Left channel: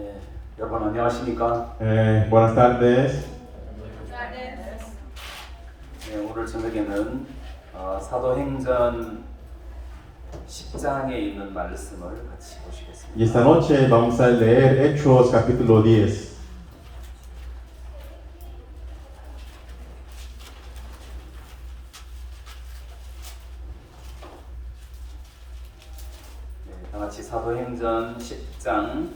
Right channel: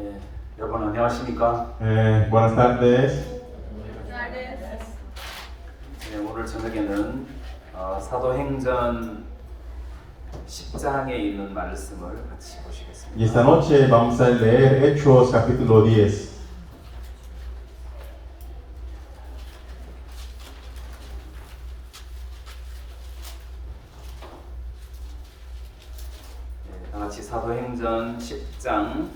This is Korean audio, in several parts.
예, 여러분 안녕하십니까? Buenas tardes. 오늘 저녁에는 사도행전 10장에 있는 말씀을 같이 Y 보시겠습니다. esta noche vamos a leer Hechos capítulo 10. 다 같이 사도행전 10장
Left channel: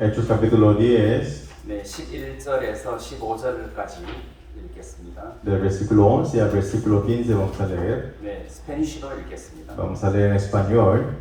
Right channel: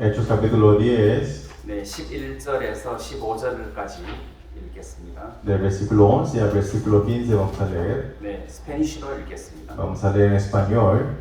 Hechos capítulo 10, 11절에서 15절까지 읽겠습니다. del versículo 11 al versículo 15 vamos a leer. 스페니쉬로 읽겠습니다. Vamos a leer en español.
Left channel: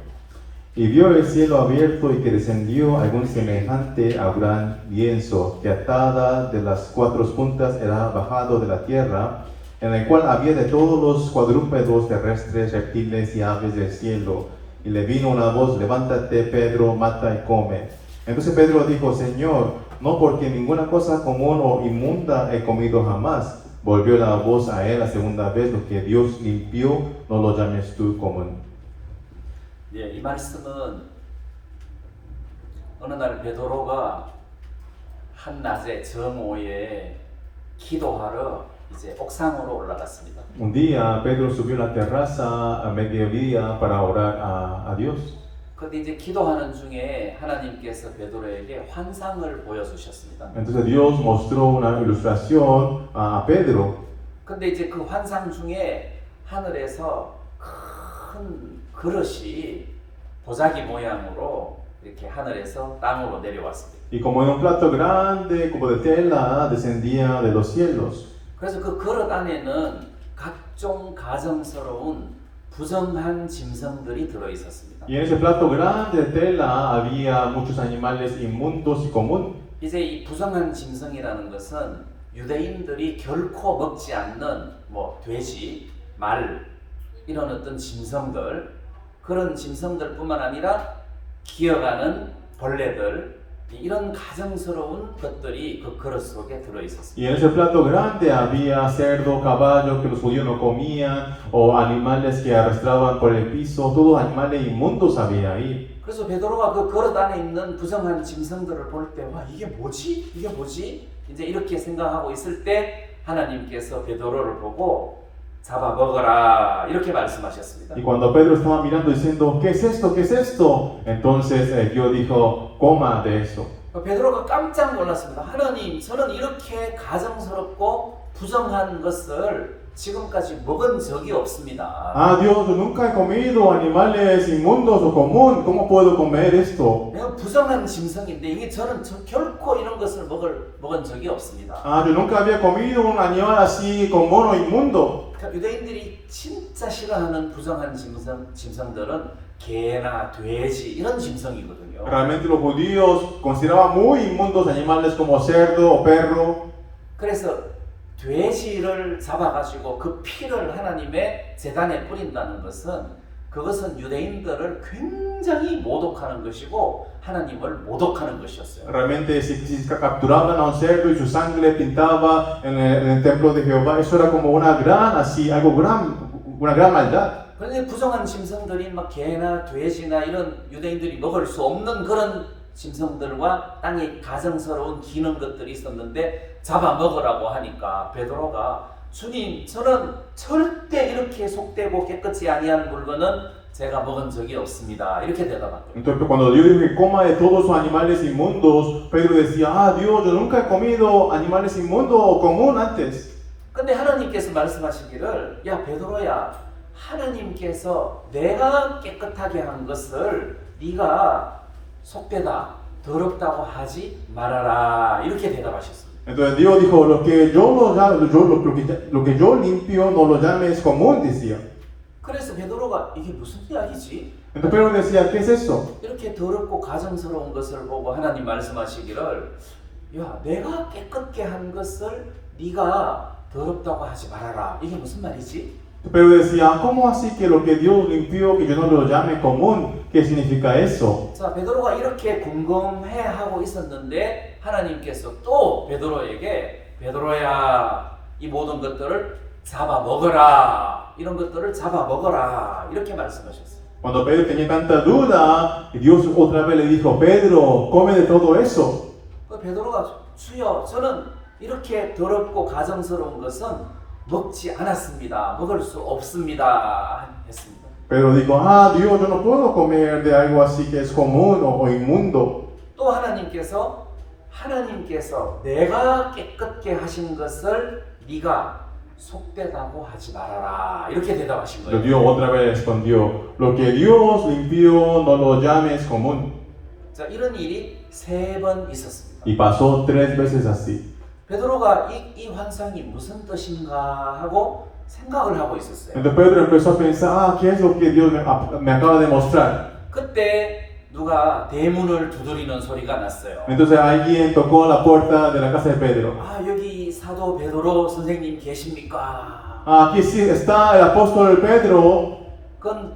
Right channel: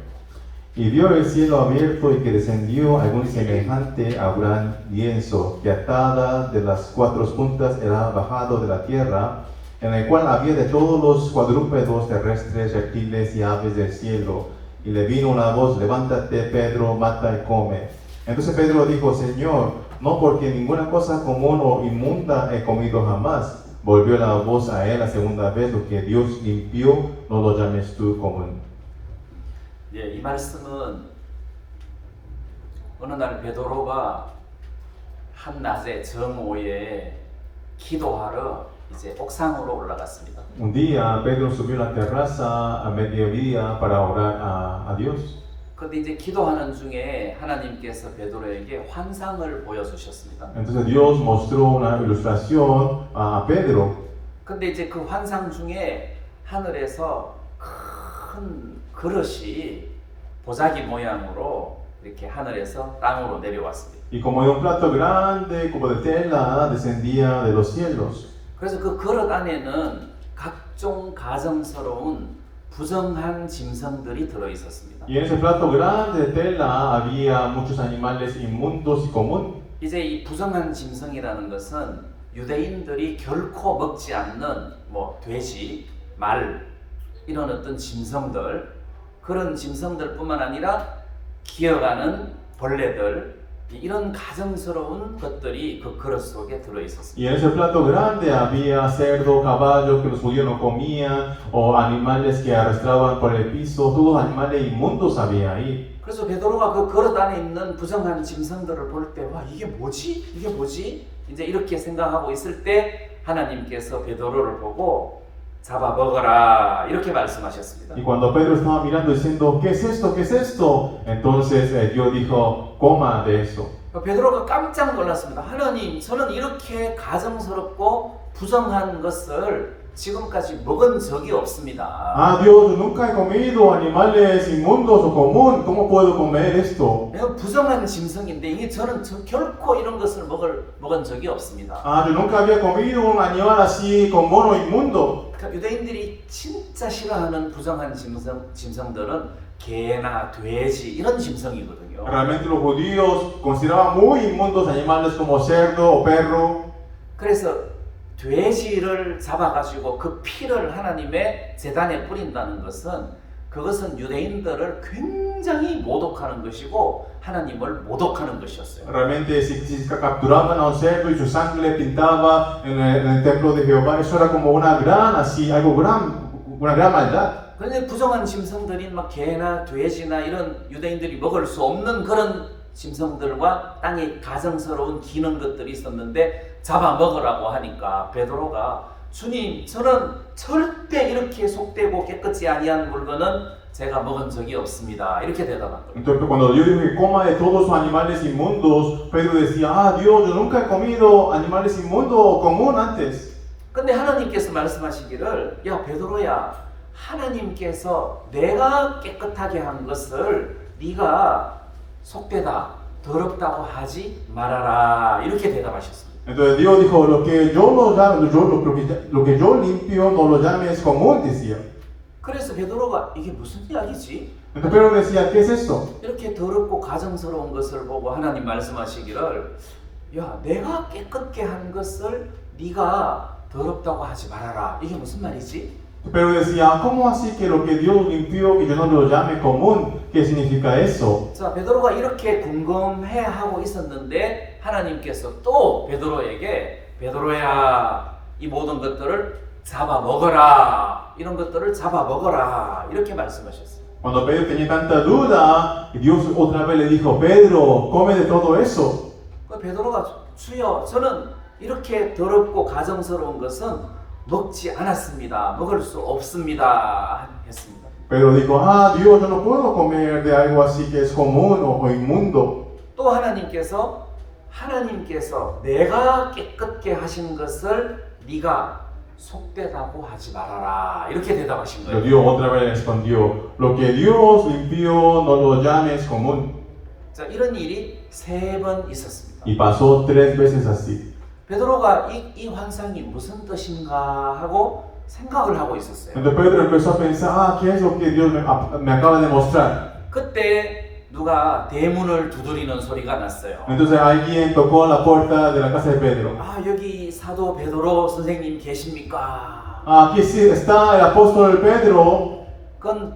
Y vio el cielo abierto y que descendió algún semejante a gran lienzo, que atada de las cuatro puntas era bajado de la tierra, en el cual había de todos los cuadrúpedos terrestres, reptiles y aves del cielo. Y le vino una voz: levántate, Pedro, mata y come. Entonces Pedro dijo: Señor, no, porque ninguna cosa común o inmunda he comido jamás. Volvió la voz a él la segunda vez: lo que Dios limpió, no lo llames tú común. 이 말씀은 어느 날 베드로가 한낮에 정오에 기도하러 이제 옥상으로 올라갔습니다. Un día Pedro subió a la terraza a mediodía para orar a Dios. 근데 이제 기도하는 중에 하나님께서 베드로에게 환상을 보여주셨습니다. Entonces Dios mostró una ilustración a Pedro. 근데 이제 그 환상 중에 하늘에서 큰 그릇이 보자기 모양으로 이렇게 하늘에서 땅으로 내려왔습니다. Y como en un plato grande, como de tela, descendía de los cielos. 그래서 그 그릇 안에는 각종 가정스러운 부정한 짐승들이 들어 있었습니다. Y en ese plato grande de tela había muchos animales inmundos y común. 이제 이 부정한 짐승이라는 것은 유대인들이 결코 먹지 않는 돼지, 말 이런 어떤 짐승들, 그런 짐승들뿐만 아니라 기어가는 벌레들, 이런 가정스러운 것들이 그 그릇 속에 들어 있었습니다. Y en ese plato grande había cerdo, caballo que los judíos no comían, o animales que arrastraban por el piso, todos animales inmundos había ahí. 그래서 베드로가 그 그릇 안에 있는 부정한 짐승들을 볼 때, 와, 이게 뭐지? 이게 뭐지? 이제 이렇게 생각하고 있을 때 하나님께서 베드로를 보고 잡아 먹어라 이렇게 말씀하셨습니다. Y cuando Pedro estaba mirando diciendo: ¿qué es esto? ¿qué es esto? Entonces Dios dijo: coma de eso. 베드로가 깜짝 놀랐습니다. 하나님, 저는 이렇게 가정스럽고 부정한 것을 지금까지 먹은 적이 없습니다. Ah, Dios, nunca he comido animales inmundos o común. ¿Cómo puedo comer esto? 내가 부정한 짐승인데 이게 저는 결코 이런 것을 먹은 적이 없습니다. Ah, yo nunca había comido un animal así común o inmundo. 그러니까 유대인들이 진짜 싫어하는 부정한 짐승들은 개나 돼지 이런 짐승이거든요. Realmente los judíos consideraban muy inmundos animales como cerdo o perro. 그래서 돼지를 잡아가지고 그 피를 하나님의 제단에 뿌린다는 그것은 유대인들을 굉장히 모독하는 것이고 하나님을 모독하는 것이었어요. Realmente si capturaban a un cerdo y su sangre pintaba en el templo de Jehová, eso era como una gran maldad. 그런데 부정한 짐승들인 막 개나 돼지나 이런 유대인들이 먹을 수 없는 그런 짐승들과 땅에 가정스러운 기는 것들이 있었는데 잡아먹으라고 하니까 베드로가 주님, 저는 절대 이렇게 속되고 깨끗이 아니한 물건은 제가 먹은 적이 없습니다. 이렇게 대답한 거예요. Entonces cuando Dios dijo que coma de todos los animales inmundos, Pedro decía: ah, Dios, yo nunca he comido animales inmundos o común antes. 근데 하나님께서 말씀하시기를, 야 베드로야, 하나님께서 내가 깨끗하게 한 것을 네가 속되다, 더럽다고 하지 말아라 이렇게 대답하셨습니다. Entonces Dios dijo: lo que yo limpio no lo llames común, decía. 그래서 베드로가 이게 무슨 이야기지? Entonces Pedro decía: ¿qué es esto? 이렇게 더럽고 가정스러운 것을 보고 하나님 말씀하시기를, 야 내가 깨끗게 한 것을 네가 더럽다고 하지 말아라. 이게 무슨 말이지? Pero decía: ¿cómo así que lo que Dios limpió, que yo no lo llame común? ¿Qué significa eso? 자, 베드로가 이렇게 궁금해하고 있었는데 하나님께서 또 베드로에게, 베드로야, 이 모든 것들을 잡아 먹어라. 이런 것들을 잡아 먹어라. 이렇게 말씀하셨어요. Cuando Pedro tenía tanta duda, Dios otra vez le dijo, Pedro, come de todo eso. 그 베드로가 주여 저는 이렇게 더럽고 가정스러운 것은 먹지 않았습니다. 먹을 수 없습니다. 했습니다. Pedro dijo, ah, Dios, yo no puedo comer de algo así que es común o inmundo. 또 하나님께서 내가 깨끗게 하신 것을 네가 속되다고 하지 말아라. 이렇게 대답하신 Pero 거예요. Dios otra vez respondió, lo que Dios limpió no lo llames común. 자, 이런 일이 3번 있었습니다. Y pasó 3 veces así. 베드로가 이 환상이 무슨 뜻인가 하고 생각을 하고 있었어요. Entonces Pedro empezó a pensar, ah, ¿qué es lo que Dios me acaba de mostrar? 그때 누가 대문을 두드리는 소리가 났어요. Entonces alguien tocó a la puerta de la casa de Pedro. 아, 여기 사도 베드로 선생님 계십니까? Ah, aquí sí está el apóstol Pedro. 그건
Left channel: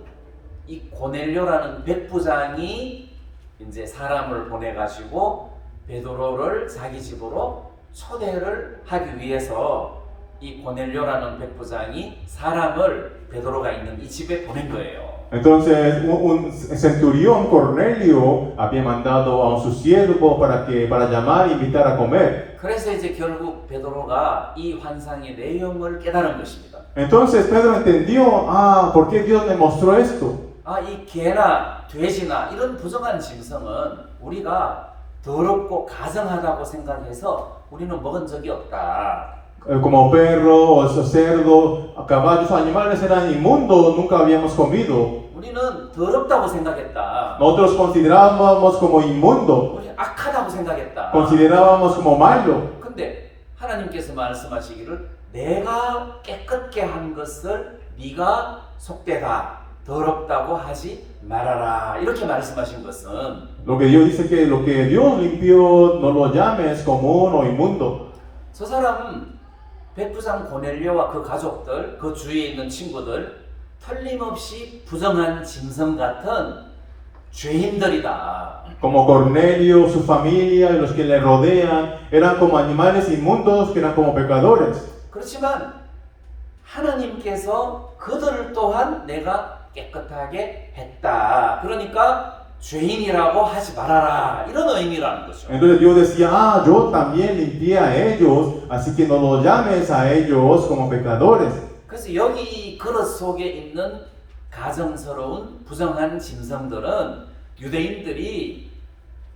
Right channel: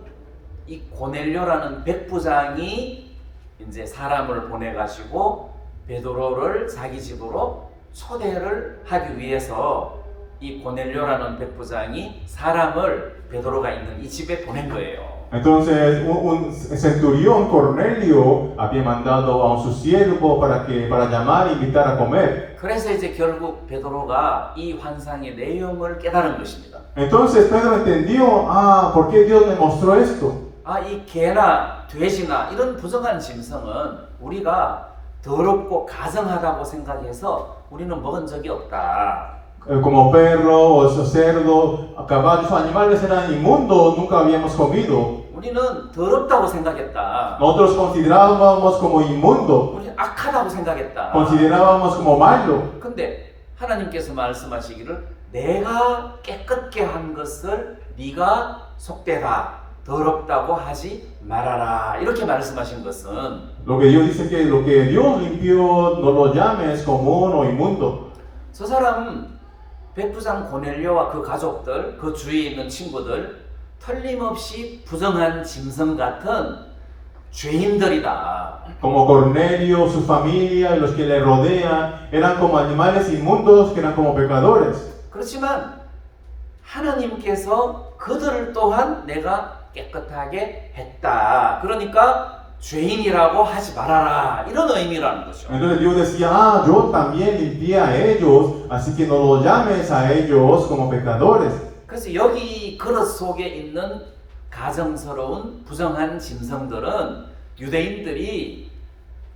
이 고넬료라는 백부장이 이제 사람을 보내가지고 베드로를 자기 집으로 초대를 하기 위해서 이 고넬료라는 백부장이 사람을 베드로가 있는 이 집에 보낸 거예요. Entonces un centurión Cornelio había mandado a su siervo para llamar e invitar a comer. 그래서 이제 결국 베드로가 이 환상의 내용을 깨달은 것입니다. Entonces Pedro entendió, ah, ¿por qué Dios me mostró esto? 아, 이 개나 돼지나 이런 부정한 짐승은 우리가 더럽고 가증하다고 생각해서 우리는 먹은 적이 없다. Como perro o cerdo, caballos, animales eran inmundos, nunca habíamos comido. 우리는 더럽다고 생각했다. Nosotros considerábamos como inmundo, 우리는 악하다고 생각했다. considerábamos como malo. 근데 하나님께서 말씀하시기를 내가 깨끗게 한 것을 네가 속되다. 더럽다고 하지 말아라. 이렇게 말씀하신 것은 Lo que Dios dice que lo que Dios limpió no lo llames común o inmundo. 저 사람 백부장 고넬료와 그 가족들, 그 주위에 있는 친구들 틀림없이 부정한 짐승 같은 죄인들이다. Como Cornelio, su familia y los que le rodean eran como animales inmundos que eran como pecadores. 그렇지만 하나님께서 그들 또한 내가 깨끗하게 했다. 그러니까 죄인이라고 하지 말아라. 이런 의미라는 거죠. Entonces Dios decía, ah, yo también limpié a ellos, así que no lo llames a ellos como pecadores. 그래서 여기 그릇 속에 있는 가정스러운 부정한 짐승들은 유대인들이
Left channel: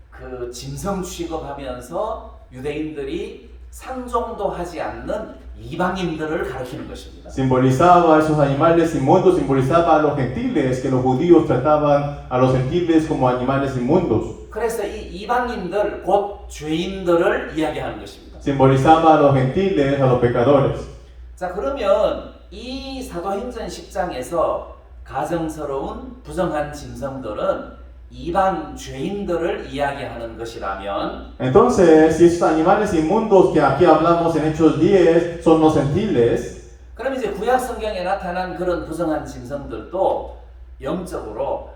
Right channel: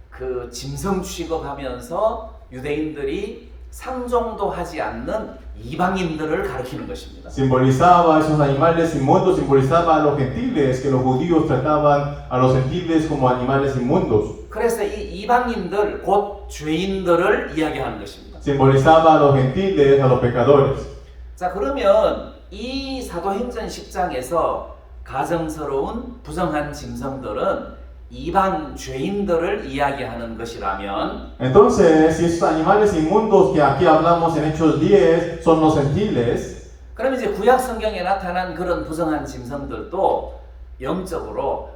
그 짐승 취급하면서 유대인들이 상종도 하지 않는 이방인들을 가리키는 것입니다. Simbolizaba a esos animales inmundos, simbolizaba a los gentiles, que los judíos trataban a los gentiles como animales inmundos. 그래서 이 이방인들 곧 죄인들을 이야기하는 것입니다. Simbolizaba a los gentiles, a los pecadores. 자, 그러면 이 사도행전 10장에서 가정스러운 부정한 짐승들은 이방 죄인들을 이야기하는 것이라면 Entonces, si esos animales inmundos que aquí hablamos en Hechos 10 son los gentiles, 그럼 이제 구약 성경에 나타난 그런 부정한 짐승들도 영적으로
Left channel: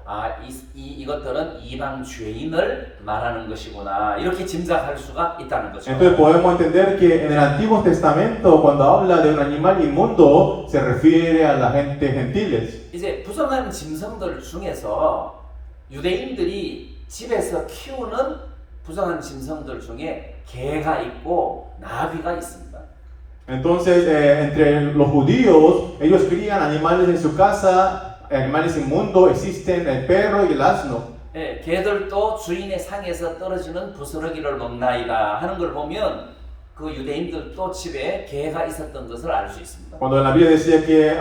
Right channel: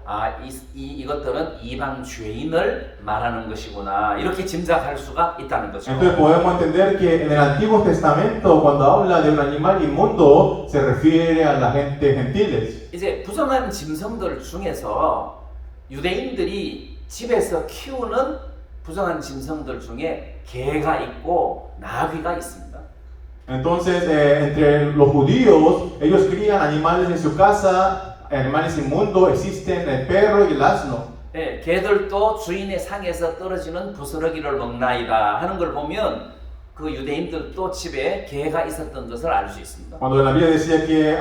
이것들은 이방 죄인을 말하는 것이구나 이렇게 짐작할 수가 있다는 거죠. entonces podemos entender que en el Antiguo Testamento, cuando habla de un animal inmundo, se refiere a la gente gentiles. 이제 부정한 짐승들 중에서 유대인들이 집에서 키우는 부정한 짐승들 중에 개가 있고 나귀가 있습니다. Entonces, entre los judíos, ellos crían animales en su casa, animales inmundos, existen el perro y el asno. 예, 개들도 주인의 상에서 떨어지는 부스러기를 먹나이다 하는 걸 보면 그 유대인들도 집에 개가 있었던 것을 알 수 있습니다. Cuando la Biblia decía que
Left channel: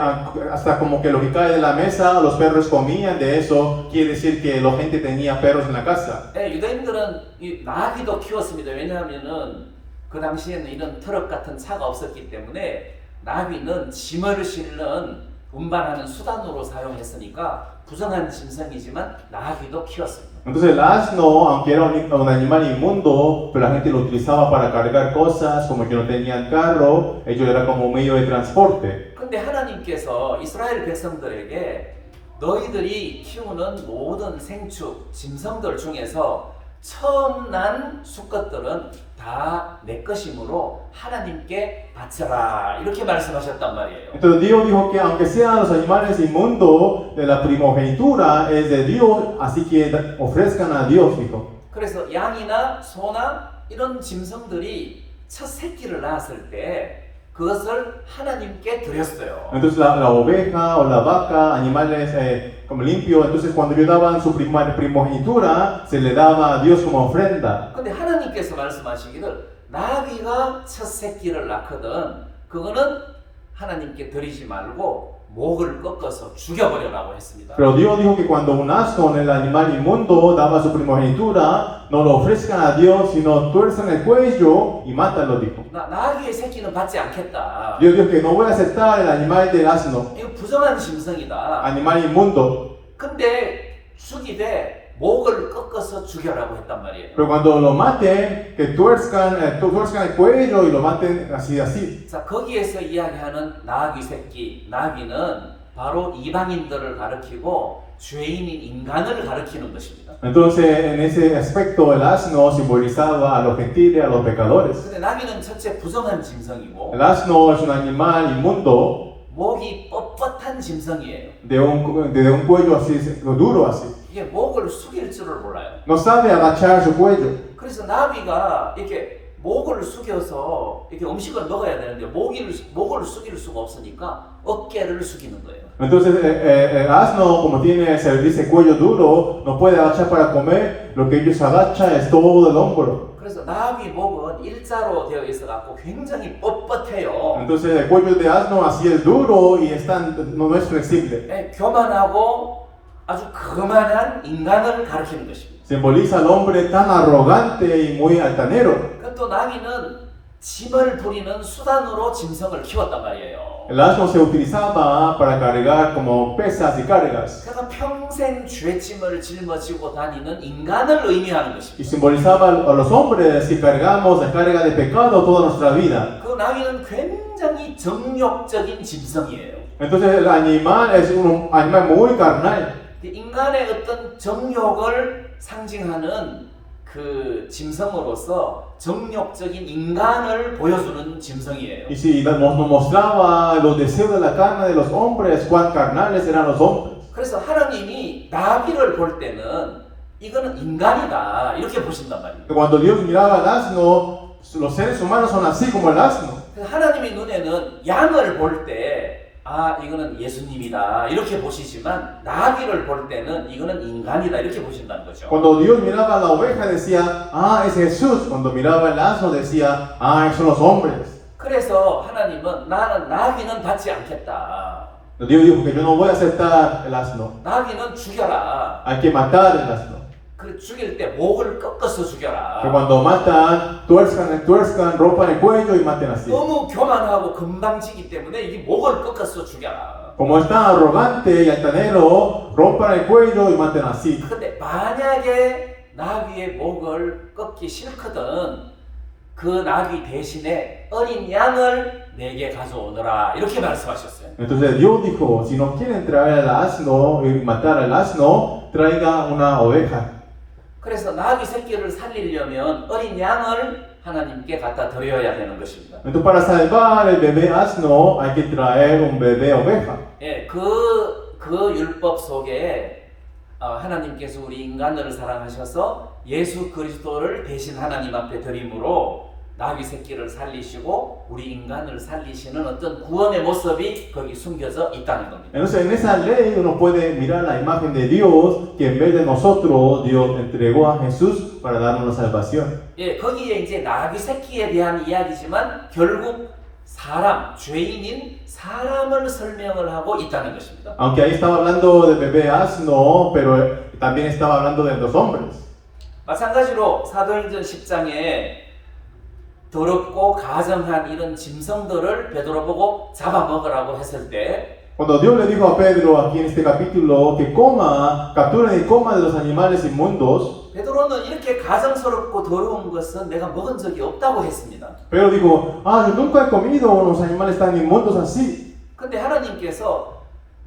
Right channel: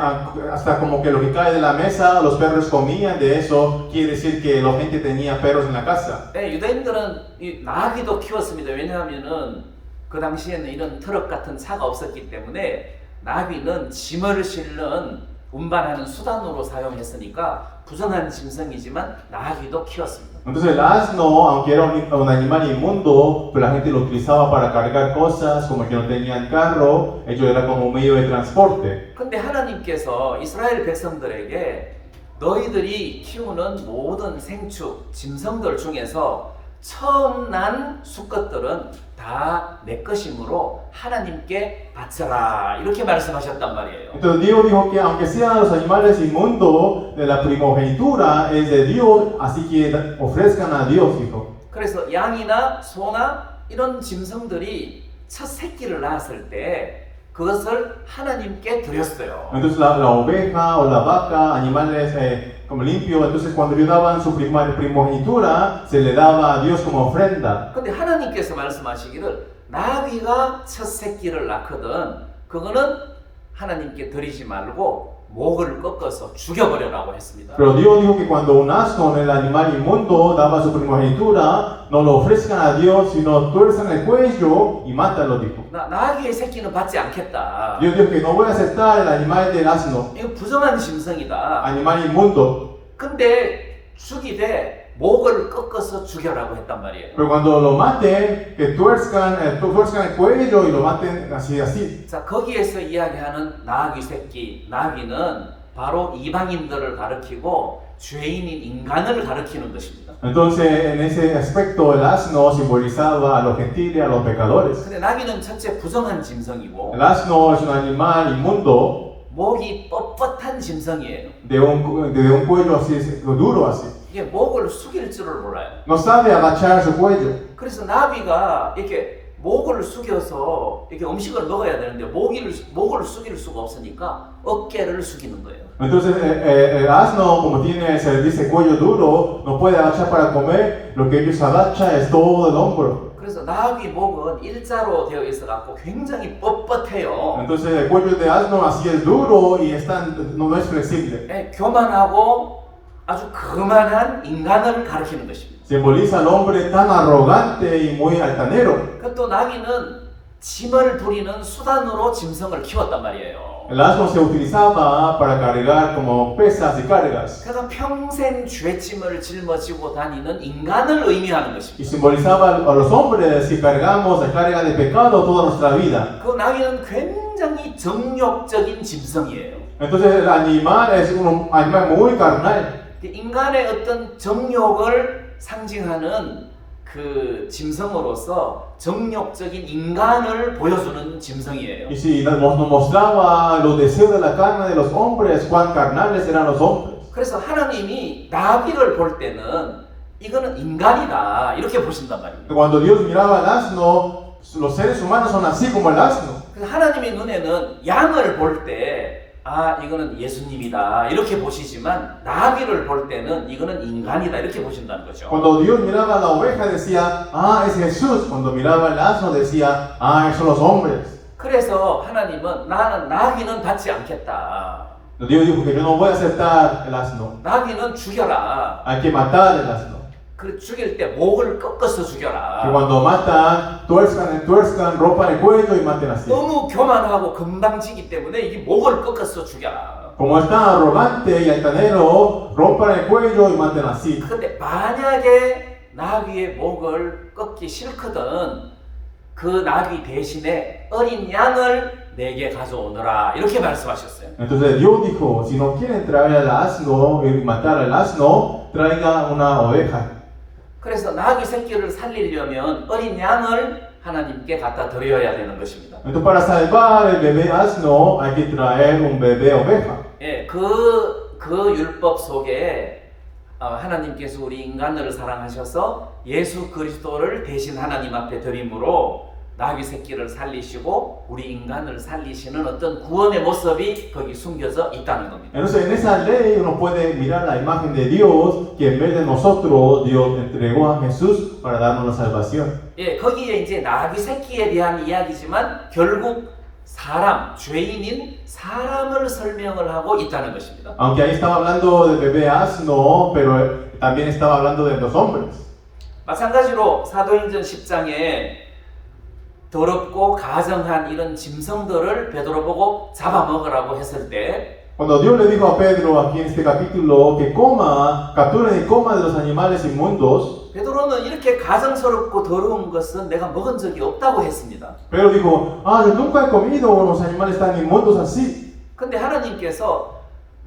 hasta como que lo que cae de la mesa, los perros comían de eso, quiere decir que la gente tenía perros en la casa. 예, 유대인들은 이 나귀도 키웠습니다. 왜냐하면은 그 당시에는 이런 트럭 같은 차가 없었기 때문에 나귀는 짐을 실는 운반하는 수단으로 사용했으니까 부정한 짐승이지만 나귀도 키웠습니다. Entonces el asno, aunque era un animal inmundo, pero la gente lo utilizaba para cargar cosas, como que no tenían carro, ellos era como un medio de transporte. 근데 하나님께서 이스라엘 백성들에게 너희들이 키우는 모든 생축, 짐승들 중에서 처음 난 수컷들은 다 내 것이므로 하나님께 바쳐라 이렇게 말씀하셨단 말이에요. Entonces Dios dijo que aunque sean los animales inmundos de la primogenitura es de Dios, así que ofrezcan a Dios, dijo. 그래서 양이나 소나 이런 짐승들이 첫 새끼를 낳았을 때 그것을 하나님께 드렸어요. Entonces la oveja o la vaca, animales como limpios, entonces cuando ellos daban su primogenitura, se le daba a Dios como ofrenda. 근데 하나님께서 말씀하시기를 나귀가 첫 새끼를 낳거든 그거는 하나님께 드리지 말고 목을 꺾어서 죽여버려라고 했습니다. Pero Dios dijo que cuando un asno, el animal inmundo, daba su primogenitura, no lo ofrezcan a Dios, sino tuerzan el cuello y mátalo, dijo. 나귀의 새끼는 받지 않겠다. Dios dijo que no voy a aceptar el animal del asno, 이거 부정한 짐승이다. animal inmundo. 근데 죽이되 목을 꺾어서 죽여라고 했단 말이에요. Pero cuando lo maten, que tuerzcan el cuello y lo maten así, así. 자, 거기에서 이야기하는 나귀 새끼, 나귀는 바로 이방인들을 가리키고 죄인인 인간을 가리키는 것입니다. Entonces, en ese aspecto, el asno simbolizaba a los gentiles, a los pecadores. 근데 나귀는 첫째 부정한 짐승이고 El asno es un animal inmundo 목이 뻣뻣한 짐승이에요. de un cuello así, duro así. 이게 목을 숙일 줄을 몰라요. No sabe agachar su cuello. 그래서 나귀가 이렇게 목을 숙여서 이렇게 음식을 먹어야 되는데 목을 숙일 수가 없으니까 어깨를 숙이는 거예요. Entonces, el asno, como tiene ese cuello duro, no puede agachar para comer. Lo que ellos agachan es todo el hombro. 그래서 나귀 목은 일자로 되어 있어 갖고 굉장히 뻣뻣해요. Entonces, el cuello de asno así es duro y no es flexible. 예, 교만하고 아주 거만한 인간을 가리키는 것입니다. Simboliza al hombre tan arrogante y muy altanero. 그또 나귀는 짐을 부리는 수단으로 짐승을 키웠단 말이에요. El asno se utilizaba para cargar como pesas y cargas. 그래서 평생 죄짐을 짊어지고 다니는 인간을 의미하는 Y 것입니다. simbolizaba a los hombres que cargamos la carga de pecado toda nuestra vida. 그 나귀는 굉장히 정욕적인 짐승이에요. Entonces el animal es un animal muy carnal. 인간의 어떤 정욕을 상징하는 그 짐승으로서 정욕적인 인간을 보여주는 짐승이에요. Y si nos mostraba los deseos de la carne de los hombres, cuán carnales eran los hombres. 그래서 하나님이 나귀를 볼 때는 이거는 인간이다 이렇게 보신단 말이에요. Cuando Dios miraba al asno, los seres humanos son así como el asno. 그래서 하나님의 눈에는 양을 볼 때 이거는 예수님이다 이렇게 보시지만 나귀를 볼 때는 이거는 인간이다 이렇게 보신다는 거죠. Cuando Dios miraba a la oveja decía, es Jesús. Cuando miraba al asno decía, esos son los hombres. 그래서 하나님은 나는 나귀는 받지 않겠다. Dios dijo que yo no voy a aceptar el asno. 나귀는 죽여라. Hay que matar el asno. 그 죽일 때 목을 꺾어서 죽여라. Que cuando matan, tuerzcan, rompan el cuello y maten así. 너무 교만하고 건방지기 때문에 이 목을 꺾어서 죽여라. Como es tan arrogante y altanero, rompan el cuello y maten así. 근데 만약에 나귀의 목을 꺾기 싫거든 그 나귀 대신에 어린 양을 내게 가져오너라 이렇게 말씀하셨어요. Entonces Dios dijo, si no quieren traer al asno y matar al asno, traiga una oveja. 그래서 나귀 새끼를 살리려면 어린 양을 하나님께 갖다 드려야 되는 것입니다. Entonces para salvar el bebé asno hay que traer un bebé oveja. 예, 그 율법 속에 하나님께서 우리 인간을 사랑하셔서 예수 그리스도를 대신 하나님 앞에 드림으로 나귀 새끼를 살리시고 우리 인간을 살리시는 어떤 구원의 모습이 거기 숨겨져 있다는 겁니다. Entonces en esa ley uno puede mirar la imagen de Dios que en vez de nosotros Dios entregó a Jesús para darnos la salvación. 예, 거기에 이제 나귀 새끼에 대한 이야기지만 결국 사람, 죄인인 사람을 설명을 하고 있다는 것입니다. Aunque ahí estaba hablando del bebé asno, pero también estaba hablando de los hombres. 마찬가지로 사도행전 10장에 더럽고 가정한 이런 짐승들을 베드로 보고 잡아먹으라고 했을 때 Cuando Dios le dijo a Pedro aquí en este capítulo que capturen y coma de los animales inmundos, 베드로는 이렇게 가정스럽고 더러운 것은 내가 먹은 적이 없다고 했습니다. Pedro dijo, yo nunca he comido unos animales tan inmundos así. 근데 하나님께서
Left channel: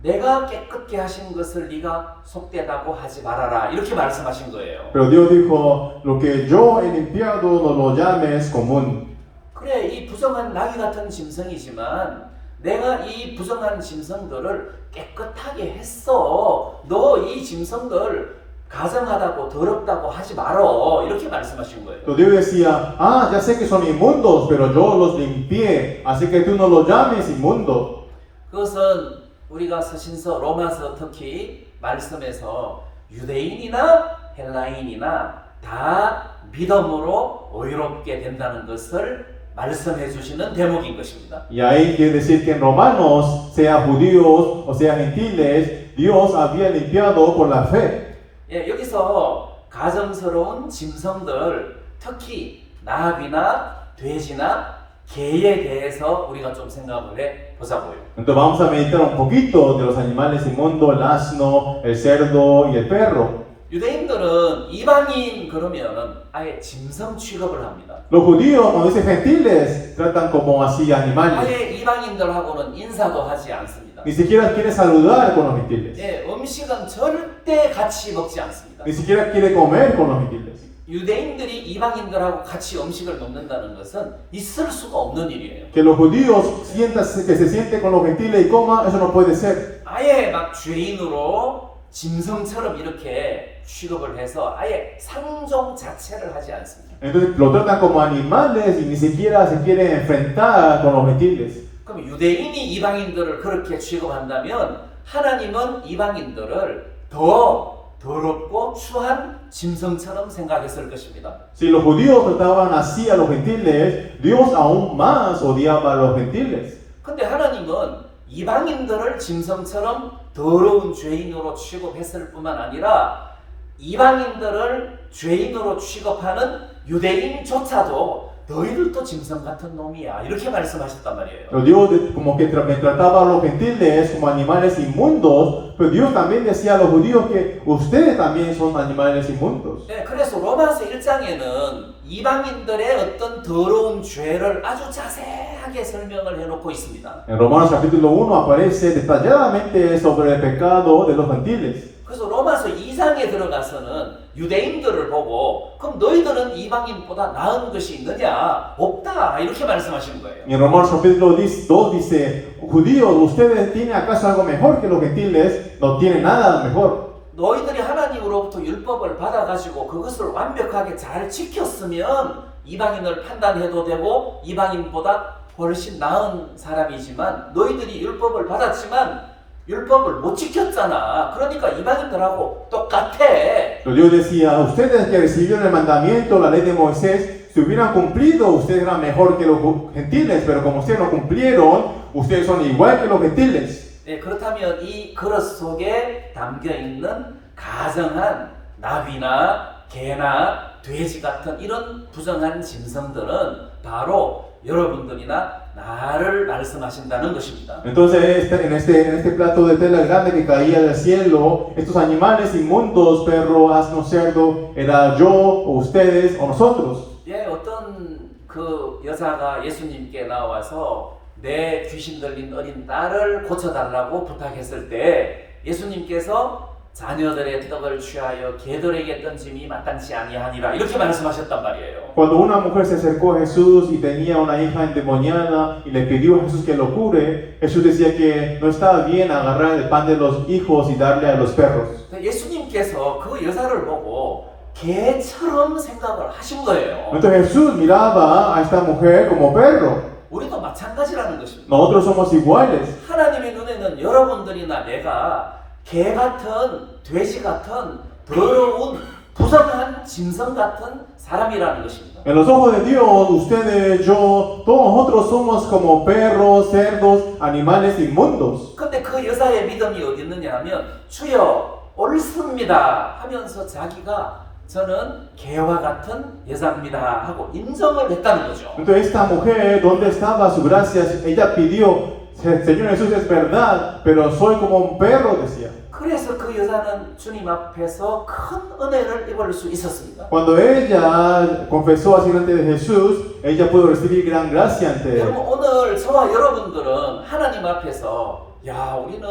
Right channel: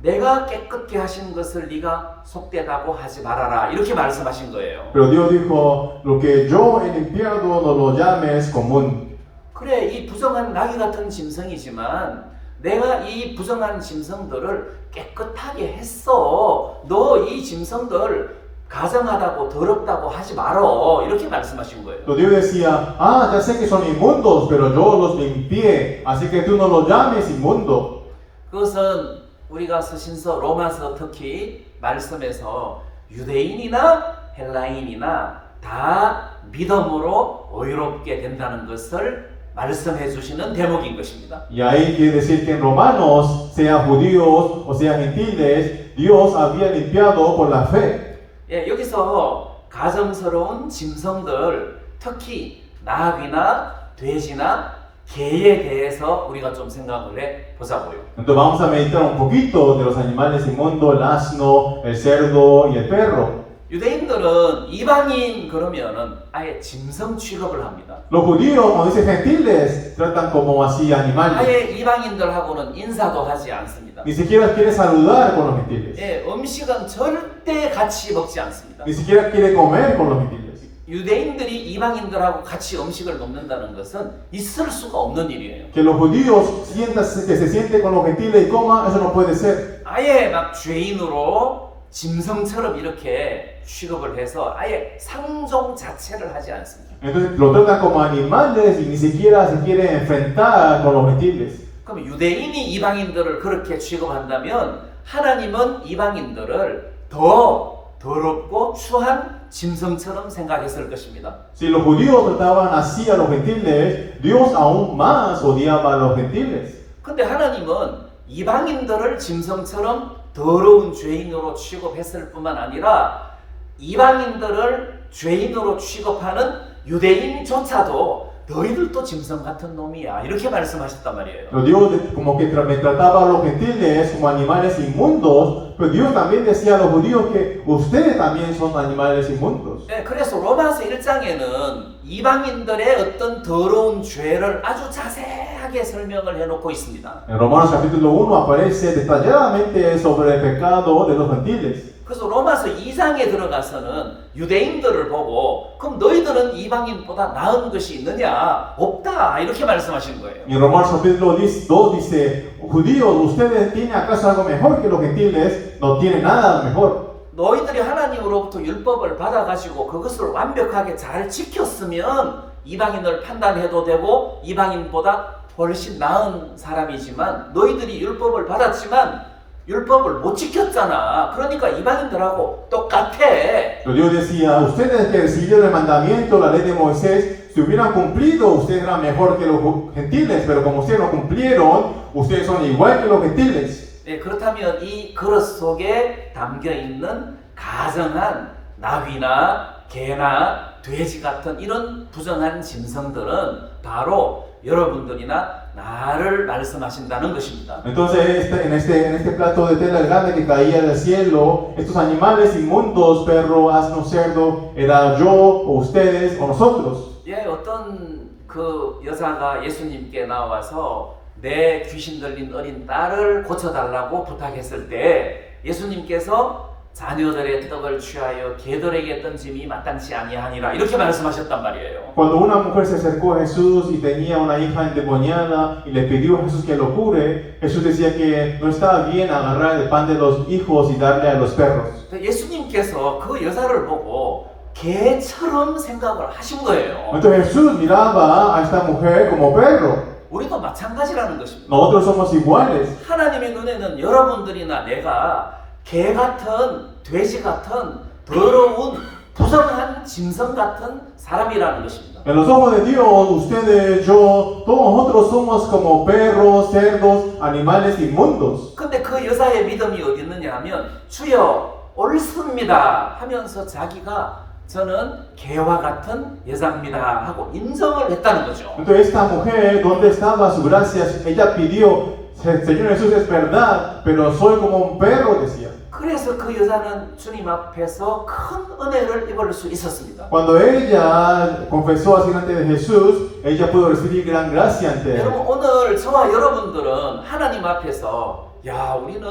내가 깨끗게 하신 것을 네가 속되다고 하지 말아라 이렇게 말씀하신 거예요. Pero Dios dijo, lo que yo he limpiado no lo llames común. 그래, 이 부정한 나귀 같은 짐승이지만 내가 이 부정한 짐승들을 깨끗하게 했어. 너 이 짐승들 가정하다고 더럽다고 하지 말어. 이렇게 말씀하신 거예요. Entonces Dios decía, ya sé que son inmundos, pero yo los limpié, así que tú no los llames inmundo. 그것은 우리가 서신서 로마서 특히 말씀에서 유대인이나 헬라인이나 다 믿음으로 의롭게 된다는 것을 말씀해 주시는 대목인 것입니다. Y ahí quiere decir que en Romanos, sea judíos o sea gentiles, Dios había limpiado por la fe. 예, 여기서 가정스러운 짐승들, 특히 나귀나 돼지나 개에 대해서 우리가 좀 생각을 해 보자고요. Entonces vamos a meditar un poquito de los animales inmundos, el asno, el cerdo y el perro. 유대인들은 이방인 그러면은 아예 짐승 취급을 합니다. Los judíos, como dicen gentiles, tratan como así animales. 아예 이방인들하고는 인사도 하지 않습니다. Ni siquiera quiere saludar con los gentiles. 예, 음식은 절대 같이 먹지 않습니다. Ni siquiera quiere comer con los gentiles. 유대인들이 이방인들하고 같이 음식을 먹는다는 것은 있을 수가 없는 일이에요. Que los judíos que se sienten con los gentiles y coman, eso no puede ser. 아예 막 죄인으로 짐승처럼 이렇게 취급을 해서 아예 상종 자체를 하지 않습니다. Entonces lo tratan como animales y ni siquiera se quieren enfrentar con los gentiles. 그럼 유대인이 이방인들을 그렇게 취급한다면 하나님은 이방인들을 더 더럽고 추한 짐승처럼 생각했을 것입니다. Si los judíos trataban así a los gentiles, Dios aún más odiaba a los gentiles. 근데 하나님은 이방인들을 짐승처럼 더러운 죄인으로 취급했을 뿐만 아니라 이방인들을 죄인으로 취급하는 유대인조차도 너희들도 짐승 같은 놈이야 이렇게 말씀하셨단 말이에요. Pero Dios como que me trataba a los gentiles como animales inmundos, pero Dios también decía a los judíos que ustedes también son animales inmundos. 네, 그래서 로마서 1장에는 이방인들의 어떤 더러운 죄를 아주 자세하게 설명을 해놓고 있습니다. En Romanos capítulo 1 aparece detalladamente sobre el pecado de los gentiles. 그래서 로마서 2장에 들어가서는 유대인들을 보고 그럼 너희들은 이방인보다 나은 것이 있느냐? 없다 이렇게 말씀하신 거예요. Y en Romanos capítulo 2 dice, judíos, ¿ustedes tienen acaso algo mejor que los gentiles? No tienen nada mejor. 너희들이 하나님으로부터 율법을 받아가지고 그것을 완벽하게 잘 지켰으면 이방인을 판단해도 되고 이방인보다 훨씬 나은 사람이지만 너희들이 율법을 받았지만 율법을 못 지켰잖아. 그러니까 이방인들하고 똑같아. Pero Dios decía, ustedes que recibieron el mandamiento, la ley de Moisés, si hubieran cumplido, ustedes eran mejor que los gentiles, pero como ustedes no cumplieron, ustedes son igual que los gentiles. 네, 그렇다면 이 그릇 속에 담겨 있는 가정한 나귀나 개나 돼지 같은 이런 부정한 짐승들은 바로 여러분들이나 나를 말씀하신다는 것입니다. Entonces, en este plato de tela grande que caía del cielo, estos animales inmundos, perro, asno, cerdo, era yo, o ustedes, o nosotros. 예, 어떤 그 여자가 예수님께 나와서 내 귀신 들린 어린 딸을 고쳐달라고 부탁했을 때 예수님께서 자녀들의 떡을 취하여 개들에게 던짐이 마땅치 아니하니라 이렇게 말씀하셨단 말이에요. Cuando una mujer se acercó a Jesús y tenía una hija endemoniada y le pidió a Jesús que lo cure, Jesús decía que no estaba bien agarrar el pan de los hijos y darle a los perros. 예수님께서 그 여자를 보고 개처럼 생각을 하신 거예요. Entonces Jesús miraba a esta mujer como perro. 우리도 마찬가지라는 것입니다. Nosotros somos iguales. 하나님의 눈에는 여러분들이나 내가 개 같은 돼지 같은 더러운 부정한 짐승 같은 사람이라는 것입니다. En los ojos de Dios, ustedes, yo, todos nosotros somos como perros, cerdos, animales inmundos. 근데 그 여자의 믿음이 어디 있느냐 하면 주여 옳습니다 하면서 자기가 저는 개와 같은 여자입니다 하고 인정을 했다는 거죠. Entonces esta mujer, ¿dónde estaba su gracia? Ella pidió, Señor Jesús, es verdad, pero soy como un perro, decía. 그래서 그 여자는 주님 앞에서 큰 은혜를 입을 수 있었습니다. Cuando ella confesó así delante de Jesús, ella pudo recibir gran gracia ante él. 여러분 오늘 저와 여러분들은 하나님 앞에서 야 우리는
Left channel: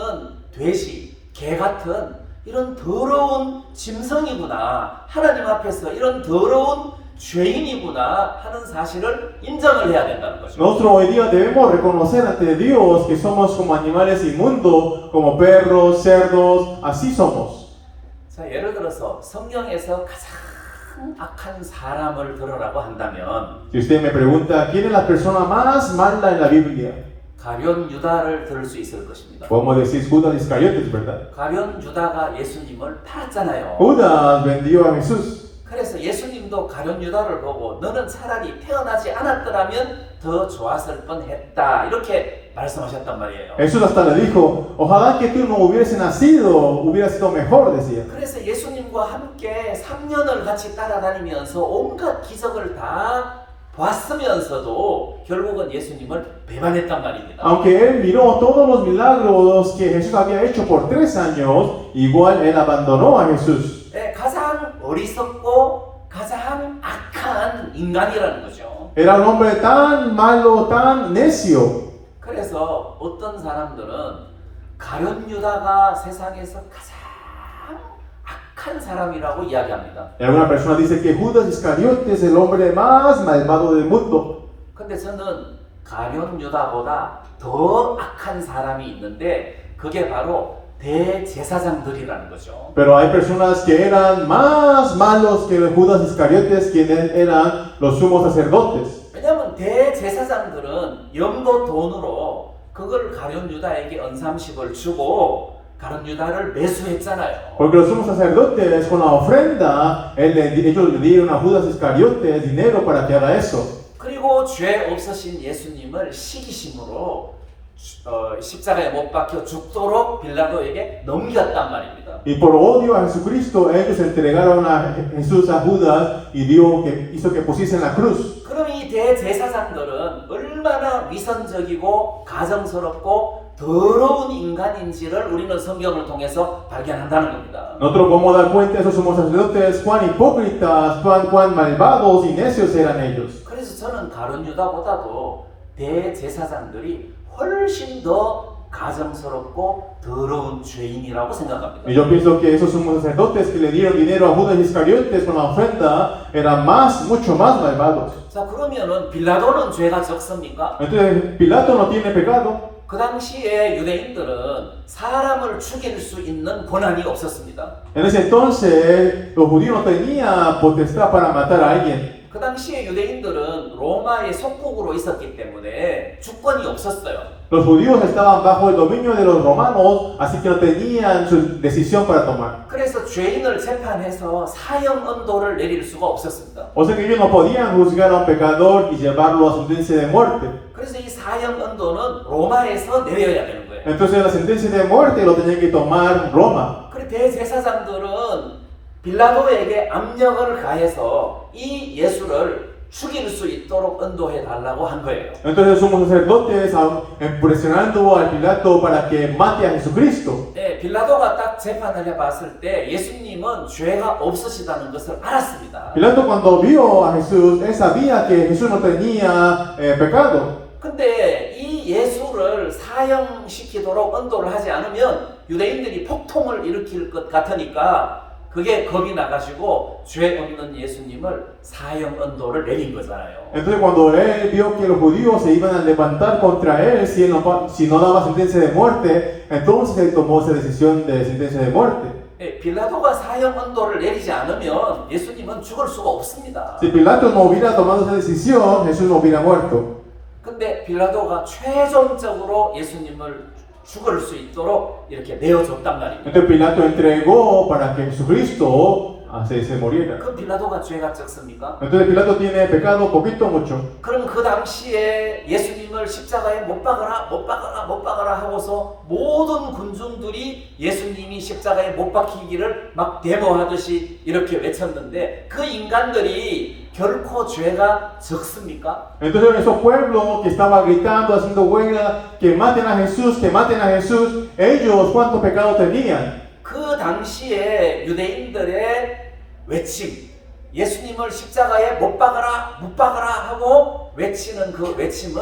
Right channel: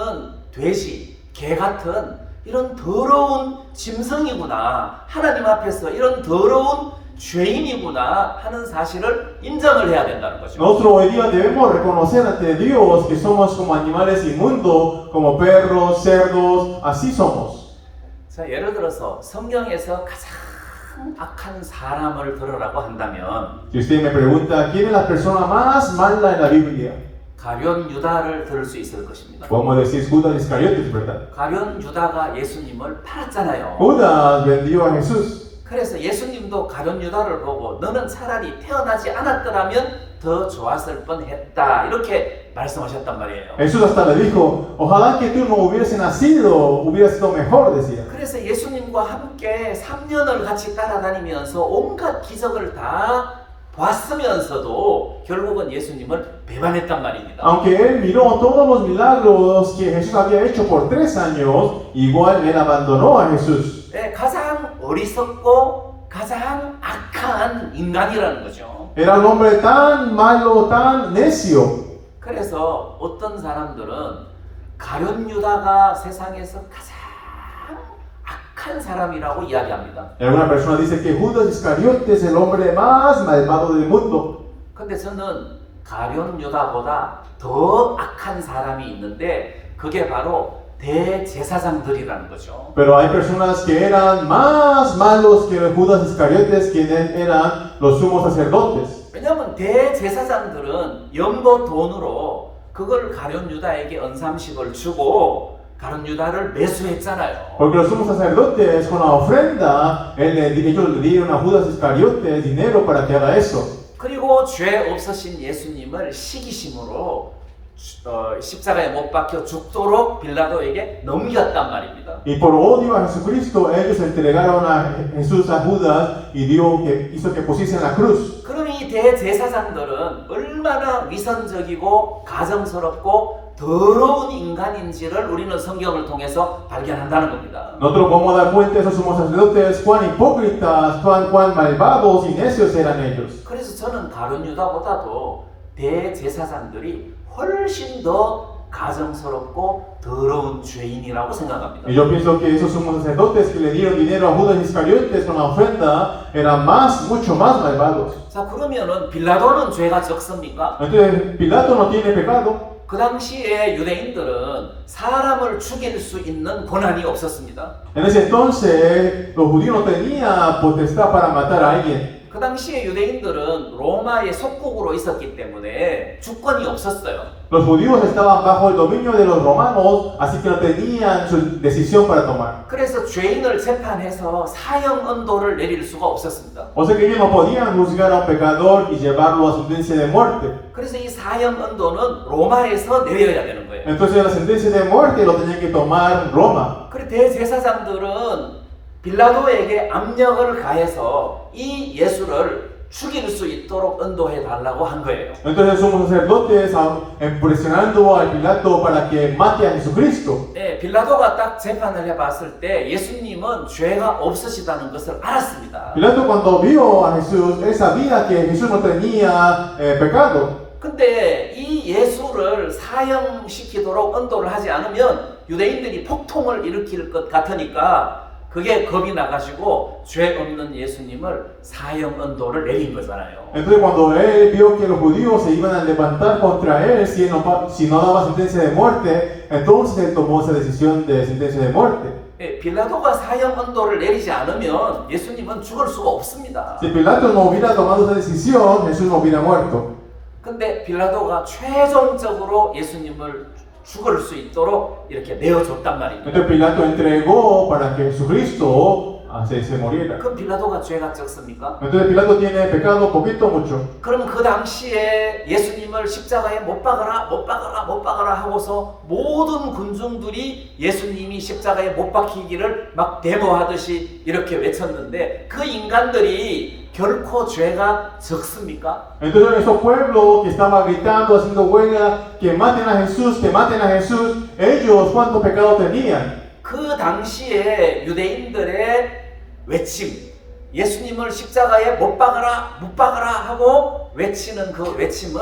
돼지, 개 같은 이런 더러운 짐승이구나. 하나님 앞에서 이런 더러운 죄인이구나 하는 사실을 인정을 해야 된다는 거죠. Nosotros hoy día debemos reconocer ante Dios que somos como animales inmundos, como perros, cerdos, así somos. 자, 예를 들어서 성경에서 가장 악한 사람을 들으라고 한다면 Si usted me pregunta quién es la persona más mala en la Biblia, 가룟 유다를 들을 수 있을 것입니다. podemos decir Judas Iscariotes, ¿verdad? 가룟 유다가 예수님을 팔았잖아요. Judas vendió a Jesús. 그래서 예수님도 가룟 유다를 보고 너는 차라리 태어나지 않았더라면 더 좋았을 뻔했다 이렇게 말씀하셨단 말이에요. Jesús hasta le dijo, ojalá que tú no hubiese nacido, hubiera sido mejor, decía. 그래서 예수님과 함께 3년을 같이 따라다니면서 온갖 기적을 다 봤으면서도 결국은 예수님을 배반했단 말입니다. Aunque él miró todos los milagros que Jesús había hecho por 3 años, igual él abandonó a Jesús. 네, 가장 어리석고 가장 악한 인간이라는 거죠. Era un hombre tan malo, tan necio. 그래서 어떤 사람들은 가룟 유다가 세상에서 가장 악한 사람이라고 이야기합니다. Y alguna persona dice que Judas Iscariote es el hombre más malvado del mundo. 근데 저는 가룟 유다보다 더 악한 사람이 있는데 그게 바로 대제사장들이라는 거죠. Pero hay personas que eran más malos que Judas Iscariotes, quienes eran los sumos sacerdotes. 왜냐하면 대제사장들은 염소 돈으로 그걸 가룟 유다에게 언삼식을 주고 가룟 유다를 매수했잖아요. Porque los sumos sacerdotes con la ofrenda, ellos le dieron a Judas Iscariote dinero para que haga eso. 그리고 죄 없으신 예수님을 시기심으로 십자가에 못 박혀 죽도록 빌라도에게 넘겼단 말입니다. Y por odio a Jesucristo, ellos entregaron a Jesús a Judas y hizo que pusiese en la cruz. 그럼 이 대제사장들은 얼마나 위선적이고 가정스럽고 더러운 인간인지를 우리는 성경을 통해서 발견한다는 겁니다. Nosotros podemos dar cuenta de esos sumos sacerdotes, cuán hipócritas, cuán malvados y necios eran ellos. 그래서 저는 가룟 유다보다도 대제사장들이 훨씬 더 가정스럽고 더러운 죄인이라고 생각합니다. Y yo pienso que esos sumos sacerdotes que le dieron dinero a Judas Iscariotes con la ofrenda eran mucho más malvados. 자, 그러면은 빌라도는 죄가 적습니까? Entonces, Pilato no tiene pecado. 그 당시에 유대인들은 사람을 죽일 수 있는 권한이 없었습니다. En ese entonces, los judíos no tenían potestad para matar a alguien. 그 당시에 유대인들은 로마의 속국으로 있었기 때문에 주권이 없었어요. Los judíos estaban bajo el dominio de los romanos, así que no tenían su decisión para tomar. 그래서 죄인을 재판해서 사형 언도를 내릴 수가 없었습니다. O sea que ellos no podían juzgar a un pecador y llevarlo a sentencia de muerte. 그래서 이 사형 언도는 로마에서 내려야 되는 거예요. Entonces la sentencia de muerte lo tenían que tomar Roma. 그리고 대제사장들은 빌라도에게 압력을 가해서 이 예수를 죽일 수 있도록 언도해 달라고 한 거예요. Entonces somos sacerdotes presionando al Pilato para que mate a Jesucristo. 네, 빌라도가 딱 재판을 해봤을 때 예수님은 죄가 없으시다는 것을 알았습니다. Pilato cuando vio a Jesús, él sabía que Jesús no tenía pecado. 근데 이 예수를 사형시키도록 언도를 하지 않으면 유대인들이 폭통을 일으킬 것 같으니까 그게 겁이 나가지고 죄 없는 예수님을 사형 언도를 내린 거잖아요. Entonces cuando él vio que los judíos se iban a levantar contra él si no daba sentencia de muerte, entonces él tomó esa decisión de sentencia de muerte. 빌라도가 사형 언도를 내리지 않으면 예수님은 죽을 수가 없습니다. Si Pilato no hubiera tomado esa decisión, Jesús no hubiera muerto. 근데 빌라도가 최종적으로 예수님을 죽을 수 있도록 이렇게 내어줬단 말입니다. Entonces Pilato entregó para que Jesucristo se muriera. 그럼 빌라도가 죄가 적습니까? Entonces Pilato tiene pecado poquito o mucho. 그럼 그 당시에 예수님을 십자가에 못 박아라, 못 박아라, 못 박아라 하고서 모든 군중들이 예수님이 십자가에 못 박히기를 막 데모하듯이 이렇게 외쳤는데 그 인간들이 결코 죄가 적습니까? Entonces esos pueblos que estaban gritando, haciendo huelga, que maten a Jesús, ellos ¿cuántos pecados tenían? 그 당시에 유대인들의 외침, 예수님을 십자가에 못 박아라, 못 박아라 하고 외치는 그 외침은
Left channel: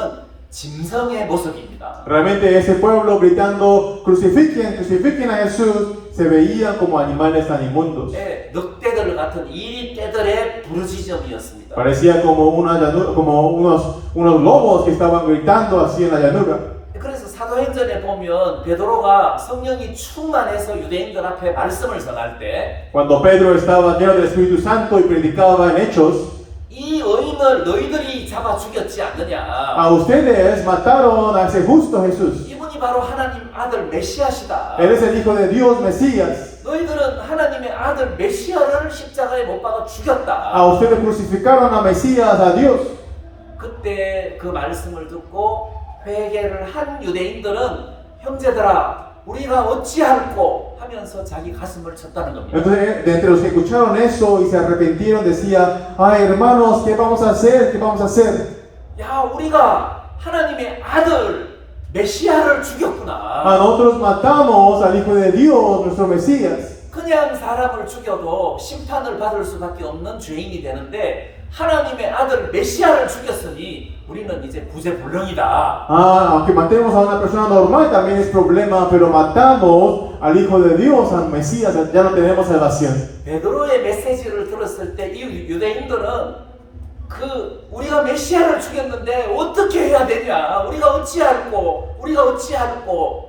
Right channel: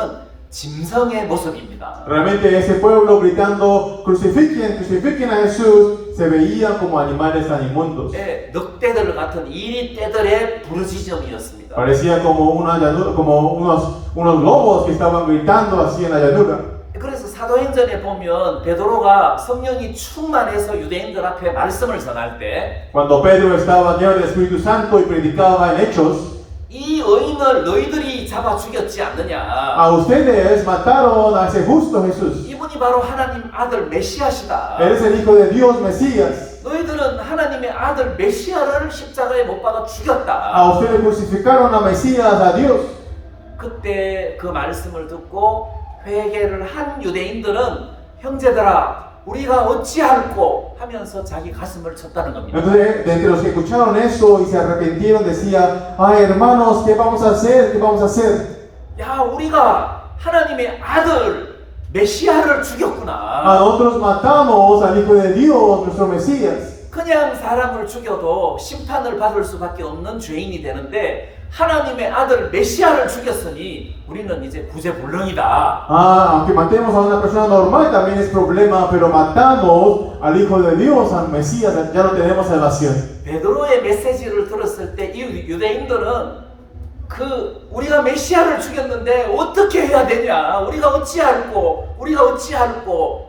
짐승의 모습입니다. Realmente ese pueblo gritando, crucifiquen, crucifiquen a Jesús, se veía como animales tan inmundos. 예, 늑대들 같은 이리 떼들의 부르짖음이었습니다. Parecía como, una como unos lobos que estaban gritando así en la llanura. 그래서 사도행전에 보면 베드로가 성령이 충만해서 유대인들 앞에 말씀을 전할 때 Cuando Pedro estaba lleno del Espíritu Santo y predicaba en Hechos, 이 의인을 너희들이 잡아 죽였지 않느냐. a ustedes mataron a ese justo Jesús. 이분이 바로 하나님 아들 메시아시다. Él es el Hijo de Dios, Mesías. 너희들은 하나님의 아들 메시아를 십자가에 못 박아 죽였다. A ustedes crucificaron a Mesías, a Dios. 그때 그 말씀을 듣고 회개를 한 유대인들은 형제들아 우리가 어찌할꼬 하면서 자기 가슴을 쳤다는 겁니다. Entonces, de entre los que escucharon eso y se arrepintieron, decía, ay hermanos, ¿qué vamos a hacer? ¿Qué vamos a hacer? 야 우리가 하나님의 아들 메시아를 A 죽였구나. nosotros matamos al Hijo de Dios, nuestro Mesías. 그냥 사람을 죽여도 심판을 받을 수밖에 없는 죄인이 되는데 하나님의 아들 메시아를 죽였으니 우리는 이제 구제불능이다. Aunque matemos a una persona normal también es problema, pero matamos al Hijo de Dios, al Mesías, ya no tenemos salvación. 베드로의 메시지를 들었을 때 이 유대인들은 우리가 메시아를 죽였는데 어떻게 해야 되냐? 우리가 어찌할꼬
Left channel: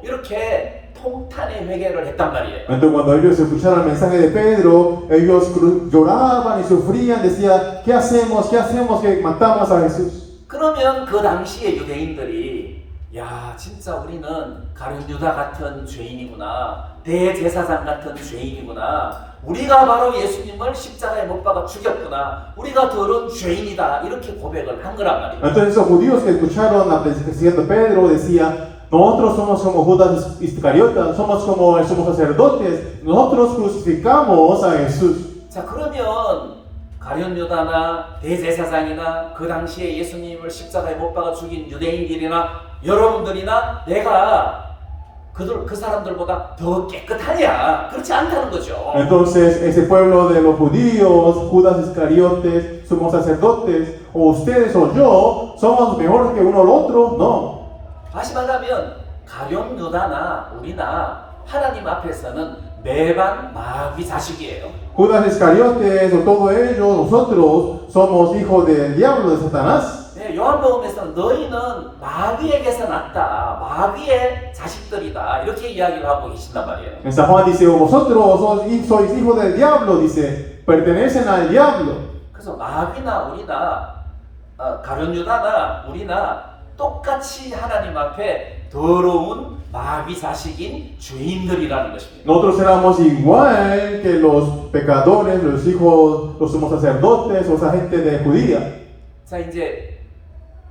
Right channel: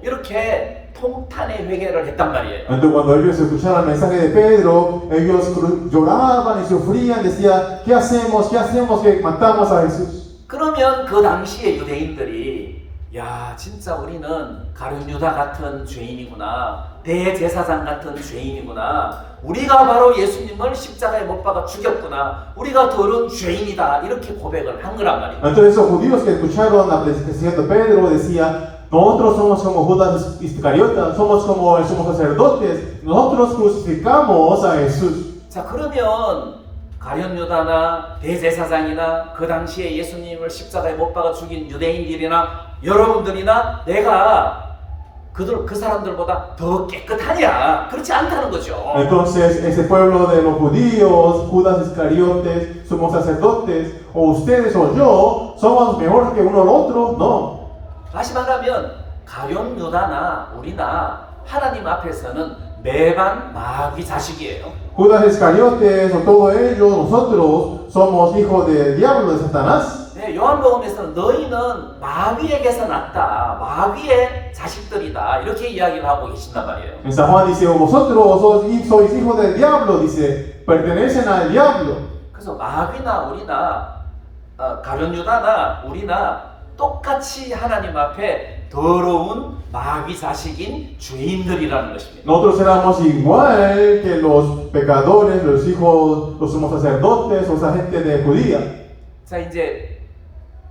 이렇게 통탄의 회개를 했단 말이에요. Entonces cuando ellos escucharon el mensaje de Pedro, ellos lloraban y sufrían, decían, ¿qué hacemos? ¿Qué hacemos que matamos a Jesús? 그러면 그 당시에 유대인들이 야 진짜 우리는 가룟 유다 같은 죄인이구나, 대제사장 같은 죄인이구나, 우리가 바로 예수님을 십자가에 못 박아 죽였구나, 우리가 더러운 죄인이다 이렇게 고백을 한 거란 말이에요. Entonces esos judíos que escucharon la predicación de Pedro decía, nosotros somos como Judas Iscariotas, somos como el sumo sacerdotes, nosotros crucificamos a Jesús. 자 그러면 가룟 유다나 대제사장이나 그 당시에 예수님을 십자가에 못 박아 죽인 유대인들이나 여러분들이나 내가 그 사람들보다 더 깨끗하냐? 그렇지 않다는 거죠. Entonces ese pueblo de los judíos, Judas Iscariotes, sumos sacerdotes, o ustedes o yo, somos mejores que uno al otro, no. 다시 말하면 가룟 유다나 우리나 하나님 앞에서는 매반 마귀 자식이에요. Judas Iscariotes o todos ellos, nosotros somos hijos del diablo, de Satanás. 네, 요한복음에서는 너희는 마귀에게서 났다, 마귀의 자식들이다 이렇게 이야기를 하고 계신단 말이에요. En San Juan dice, vosotros sois hijos del diablo, dice, pertenecen al diablo. 그래서 마귀나 우리나 가룟 유다나 우리나 똑같이 하나님 앞에 더러운 마귀 자식인 죄인들이라는 것입니다. Nosotros éramos igual que los pecadores, los hijos, los sumos sacerdotes o esa gente de judía. 자 이제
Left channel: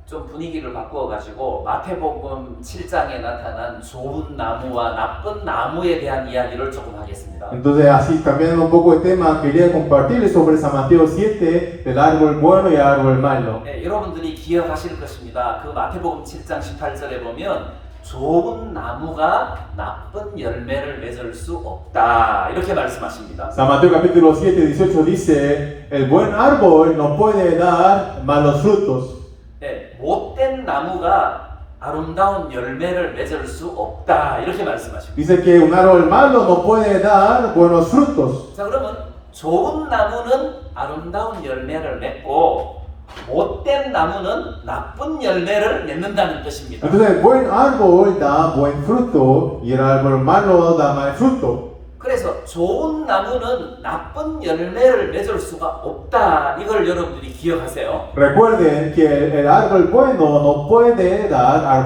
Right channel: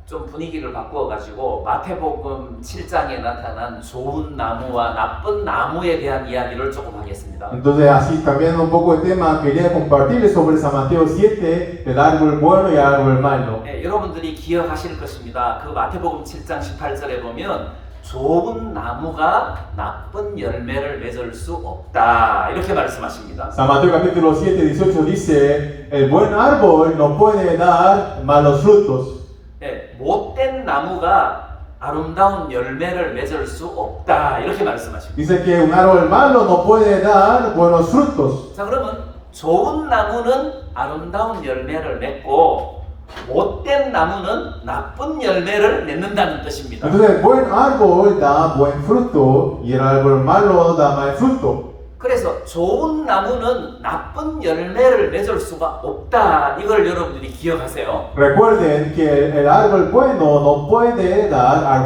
좀 분위기를 바꾸어가지고 마태복음 7장에 나타난 좋은 나무와 나쁜 나무에 대한 이야기를 조금 하겠습니다. Entonces, así cambiando un poco de tema, quería compartirles sobre San Mateo 7, del árbol bueno y el árbol malo. 네, 여러분들이 기억하실 것입니다. 그 마태복음 7장 18절에 보면 좋은 나무가 나쁜 열매를 맺을 수 없다 이렇게 말씀하십니다. San Mateo capítulo 7, 18 dice, el buen árbol no puede dar malos frutos. 네, 못된 나무가 아름다운 열매를 맺을 수 없다 이렇게 말씀하십니다. Dice que un árbol malo no puede dar buenos frutos. 자 그러면 좋은 나무는 아름다운 열매를 맺고 못된 나무는 나쁜 열매를 맺는다는 뜻입니다. Entonces el buen árbol da buen fruto y el árbol malo da mal fruto. 그래서 좋은 나무는 나쁜 열매를 맺을 수가 없다 이걸 여러분들이 기억하세요. Recuerden que el árbol bueno no puede dar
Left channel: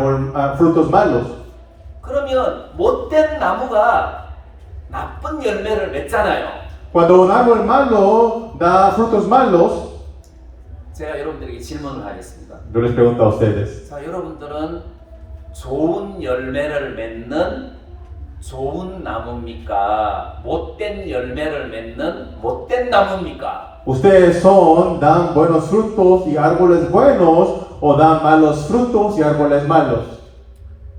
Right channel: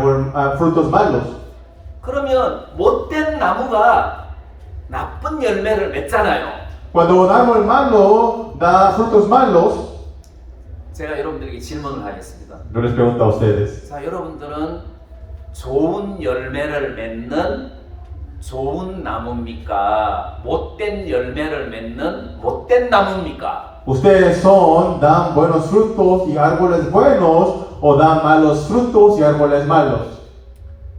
frutos malos. 그러면 못된 나무가 나쁜 열매를 맺잖아요. Cuando un árbol malo da frutos malos, 제가 여러분들에게 질문을 하겠습니다. yo les pregunto a ustedes, 자, 여러분들은 좋은 열매를 맺는 좋은 나무입니까? 못된 열매를 맺는 못된 나무입니까? ¿ustedes dan buenos frutos y árboles buenos o dan malos frutos y árboles malos?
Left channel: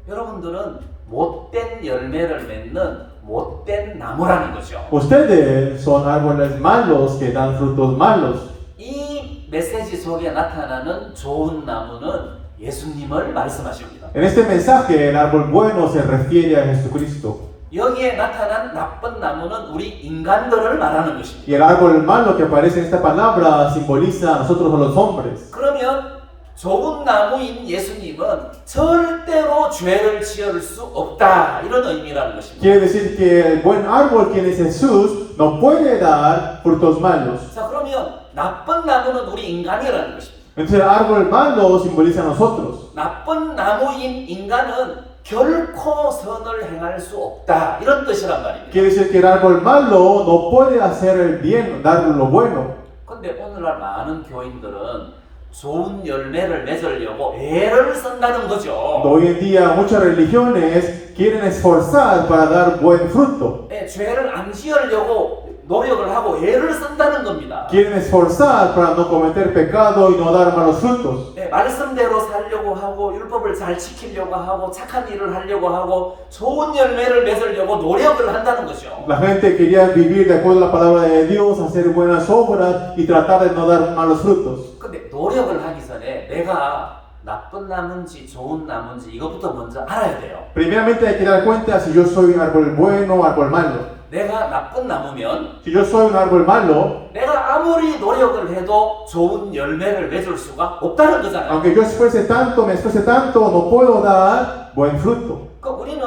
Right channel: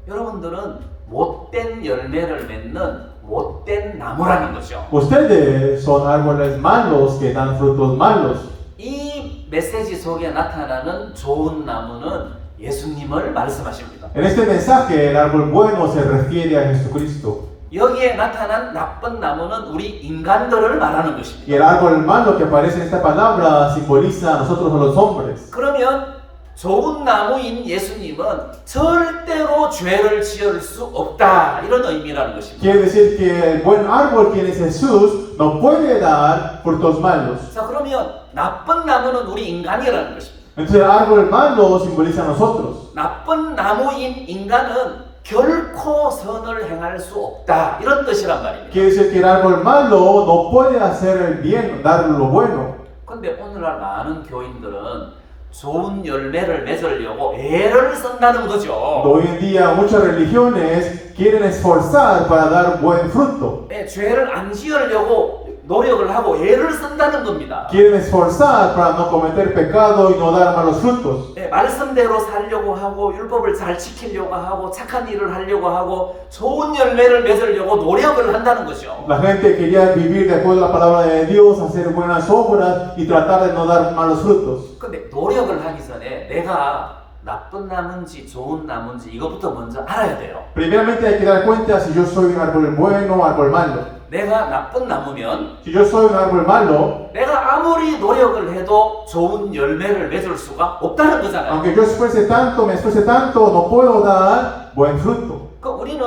여러분들은 못된 열매를 맺는 못된 나무라는 거죠. Ustedes son árboles malos que dan frutos malos. 이 메시지 속에 나타나는 좋은 나무는 예수님을 말씀하십니다. En este mensaje, el árbol bueno se refiere a Jesucristo. 여기에 나타난 나쁜 나무는 우리 인간들을 말하는 Y 것입니다. el árbol malo que aparece en esta palabra simboliza a nosotros, a los hombres. 그러면 좋은 나무인 예수님은 절대로 죄를 지을 수 없다, 이런 의미라는 것입니다. Quiere decir que el buen árbol, quien es Jesús, no puede dar frutos malos. 자, 그러면 나쁜 나무는 우리 인간이라는 것입니다. Entonces el árbol malo simboliza a nosotros. 나쁜 나무인 인간은 결코 선을 행할 수 없다, 이런 뜻이란 말입니다. Quiere decir que el árbol malo no puede hacer el bien, dar lo bueno. 근데 오늘날 많은 교인들은 좋은 열매를 맺으려고 애를 쓴다는 거죠. Hoy en día muchas religiones quieren esforzar para dar buen fruto. 네, 죄를 안 지으려고 노력을 하고 애를 쓴다는 겁니다. Quieren esforzar para no cometer pecado y no dar malos frutos. 네, 말씀대로 살려고 하고 율법을 잘 지키려고 하고 착한 일을 하려고 하고 좋은 열매를 맺으려고 노력을 한다는 거죠. La gente quería vivir de acuerdo a la palabra de Dios, hacer buenas obras y tratar de no dar malos frutos. 근데 노력을 하기 전에 내가 나쁜 나무인지 좋은 나무인지 이것부터 먼저 알아야 돼요. Primeramente hay que dar cuenta si yo soy un árbol bueno o árbol malo. 내가 나쁜 나무면 Si yo soy un árbol malo, 내가 아무리 노력을 해도 좋은 열매를 맺을 수가 없다는 거잖아요. aunque yo esfuerce tanto, me esfuerce tanto, no puedo dar buen fruto. 그 우리는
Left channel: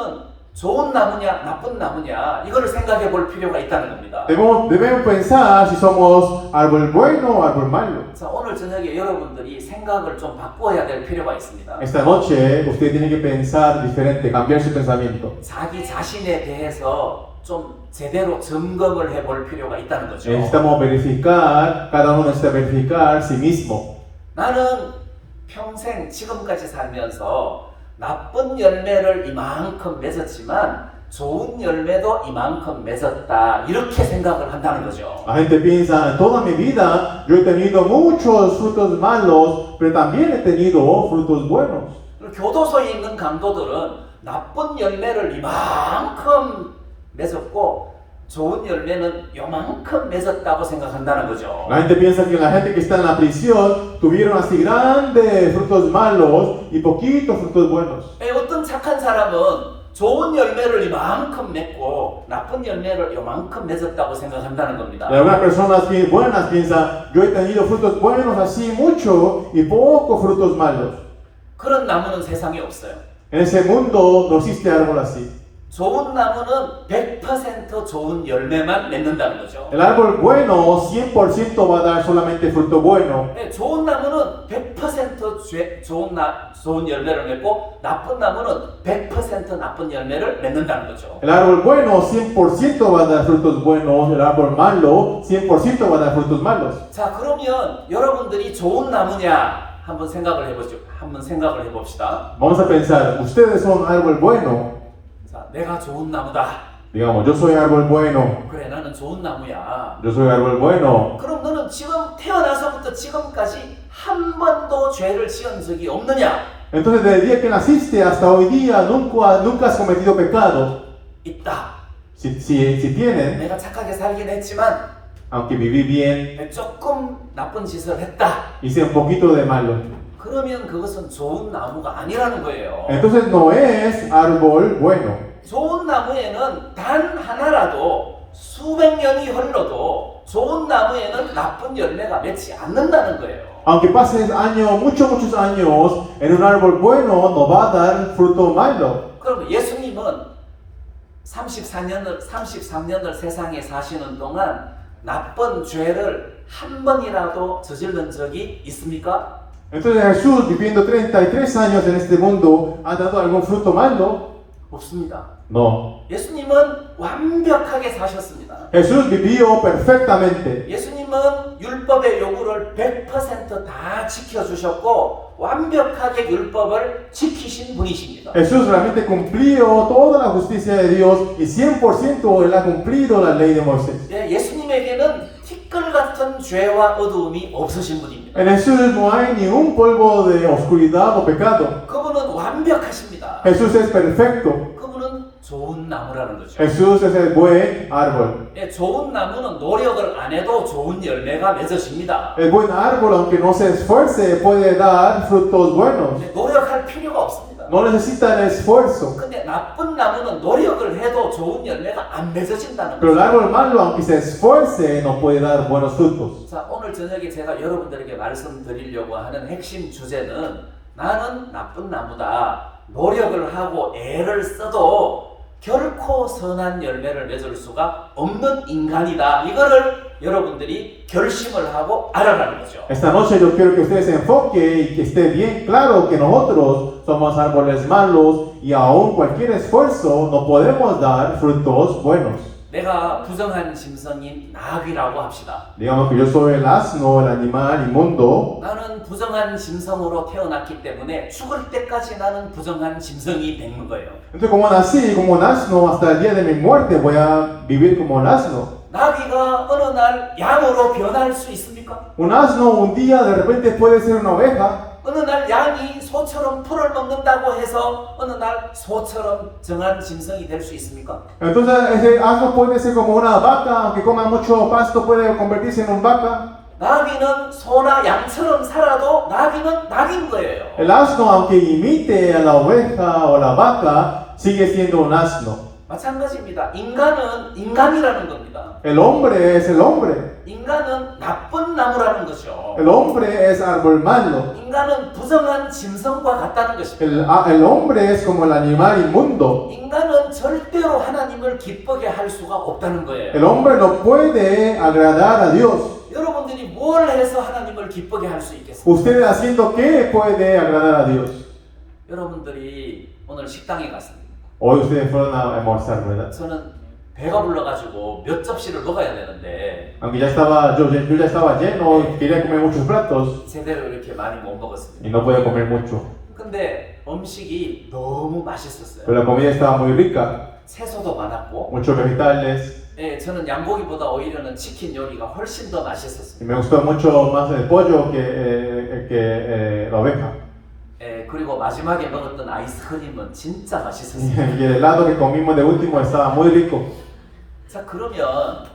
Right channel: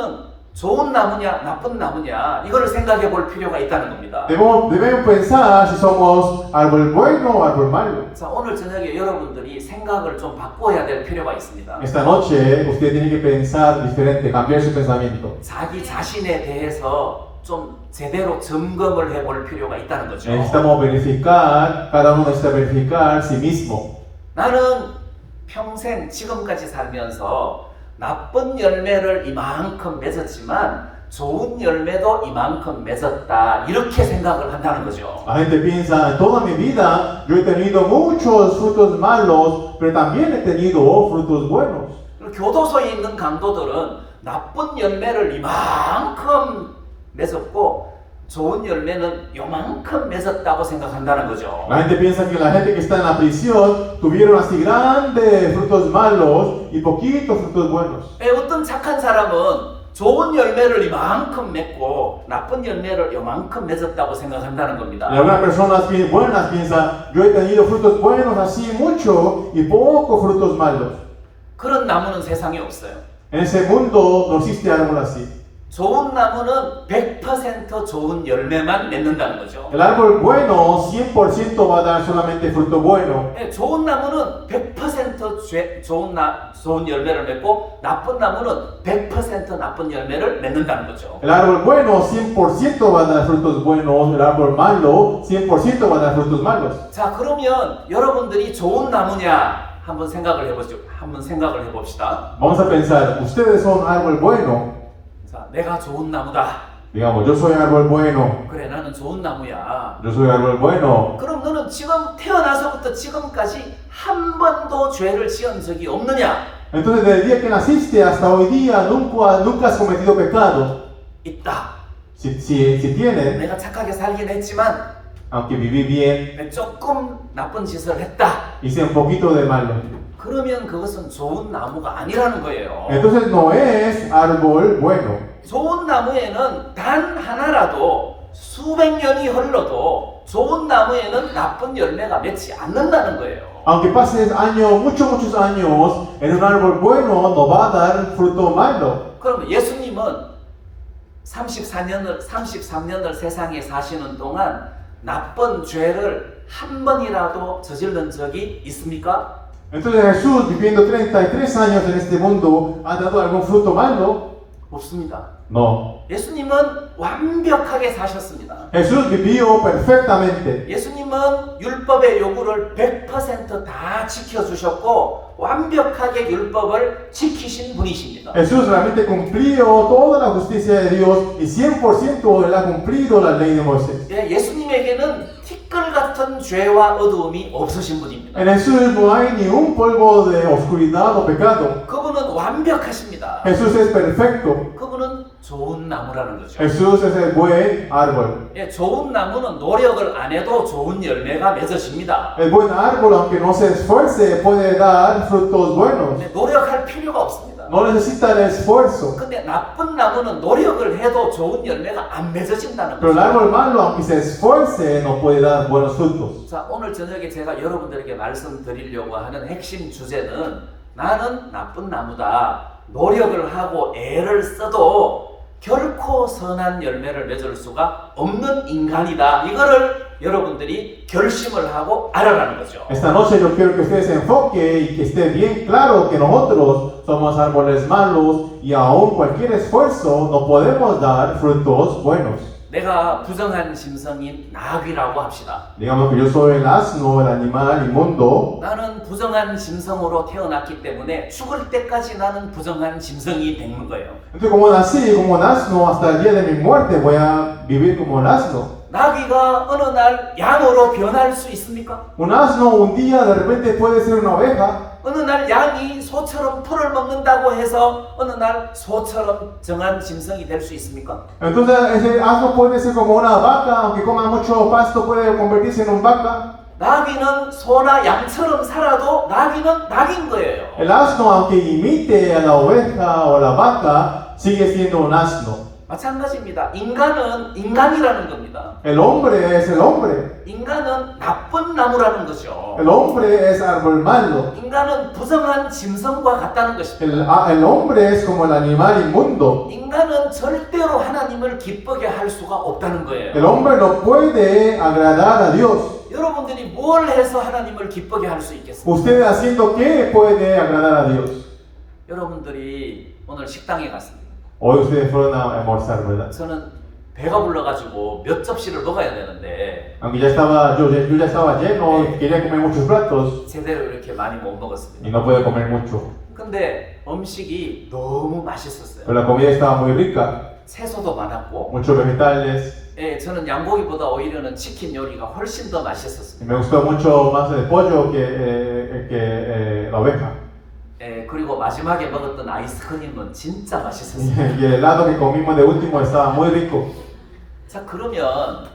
좋은 나무냐 나쁜 나무냐 이거를 생각해 볼 필요가 있다는 겁니다. Debemos pensar si somos árbol bueno o árbol malo. 자, 오늘 저녁에 여러분들이 생각을 좀 바꿔야 될 필요가 있습니다. Esta noche usted tiene que pensar diferente, cambiar su pensamiento. 자기 자신에 대해서 좀 제대로 점검을 해볼 필요가 있다는 거죠. Necesitamos verificar, cada uno necesita verificar sí mismo. 나는 평생 지금까지 살면서 나쁜 열매를 이만큼 맺었지만 좋은 열매도 이만큼 맺었다, 이렇게 생각을 한다는 거죠. La gente piensa, en toda mi vida yo he tenido muchos frutos malos, pero también he tenido frutos buenos. 교도소에 있는 강도들은 나쁜 열매를 이만큼 맺었고 좋은 열매는 요만큼 맺었다고 생각한다는 거죠. La gente piensa que la gente que está en la prisión tuvieron así grandes frutos malos y poquitos frutos buenos. 어떤 착한 사람은 좋은 열매를 이만큼 맺고 나쁜 열매를 요만큼 맺었다고 생각한다는 겁니다. Algunas personas buenas piensan, yo he tenido frutos buenos así mucho y pocos frutos malos. 그런 나무는 세상에 없어요. En ese mundo no existe árbol así. 좋은 나무는 100% 좋은 열매만 맺는다는 거죠. El árbol bueno 100% va a dar solamente fruto bueno. 좋은 나무는 100% 좋은 열매를 맺고 나쁜 나무는 100% 나쁜 열매를 맺는다는 거죠. El árbol bueno 100% va a dar frutos buenos, el árbol malo 100% va a dar frutos malos. 자, 그러면 여러분들이 좋은 나무냐 한번 생각을 해보죠. 한번 생각을 해봅시다. Vamos a pensar, ustedes son árbol bueno. 자, 내가 좋은 나무다. Digamos, yo soy árbol bueno. 그래, 나는 좋은 나무야. Yo soy árbol bueno. 그럼 너는 지금 태어나서부터 지금까지 한 번도 죄를 지은 적이 없느냐? Entonces, desde el día que naciste hasta hoy día, nunca has cometido pecado. 있다. Si tienes, 내가 착하게 살긴 했지만 aunque viví bien, 조금 나쁜 짓을 했다. hice un poquito de malo. 그러면 그것은 좋은 나무가 아니라는 거예요. Entonces no es árbol bueno. 좋은 나무에는 단 하나라도 수백 년이 흘러도 좋은 나무에는 나쁜 열매가 맺지 않는다는 거예요. Aunque pasen años, muchos años, en un árbol bueno no va a dar fruto malo. 그럼 예수님은 33년을 세상에 사시는 동안 나쁜 죄를 한 번이라도 저지른 적이 있습니까? Entonces Jesús, viviendo 33 años en este mundo, ¿ha dado algún fruto malo? 없습니다. No. 예수님은 완벽하게 사셨습니다. Jesús vivió perfectamente. 예수님은 율법의 요구를 100%다 지켜주셨고 완벽하게 율법을 지키신 분이십니다. Jesús realmente cumplió toda la justicia de Dios y 100% Él ha cumplido la ley de Moisés. 예수님에게는 티끌 같은 죄와 어두움이 없으신 분입니다. En Jesús no hay ni un polvo de oscuridad o pecado. 그분은 완벽하십니다. Jesús es perfecto. 그분은 좋은 나무라는 거죠. Jesús es el buen árbol. 예, 좋은 나무는 노력을 안 해도 좋은 열매가 맺어집니다. El buen árbol, aunque no se esfuerce, puede dar frutos buenos. 근데 노력할 필요가 없습니다. No necesita el esfuerzo. 근데 나쁜 나무는 노력을 해도 좋은 열매가 안 맺어진다는 Pero el 거죠. árbol malo, aunque se esfuerce, no puede dar buenos frutos. 자, 오늘 저녁에 제가 여러분들에게 말씀드리려고 하는 핵심 주제는 나는 나쁜 나무다. 노력을 하고 애를 써도 결코 선한 열매를 맺을 수가 없는 인간이다. 이거를 여러분들이 결심을 하고 알아라는 거죠. Esta noche yo quiero que usted se enfoque y que esté bien claro que nosotros somos árboles malos y aún cualquier esfuerzo no podemos dar frutos buenos. 내가 부정한 심성인 나귀라고 합시다. Digamos que yo soy el asno, el animal inmundo. 나는 부정한 심성으로 태어났기 때문에 죽을 때까지 나는 부정한 심성이 되는 거예요. Entonces como nací como un asno hasta el día de mi muerte voy a vivir como un asno. 나귀가 어느 날 양으로 변할 수 있습니까? Un asno un día de repente puede ser una oveja. 어느 날 양이 소처럼 풀을 먹는다고 해서 어느 날 소처럼 정한 짐승이 될 수 있습니까? Entonces ese asno puede ser como una vaca, aunque coma mucho pasto puede convertirse en un vaca. 나귀는 소나 양처럼 살아도 나귀는 낙인 거예요. El asno, aunque imite a la oveja o la vaca, sigue siendo un asno. 마찬가지입니다. 인간은 인간이라는 겁니다. El hombre es el hombre. 인간은 나쁜 나무라는 거죠. El hombre es árbol malo. 인간은 부정한 짐승과 같다는 것입니다. El hombre es como el animal inmundo. 인간은 절대로 하나님을 기쁘게 할 수가 없다는 거예요. El hombre no puede agradar a Dios. 여러분들이 뭘 해서 하나님을 기쁘게 할 수 있겠습니까? Usted haciendo qué puede agradar a Dios. 여러분들이 오늘 식당에 갔습니다. Hoy ustedes fueron a almorzar, ¿verdad? 저는 배가 불러가지고 몇 접시를 먹어야 되는데 Aunque ya estaba, yo ya estaba lleno y quería comer muchos platos 제대로 이렇게 많이 못 먹었습니다. y no pude comer mucho. 근데 음식이 너무 맛있었어요. Pero la comida estaba muy rica, 채소도 많았고, muchos vegetales 예, 저는 양고기보다 오히려는 치킨 요리가 훨씬 더 y 맛있었습니다. me gustó mucho más el pollo que la oveja. 예, 그리고 마지막에 먹었던 아이스크림은 진짜 맛있었어요. Y el helado que comimos de último estaba muy rico. 자, 그러면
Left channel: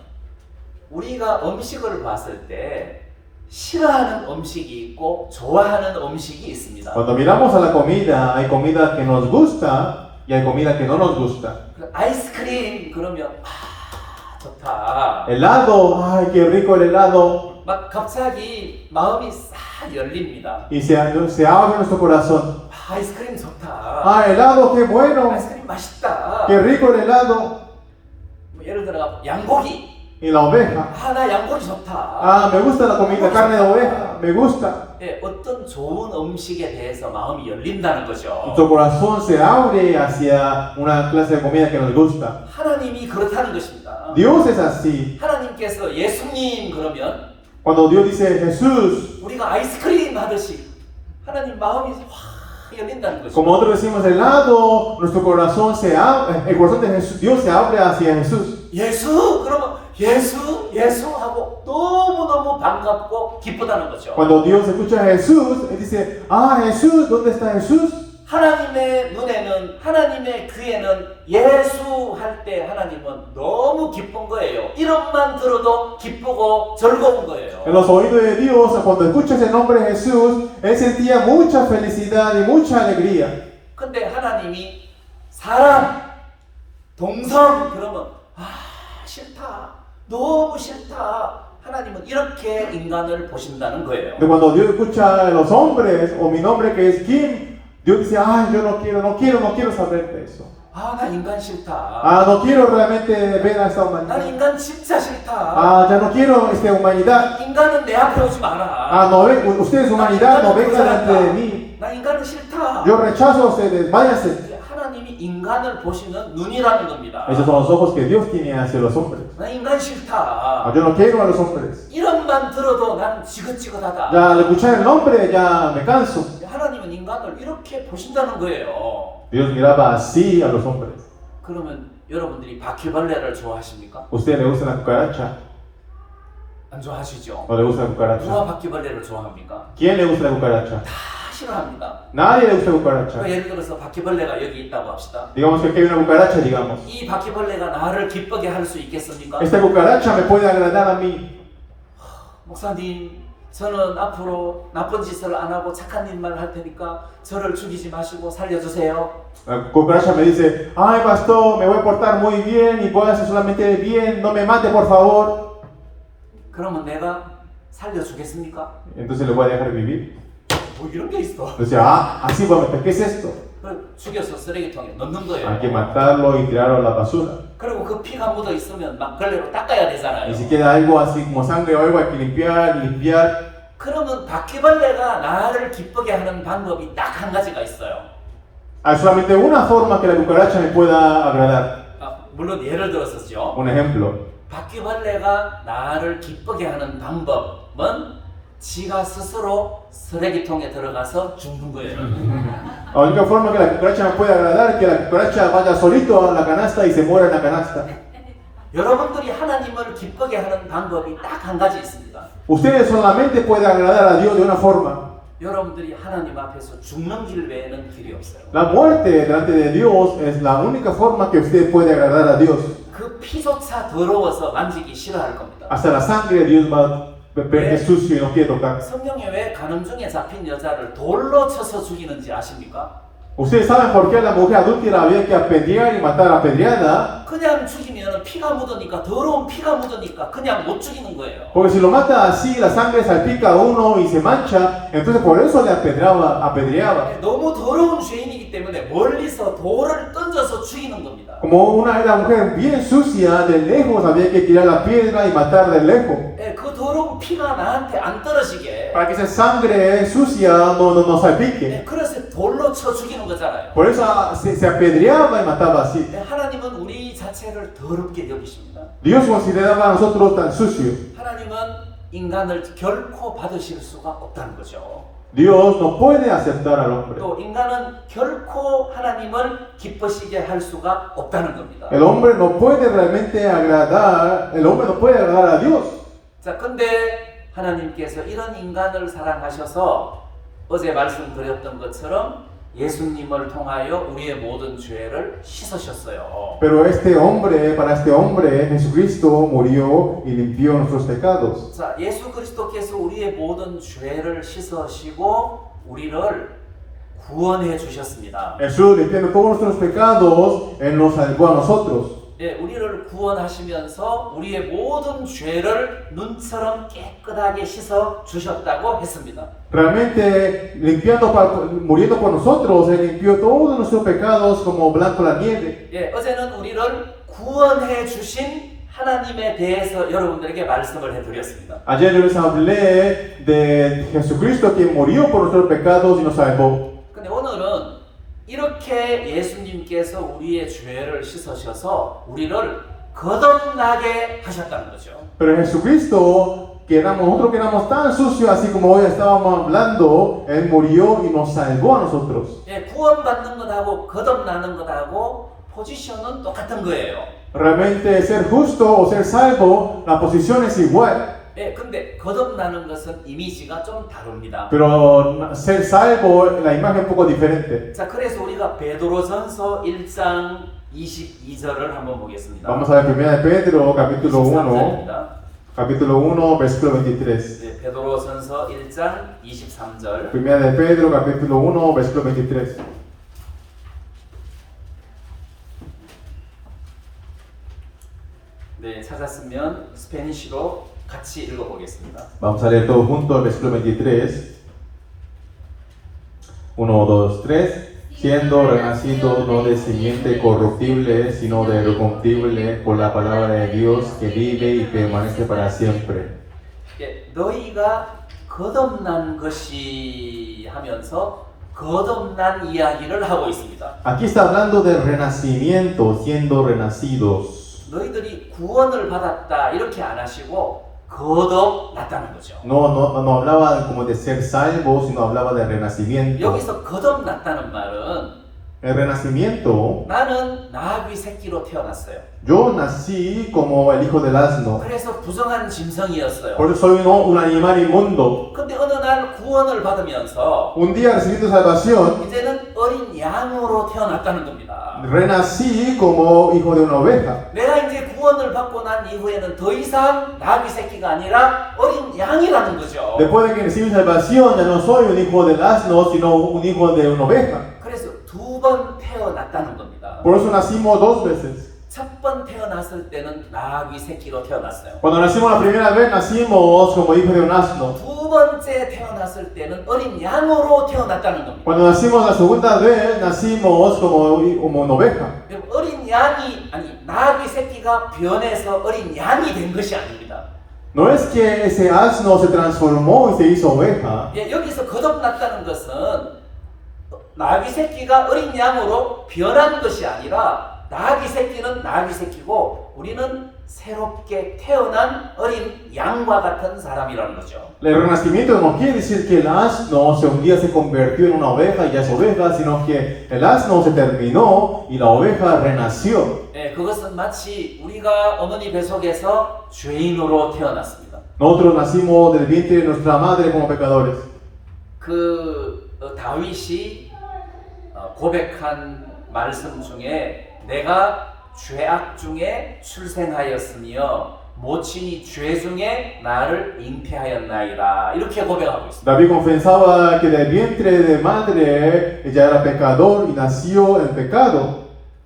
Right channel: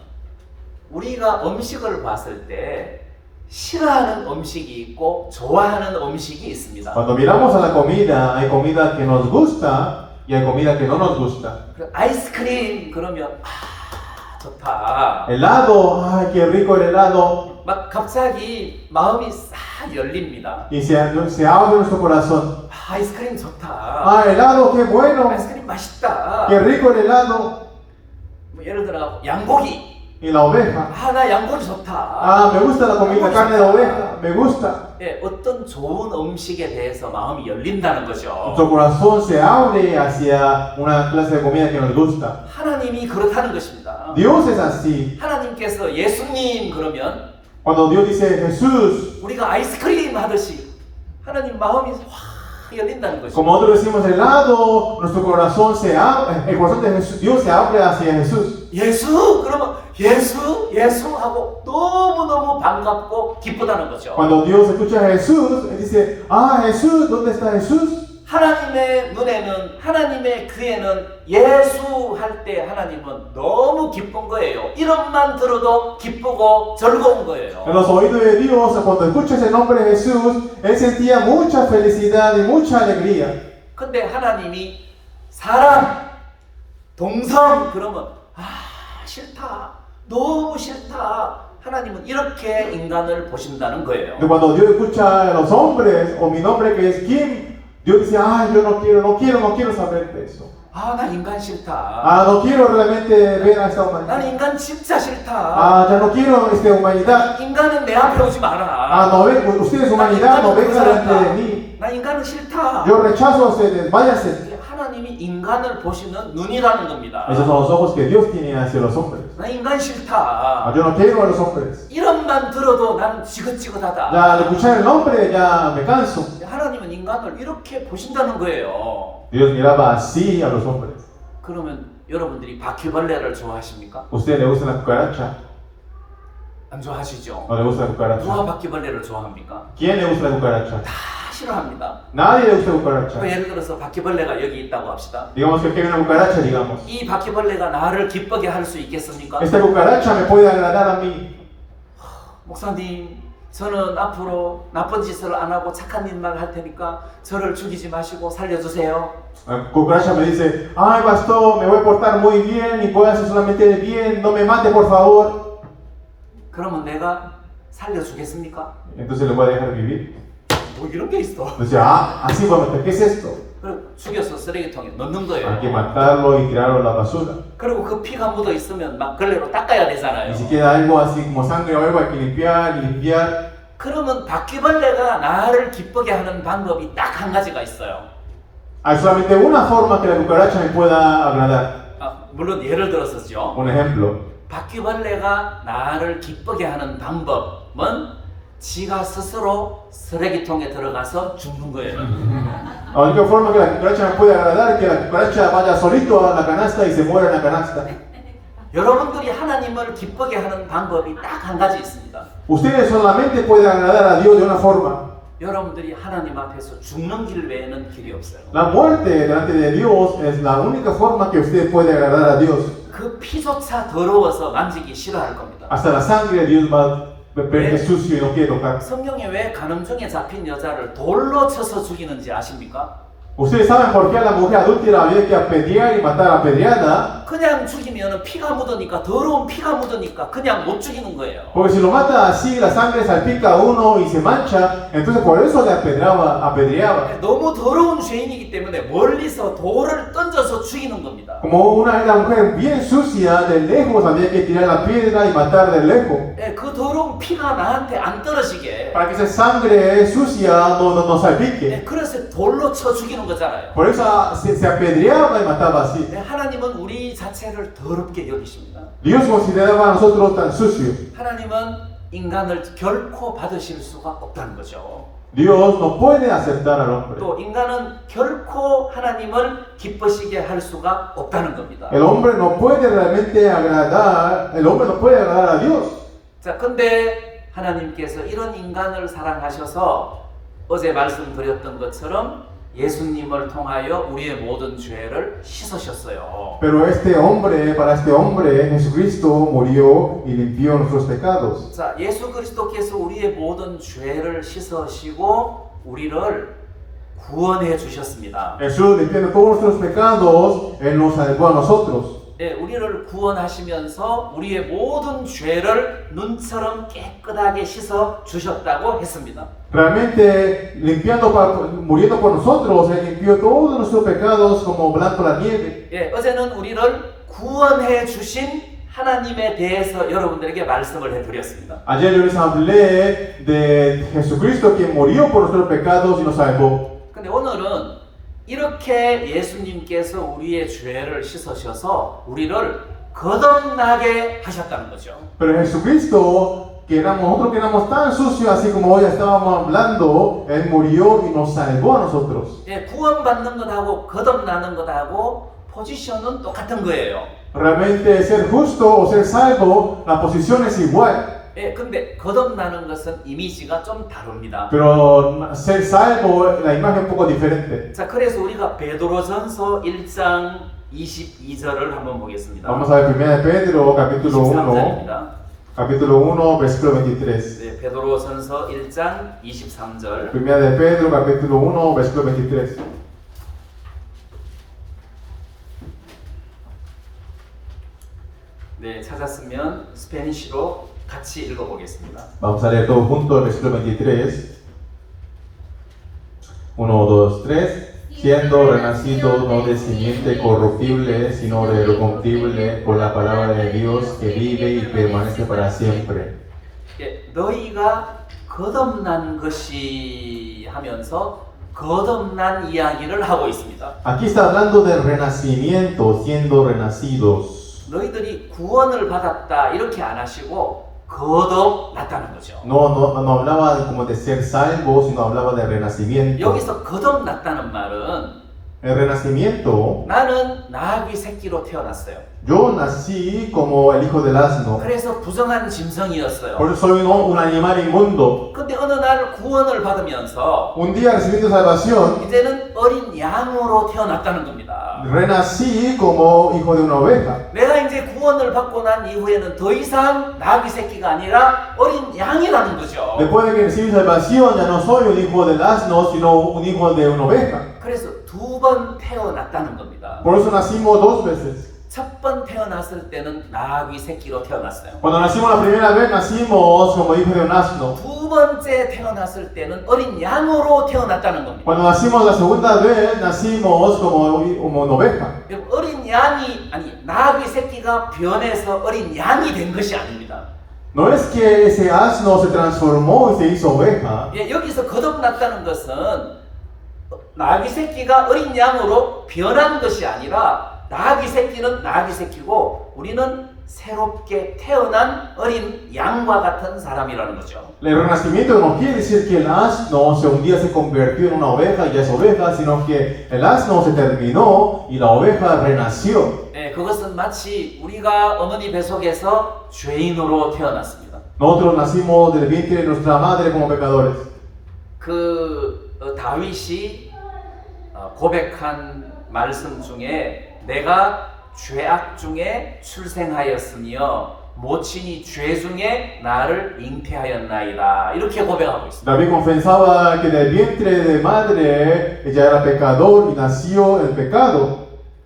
우리가 음식을 봤을 때 싫어하는 음식이 있고 좋아하는 음식이 있습니다. Cuando miramos a la comida, hay comida que nos gusta y hay comida que no nos gusta. 그 아이스크림 그러면 좋다. Helado, ay, qué rico el helado. 막 갑자기 마음이 싹 열립니다. Y se abre nuestro corazón. 아이스크림 좋다. Ah, helado, qué bueno. 아이스크림 맛있다. Qué rico el helado. 뭐 예를 들어 양고기. Y la oveja. 나 양고기 좋다. Ah, me gusta la comida, carne de oveja. Me gusta. 예, 어떤 좋은 음식에 대해서 마음이 열린다는 거죠. Nuestro corazón se abre hacia una clase de comida que nos gusta. 하나님이 그렇다는 것입니다. Dios es así. 하나님께서 예수님 그러면 Cuando Dios dice Jesús, 우리가 아이스크림 하듯이 하나님 마음이 확 열린다는 것이죠. como nosotros decimos helado, nuestro corazón se abre, el corazón de Jesús, Dios se abre hacia Jesús. 예수 그러면 예수 하고 너무너무 반갑고 기쁘다는 거죠. Cuando Dios escucha a Jesús, Él dice, ah, Jesús, ¿dónde está Jesús? 하나님의 눈에는 하나님의 귀에는 예수 할 때 하나님은 너무 기쁜 거예요. 이름만 들어도 기쁘고 즐거운 거예요. En los oídos de Dios, cuando escuchas el nombre de Jesús, Él sentía mucha felicidad y mucha alegría. 근데 하나님이 사람, 동성 그러면 싫다. 너무 싫다. 하나님은 이렇게 인간을 보신다는 거예요. Pero cuando Dios escucha a los hombres, o mi nombre que es Kim, Dios dice, ay, yo no quiero saber de eso. 나 인간 싫다. Ah, no quiero realmente ver a esta 난 humanidad. 인간 진짜 싫다. Ah, ya no quiero esta humanidad. 인간은 내 앞에 오지 마라. Ah, no ven, ustedes humanidad, no vengan delante de mí. 나 인간은 싫다. Yo rechazo a ustedes, váyanse. 이게 하나님이 인간을 보시는 눈이라는 겁니다. Esos son los ojos que Dios tiene hacia los hombres. 나 인간 싫다. Ah, yo no quiero a los hombres. 이름만 들어도 난 지긋지긋하다. Ya al escuchar el nombre ya me canso. 하나님은 인간을 이렇게 보신다는 거예요. Dios miraba así a los hombres. 그러면 여러분들이 바퀴벌레를 좋아하십니까? ¿Usted le gusta la cucaracha? 안 좋아하시죠? ¿No le gusta la 누가 cucaracha? 바퀴벌레를 좋아합니까? ¿Quién le gusta la cucaracha? 다 싫어합니다. Nadie le gusta cucaracha. 예를 들어서 바퀴벌레가 여기 있다고 합시다. Digamos que aquí hay una cucaracha, digamos. 이 바퀴벌레가 나를 기쁘게 할 수 있겠습니까? Esta cucaracha me puede agradar a mí. 목사님, 저는 앞으로 나쁜 짓을 안 하고 착한 일만 할 테니까 저를 죽이지 마시고 살려주세요. La cucaracha me dice, ay pastor, me voy a portar muy bien y voy a hacer solamente el bien, no me mate por favor. 그러면 내가 살려주겠습니까? Entonces le voy a dejar vivir. 뭐 이런 게 있어. Entonces, así vamos, ¿qué es esto? 그리고 죽여서 쓰레기통에 넣는 Hay que 거예요. matarlo y tirarlo a la basura. 그리고 그 피가 묻어 있으면 막 걸레로 닦아야 되잖아요. Y si queda algo así como sangre o algo, hay que limpiar y limpiar. 그러면 바퀴벌레가 나를 기쁘게 하는 방법이 딱 한 가지가 있어요. Hay solamente una forma que la cucaracha me pueda agradar. 물론 예를 들어서죠. Un ejemplo. 바퀴벌레가 나를 기쁘게 하는 방법은 지가 스스로 쓰레기통에 들어가서 죽는 거예요. La única forma que la cucaracha me puede agradar es que la cucaracha vaya solito a la canasta y se muera en la canasta. 여러분들이 하나님을 기쁘게 하는 방법이 딱 한 가지 있습니다. Ustedes solamente pueden agradar a Dios de una forma. 여러분들이 하나님 앞에서 죽는 길 외에는 길이 없어요. La muerte delante de Dios es la única forma que usted puede agradar a Dios. 그 피조차 더러워서 만지기 싫어할 겁니다. Hasta la sangre de Dios va a sucio y no quiere tocar. 성경에 왜 가늠 중에 잡힌 여자를 돌로 쳐서 죽이는지 아십니까? Ustedes saben por qué a la mujer adúltera había que apedrear y matar apedreada. 그냥 죽이면 피가 묻으니까 더러운 피가 묻으니까 그냥 못 죽이는 거예요. Porque si lo mata así, la sangre salpica a uno y se mancha, entonces por eso le apedreaba. 너무 더러운 죄인이기 때문에 멀리서 돌을 던져서 죽이는 겁니다. Como una era mujer bien sucia, de lejos había que tirar la piedra y matar de lejos. 그 더러운 피가 나한테 안 떨어지게. Para que esa sangre sucia no salpique. 그래서 돌로 쳐 죽이는 거잖아요. Por eso se apedreaba y mataba así. 하나님은 우리 자체를 더럽게 여기십니다. Dios consideraba a nosotros tan sucios. 하나님은 인간을 결코 받으실 수가 없다는 거죠. Dios no puede aceptar al hombre. 또 인간은 결코 하나님을 기쁘시게 할 수가 없다는 겁니다. El hombre no puede realmente agradar, el hombre no puede agradar a Dios. 자, 근데 하나님께서 이런 인간을 사랑하셔서 어제 말씀드렸던 것처럼 예수님을 통하여 우리의 모든 죄를 씻으셨어요. Pero para este hombre, Jesucristo murió y limpió nuestros pecados. 자, 예수 그리스도께서 우리의 모든 죄를 씻으시고 우리를 구원해 주셨습니다. Jesús, limpiando todos nuestros pecados, Él nos salvó a nosotros. 우리를 구원하시면서 우리의 모든 죄를 눈처럼 깨끗하게 씻어 주셨다고 했습니다. Realmente, muriendo por nosotros, Él limpió todos nuestros pecados como blanco la nieve. 어제는 우리를 구원해 주신 하나님에 대해서 여러분들에게 말씀을 해드렸습니다. Ayer yo les hablé de Jesucristo que murió por nuestros pecados y nos salvó. 근데 오늘은 이렇게 예수님께서 우리의 죄를 씻으셔서 우리를 거듭나게 하셨다는 거죠. Pero Jesucristo, nosotros que éramos tan sucios, así como hoy estábamos hablando, Él murió y nos salvó a nosotros. 구원받는 것하고 거듭나는 것하고 포지션은 똑같은 거예요. Realmente ser justo o ser salvo, la posición es igual. 근데 거듭나는 것은 이미지가 좀 다릅니다. Pero ser salvo, la imagen es un poco diferente. 자, 그래서 우리가 베드로전서 1장 22절을 한번 보겠습니다. Vamos a ver 1 de Pedro, capítulo 1, 23절입니다. capítulo 1, versículo 23. 베드로전서 1장 23절. 1 de Pedro, capítulo 1, versículo 23. 네, 찾았으면 스페니쉬로 같이 읽어보겠습니다. Vamos a leer todo junto el versículo 23. 1, 2, 3. Siendo renacido no de simiente corruptible, sino de corruptible por la palabra de Dios que vive y permanece para siempre. 너희가 거듭난 것이 하면서 거듭난 이야기를 하고 있습니다. Aquí está hablando del renacimiento, siendo renacidos. 너희들이 구원을 받았다 이렇게 안 하시고 거듭났다는 거죠. No hablaba como de ser salvo, sino hablaba de renacimiento. 여기서 거듭났다는 말은 El renacimiento, 나는 나귀 새끼로 태어났어요. yo nací como el hijo del asno. 그래서 부정한 짐승이었어요. Por eso soy un animal inmundo. 근데 어느 날 구원을 받으면서 Un día recibiendo salvación, 이제는 어린 양으로 태어났다는 겁니다. renací como hijo de una oveja. 내가 이제 구원을 받고 난 이후에는 더 이상 나귀 새끼가 아니라 어린 양이라는 거죠. Después de que recibí salvación, ya no soy un hijo del asno, sino un hijo de una oveja. 그래서 두 번 태어났다는 겁니다. Por eso nacimos dos veces. 첫 번 태어났을 때는 나귀 새끼로 태어났어요. Cuando nacimos la primera vez, nacimos como hijo de un asno. 두 번째 태어났을 때는 어린 양으로 태어났다는 겁니다. Cuando nacimos la segunda vez, nacimos como una oveja. 그럼 어린 양이 아니 나귀 새끼가 변해서 어린 양이 된 것이 아닙니다. No es que ese asno se transformó y se hizo oveja. 예, 여기서 거듭났다는 것은 나귀 새끼가 어린 양으로 변한 것이 아니라 나귀 새끼는 나귀 새끼고 우리는 새롭게 태어난 어린 양과 같은 사람이라는 거죠. El renacimiento no quiere decir que el asno un día se convirtió en una oveja y ya es oveja, sino que el asno se terminó y la oveja renació. 예, 그것은 마치 우리가 어머니 뱃속에서 죄인으로 태어났습니다. Nosotros nacimos del vientre de nuestra madre como pecadores. 다윗이 고백한 말씀 중에 내가 죄악 중에 출생하였으며 모친이 죄 중에 나를 잉태하였나이다 이렇게 고백하고 있습니다. David confesaba que del vientre de madre ella era pecador y nació en pecado.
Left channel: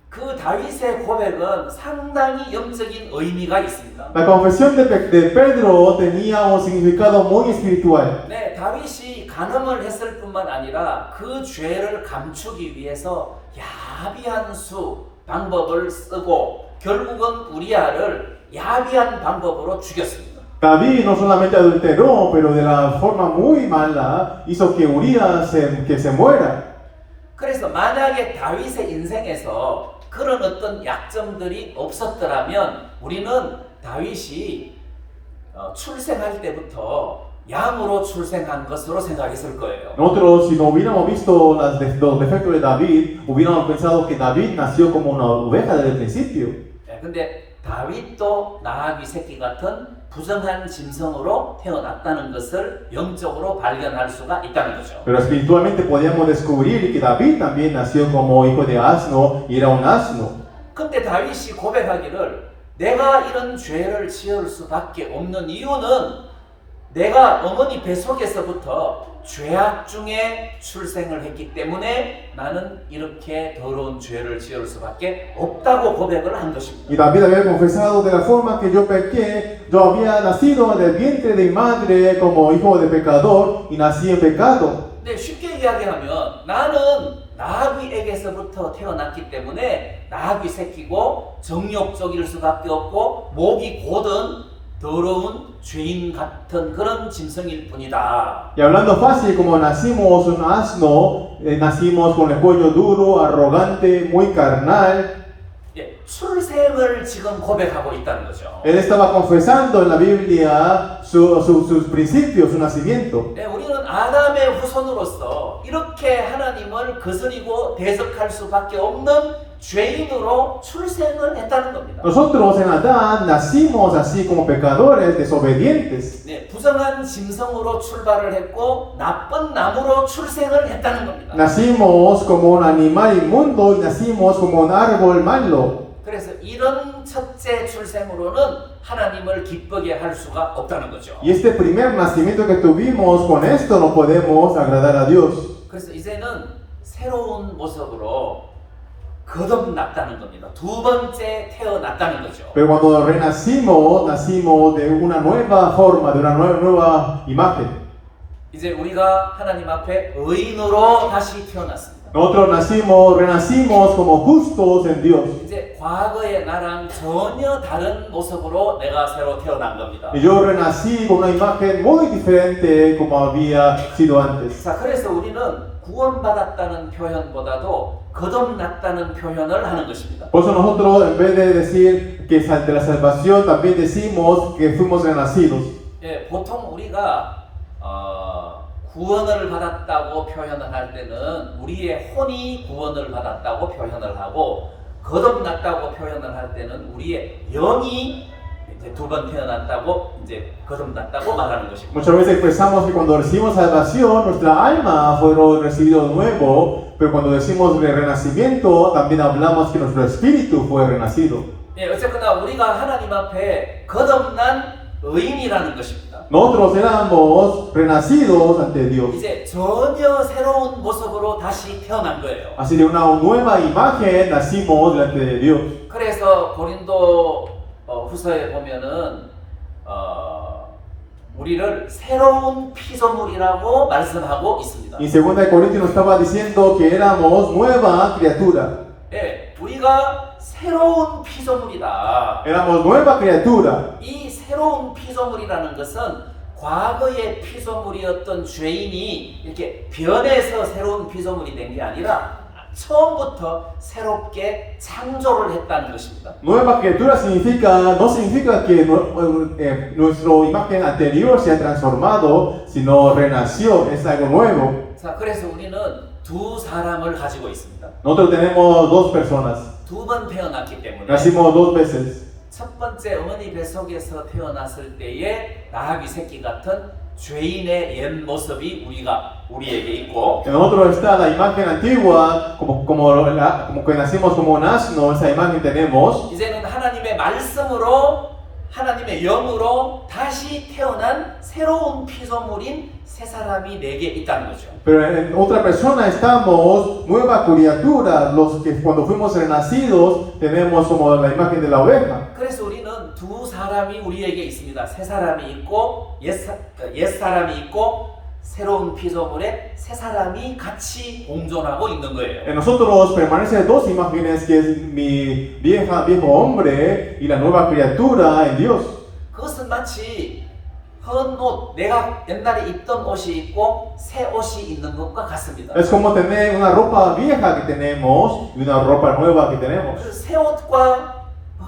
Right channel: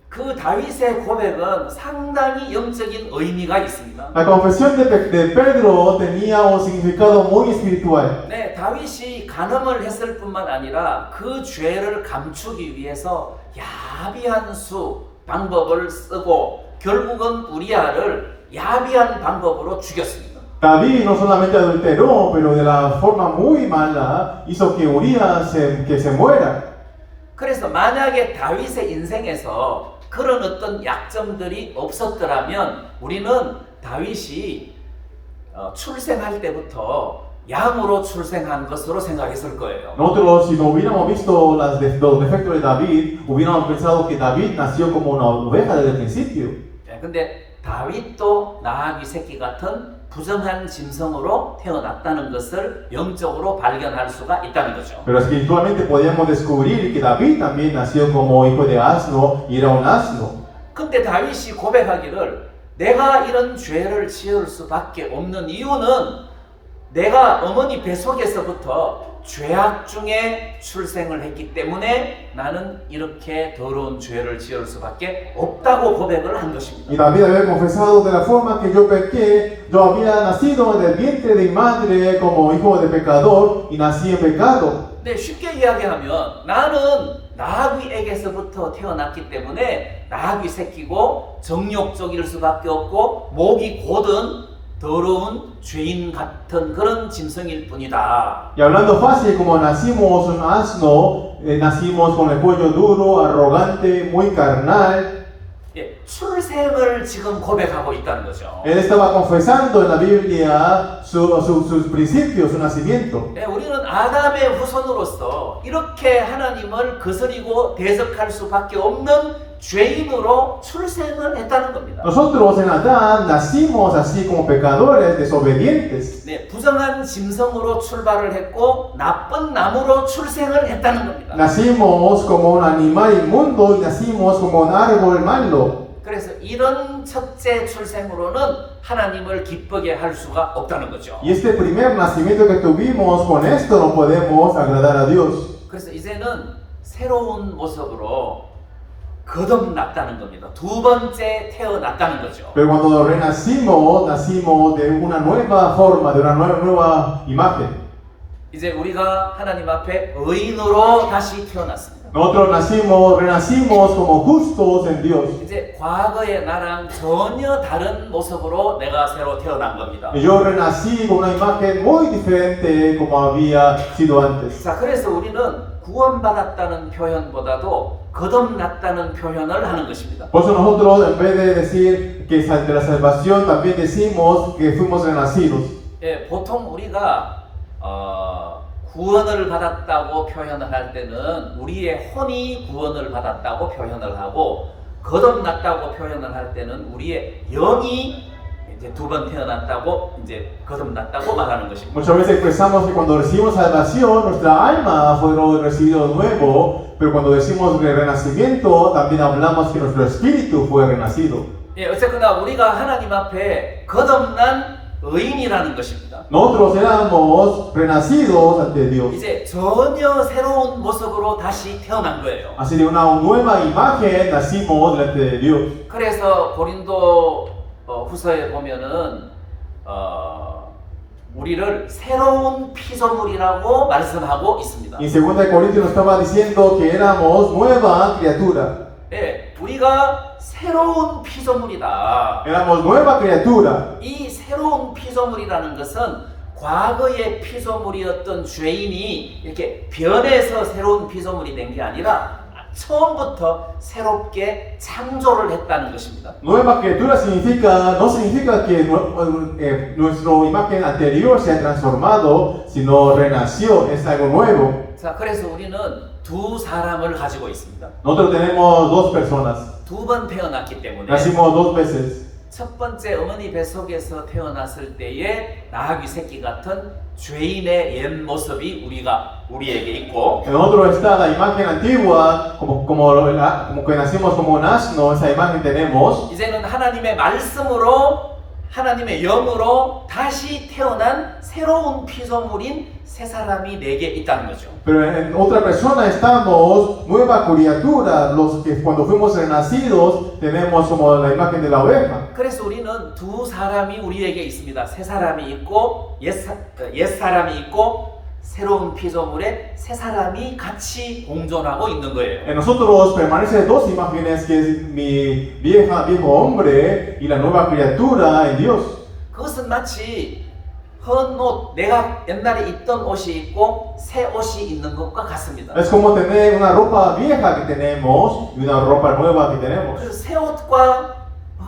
그 다윗의 고백은 상당히 영적인 의미가 있습니다. La confesión de Pedro tenía un significado muy espiritual. 네, 다윗이 간음을 했을 뿐만 아니라 그 죄를 감추기 위해서 야비한 방법을 쓰고 결국은 우리아를 야비한 방법으로 죽였습니다. David no solamente adulteró, pero de la forma muy mala hizo que Urías que se muera. 그래서 만약에 다윗의 인생에서 그런 어떤 약점들이 없었더라면 우리는 다윗이 출생할 때부터 양으로 출생한 것으로 생각했을 거예요. Nosotros, si no hubiéramos visto los defectos de David, hubiéramos pensado que David nació como una oveja desde el principio. 근데 다윗도 나귀 새끼 같은 부정한 짐승으로 태어났다는 것을 영적으로 발견할 수가 있다는 거죠. Pero espiritualmente podíamos descubrir que David también nació como hijo de asno y era un asno. 근데 다윗이 고백하기를 내가 이런 죄를 지을 수밖에 없는 이유는 내가 어머니 뱃속에서부터 죄악 중에 출생을 했기 때문에 나는 이렇게 더러운 죄를 지을 수밖에 없다고 고백을 한 것입니다. Y David había confesado de la forma que yo pequé, yo había nacido del vientre de mi madre como hijo de pecador y nací en pecado. 네, 쉽게 이야기하면 나는 나귀에게서부터 태어났기 때문에 나귀 새끼고 정욕적일 수밖에 없고 목이 곧은 더러운 죄인 같은 그런 짐승일 뿐이다. Y hablando fácil, como nacimos un asno, nacimos con el cuello duro, arrogante, muy carnal. 예, 출생을 지금 고백하고 있다는 거죠. Él estaba confesando en la Biblia sus principios, su nacimiento. 네, 우리는 아담의 후손으로서 이렇게 하나님을 거스리고 대적할 수밖에 없는 죄인으로 출생을 했다는 겁니다. Nosotros en Adán nacimos así como pecadores, desobedientes. 네, 부정한 짐승으로 출발을 했고 나쁜 나무로 출생을 했다는 겁니다. Nacimos como un animal inmundo y nacimos como un árbol malo. 그래서 이런 첫째 출생으로는 하나님을 기쁘게 할 수가 없다는 거죠. Y este primer nacimiento que tuvimos, con esto no podemos agradar a Dios. 그래서 이제는 새로운 모습으로 거듭났다는 겁니다. 두 번째 태어났다는 거죠. Pero cuando renacimos, nacimos de una nueva forma, de una nueva imagen. 이제 우리가 하나님 앞에 의인으로 다시 태어났습니다. Nosotros renacimos como justos en Dios. 이제 과거의 나랑 전혀 다른 모습으로 내가 새로 태어난 겁니다. Y yo renací con una imagen muy diferente como había sido antes. 자, 그래서 우리는 구원받았다는 표현보다도 거듭났다는 표현을 하는 것입니다. Por eso nosotros, en vez de decir que de la salvación, también decimos que fuimos renacidos. 예, 보통 우리가 구원을 받았다고 표현을 할 때는 우리의 혼이 구원을 받았다고 표현을 하고, 거듭났다고 표현을 할 때는 우리의 영이 이제 두 번 태어났다고, 이제 거듭났다고 말하는 것입니다. Muchas veces expresamos que cuando recibimos salvación, nuestra alma fueron recibido nuevo, pero cuando decimos de renacimiento, también hablamos que nuestro espíritu fue renacido. 예, 어쨌거나 우리가 하나님 앞에 거듭난 의인이라는 것입니다. Nosotros éramos renacidos ante Dios. 이제 전혀 새로운 모습으로 다시 태어난 거예요. Así de una nueva imagen nacimos delante de Dios. 그래서 고린도 후서에 보면은 우리를 새로운 피조물이라고 말씀하고 있습니다. Y en 2 Corintios nos estaba diciendo que éramos nueva criatura. 예, 우리가 새로운 피조물이다. Éramos nueva criatura. 이 새로운 피조물이라는 것은 과거의 피조물이었던 죄인이 이렇게 변해서 새로운 피조물이 된 게 아니라 처음부터 새롭게 창조를 했다는 것입니다. Nueva criatura no significa que nuestra imagen anterior se ha transformado, sino renació, es algo nuevo. 자, 그래서 우리는 두 사람을 가지고 있습니다. Nosotros tenemos dos personas. 두 번 태어났기 때문에 Nacimos dos veces. 첫 번째 어머니 뱃속에서 태어났을 때의 나귀 새끼 같은 죄인의 옛 모습이 우리에게 있고, En nosotros está la imagen antigua, como que nacimos como un asno, esa imagen tenemos. 이제는 하나님의 말씀으로 하나님의 영으로 다시 태어난 새로운 피조물인 새 사람이 내게 있다는 거죠. Pero en otra persona estamos nueva criatura, los que cuando fuimos renacidos tenemos como la imagen de la oveja. 그래서 우리는 두 사람이 우리에게 있습니다. 새 사람이 있고 옛 사람이 있고 새로운 피조물에 새 사람이 같이 공존하고 있는 거예요. En nosotros permanecen dos imágenes, que es mi viejo hombre y la nueva criatura en Dios. 그것은 마치 헌 옷, 내가 옛날에 입던 옷이 있고 새 옷이 있는 것과 같습니다. Es como tener una ropa vieja que tenemos y una ropa nueva que tenemos. 그 새 옷과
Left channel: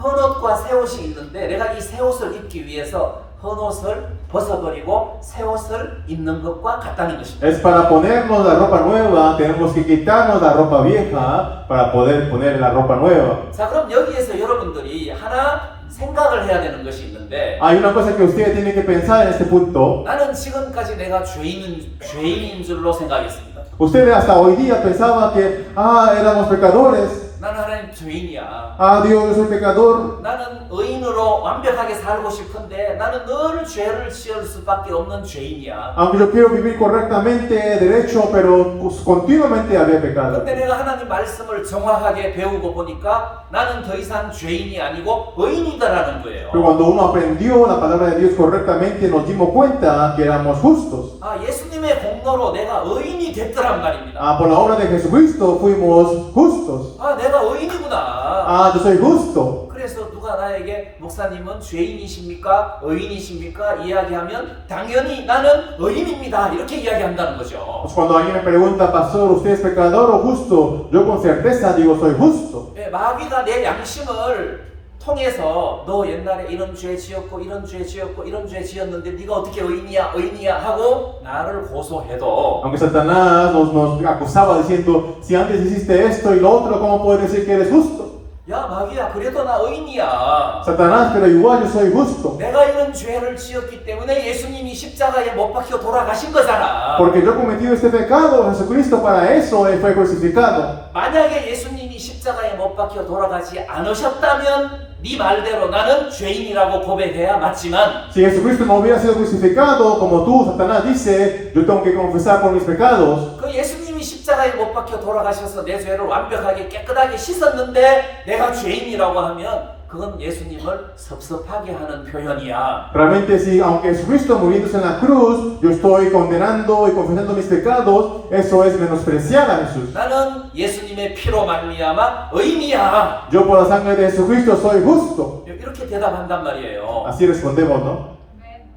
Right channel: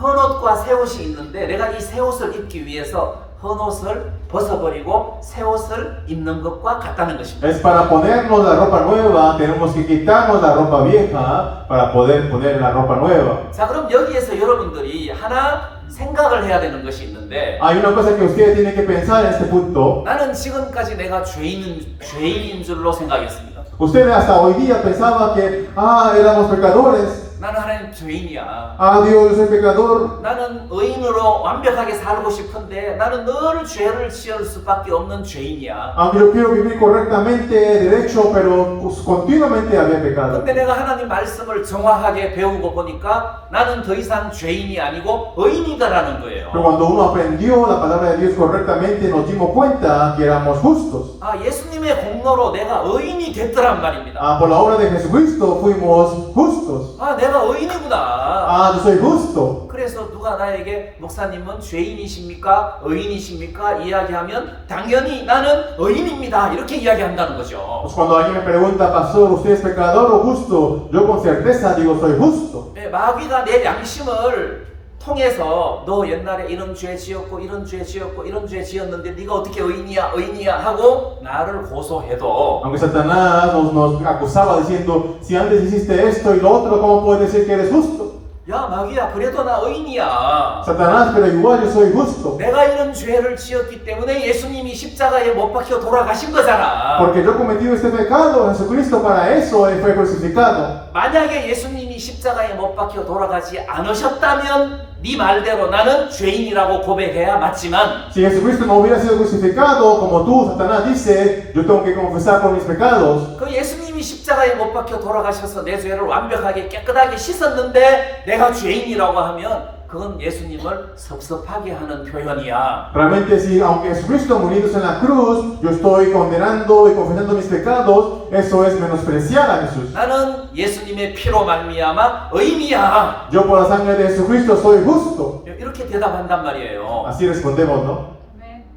헌 옷과 새 옷이 있는데 내가 이 새 옷을 입기 위해서 헌 옷을 벗어버리고 새 옷을 입는 것과 같다는 것입니다. Es para ponernos la ropa nueva, tenemos que quitarnos la ropa vieja para poder poner la ropa nueva. 자, 그럼 여기에서 여러분들이 하나 생각을 해야 되는 것이 있는데, Hay una cosa que usted tiene que pensar en este punto. 나는 지금까지 내가 죄인인 줄로 생각했습니다. Usted hasta hoy día pensaba que, éramos pecadores. 나는 하나님 죄인이야. Dios, soy pecador. 나는 의인으로 완벽하게 살고 싶은데 나는 늘 죄를 지을 수밖에 없는 죄인이야. Aunque yo quiero vivir correctamente, derecho, pero continuamente había pecado. 근데 내가 하나님 말씀을 정확하게 배우고 보니까 나는 더 이상 죄인이 아니고 의인이다라는 거예요. Pero cuando uno aprendió la palabra de Dios correctamente, nos dimos cuenta que éramos justos. 예수님의 공로로 내가 의인이 됐더란 말입니다. Por la obra de Jesucristo fuimos justos. 내가 의인이구나. Yo soy justo. 그래서 누가 나에게 목사님은 죄인이십니까? 의인이십니까? 이야기하면 당연히 나는 의인입니다. 이렇게 이야기한다는 거죠. Pues cuando alguien me pregunta, pastor, ¿usted es pecador o justo? Yo con certeza digo, soy justo. 마귀가 내 양심을 통해서 너 옛날에 이런 죄 지었고 이런 죄 지었고 이런 죄 지었는데 네가 어떻게 의인이야 하고 나를 고소해도, Aunque Satanás nos acusaba diciendo, si antes hiciste esto y lo otro, ¿cómo puedes decir que eres justo? 야 마귀야 그래도 나 의인이야. Satanás, pero igual yo soy justo. 내가 이런 죄를 지었기 때문에 예수님이 십자가에 못 박혀 돌아가신 거잖아. Porque yo he cometido este pecado, Jesucristo para eso Él fue crucificado. 만약에 예수님이 십자가에 못 박혀 돌아가지 않으셨다면 네 말대로 나는 죄인이라고 고백해야 맞지만, Si Jesucristo no hubiera sido crucificado, como tú, Satanás dice, yo tengo que confesar por mis pecados. 그 예수님이 십자가에 못 박혀 돌아가셔서 내 죄를 완벽하게 깨끗하게 씻었는데 내가 죄인이라고 하면 그건 예수님을 섭섭하게 하는 표현이야. Realmente, si aunque Jesucristo muriéndose en la cruz, yo estoy condenando y confesando mis pecados, eso es menospreciar a Jesús. 나는 예수님의 피로 말미암아 의인이야. Yo por la sangre de Jesucristo soy justo. 이렇게 대답한단 말이에요. Así respondemos, ¿no?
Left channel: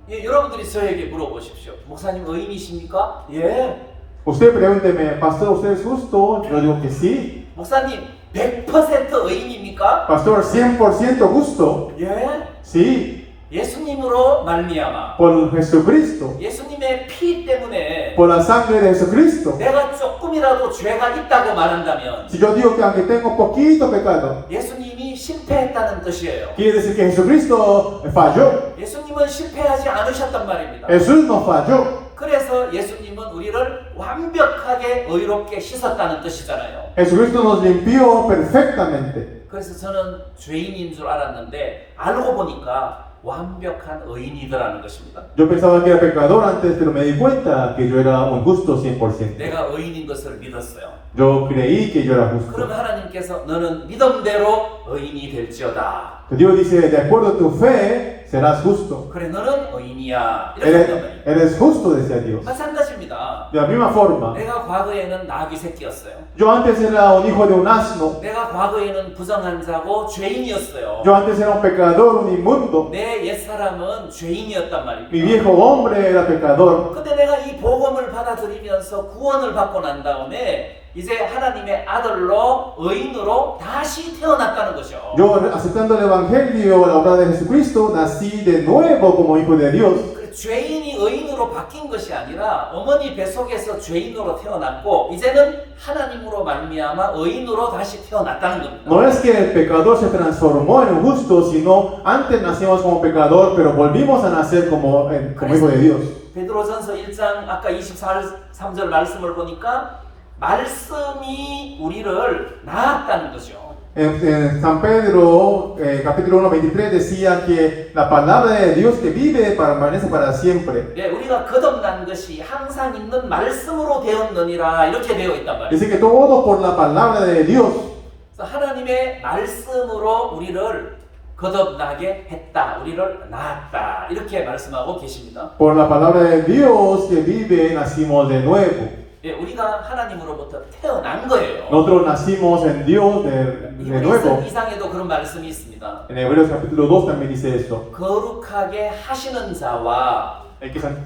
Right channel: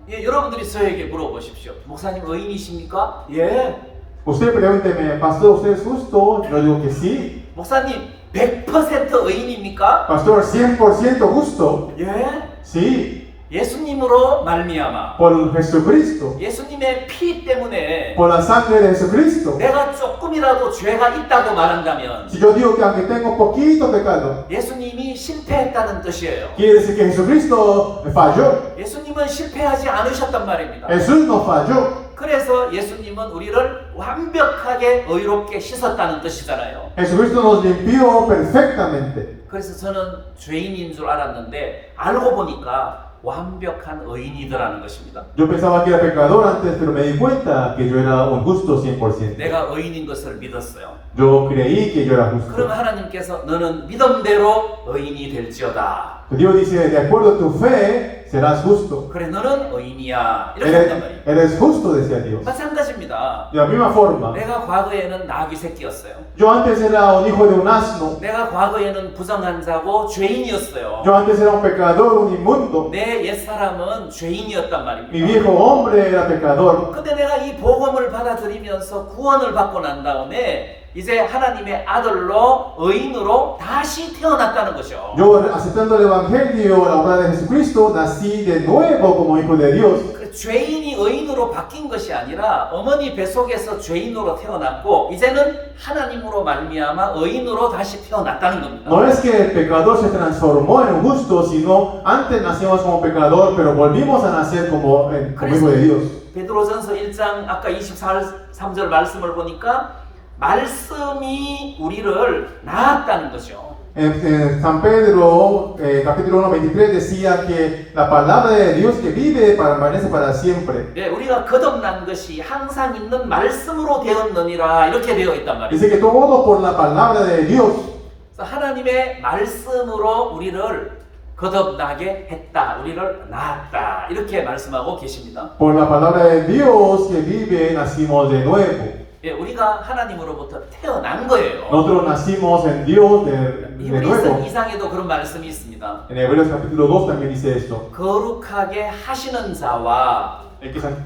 여러분들이 저에게 물어보십시오. 목사님 의인이십니까? 예. Usted pregúnteme, pastor, ¿usted es justo? Yo digo que sí. 목사님 100% 의인입니까? Pastor, 100% justo. 예. Sí. 예수님으로 말미암아 por Jesucristo, 예수님의 피 때문에 por la sangre de Jesucristo. 내가 조금이라도 죄가 있다고 말한다면 Si yo digo que aunque tengo poquito pecado, 예수님이 실패했다는 뜻이에요. quiere decir que Jesucristo falló. 예수님은 실패하지 않으셨단 말입니다. Jesús no falló. 그래서 예수님은 우리를 완벽하게 의롭게 씻었다는 뜻이잖아요. Jesucristo nos limpió perfectamente. 그래서 저는 죄인인 줄 알았는데 알고 보니까 완벽한 의인이더라는 것입니다. Yo pensaba que era pecador antes, pero me di cuenta que yo era un justo 100%. 내가 의인인 것을 믿었어요. Yo creí que yo era justo. 그럼 하나님께서 너는 믿음대로 의인이 될지어다. Dios dice, de acuerdo a tu fe, serás justo. 그래 너는 의인이야. 이렇게 한단 말이에요. Eres justo, decía Dios. 마찬가지입니다. De la misma forma, 내가 과거에는 나귀 새끼였어요. yo antes era un hijo de un asno. 내가 과거에는 부정한 자고 죄인이었어요. Yo antes era un pecador, un inmundo. 내 옛사람은 죄인이었단 Mi 말입니다. viejo hombre era pecador. 근데 내가 이 복음을 받아들이면서 구원을 받고 난 다음에 이제 하나님의 아들로 의인으로 다시 태어났다는 거죠. Yo, aceptando el Evangelio, la obra de Jesucristo, nací de nuevo como hijo de Dios. 그 죄인이 의인으로 바뀐 것이 아니라 어머니 뱃속에서 죄인으로 태어났고 이제는 하나님으로 말미암아 의인으로 다시 태어났다는 겁니다. No es que el pecador se transformó en un justo, sino antes nacimos como pecador, pero volvimos a nacer como hijo de Dios. 베드로전서 1장 아까 23절 말씀을 보니까 말씀이 우리를 낳았다는 거죠. En San Pedro, capítulo 1, 23, decía que la palabra de Dios que vive permanece para siempre. 네, 우리가 거듭난 것이 항상 있는 말씀으로 되었느니라 이렇게 되어 있단 말이에요. Dice que todo por la palabra de Dios. 그래서 하나님의 말씀으로 우리를 거듭나게 했다, 우리를 낳았다 이렇게 말씀하고 계십니다. Por la palabra de Dios que vive, nacimos de nuevo. 예, 우리가 하나님으로부터 태어난 거예요. Nosotros nacimos en Dios de 히브리서 nuevo. 2장에도 그런 말씀이 있습니다. En Hebreos capítulo 2 también dice eso. 거룩하게 하시는 자와 Hay que san-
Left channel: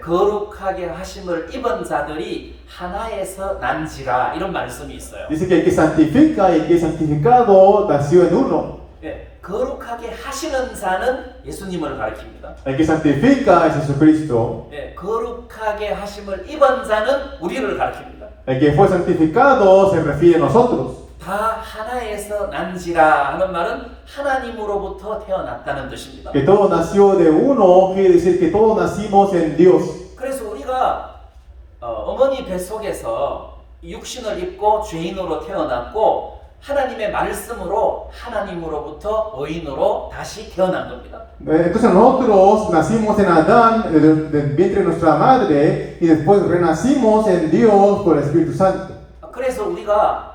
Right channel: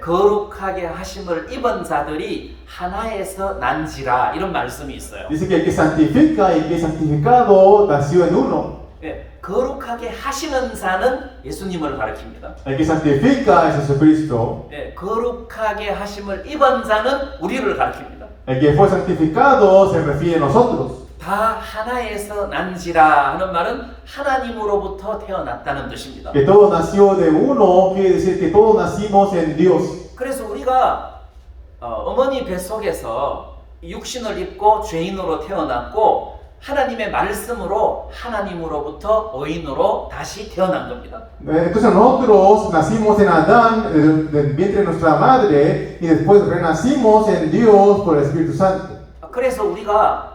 거룩하게 하심을 입은 자들이 하나에서 난지라 이런 말씀이 있어요. Dice que el que santifica y el que es santificado nació en uno. 예, 거룩하게 하시는 자는 예수님을 가리킵니다. El que santifica es Jesucristo. 예, 거룩하게 하심을 입은 자는 우리를 가리킵니다. El que fue santificado se refiere a nosotros. 다 하나에서 난지라 하는 말은 하나님으로부터 태어났다는 뜻입니다. Que todo nació de uno quiere decir que todos nacimos en Dios. 그래서 우리가 어머니 뱃속에서 육신을 입고 죄인으로 태어났고 하나님의 말씀으로 하나님으로부터 의인으로 다시 태어난 겁니다. Entonces nosotros nacimos en Adán, del vientre de nuestra madre, y después renacimos en Dios por el Espíritu Santo. 그래서 우리가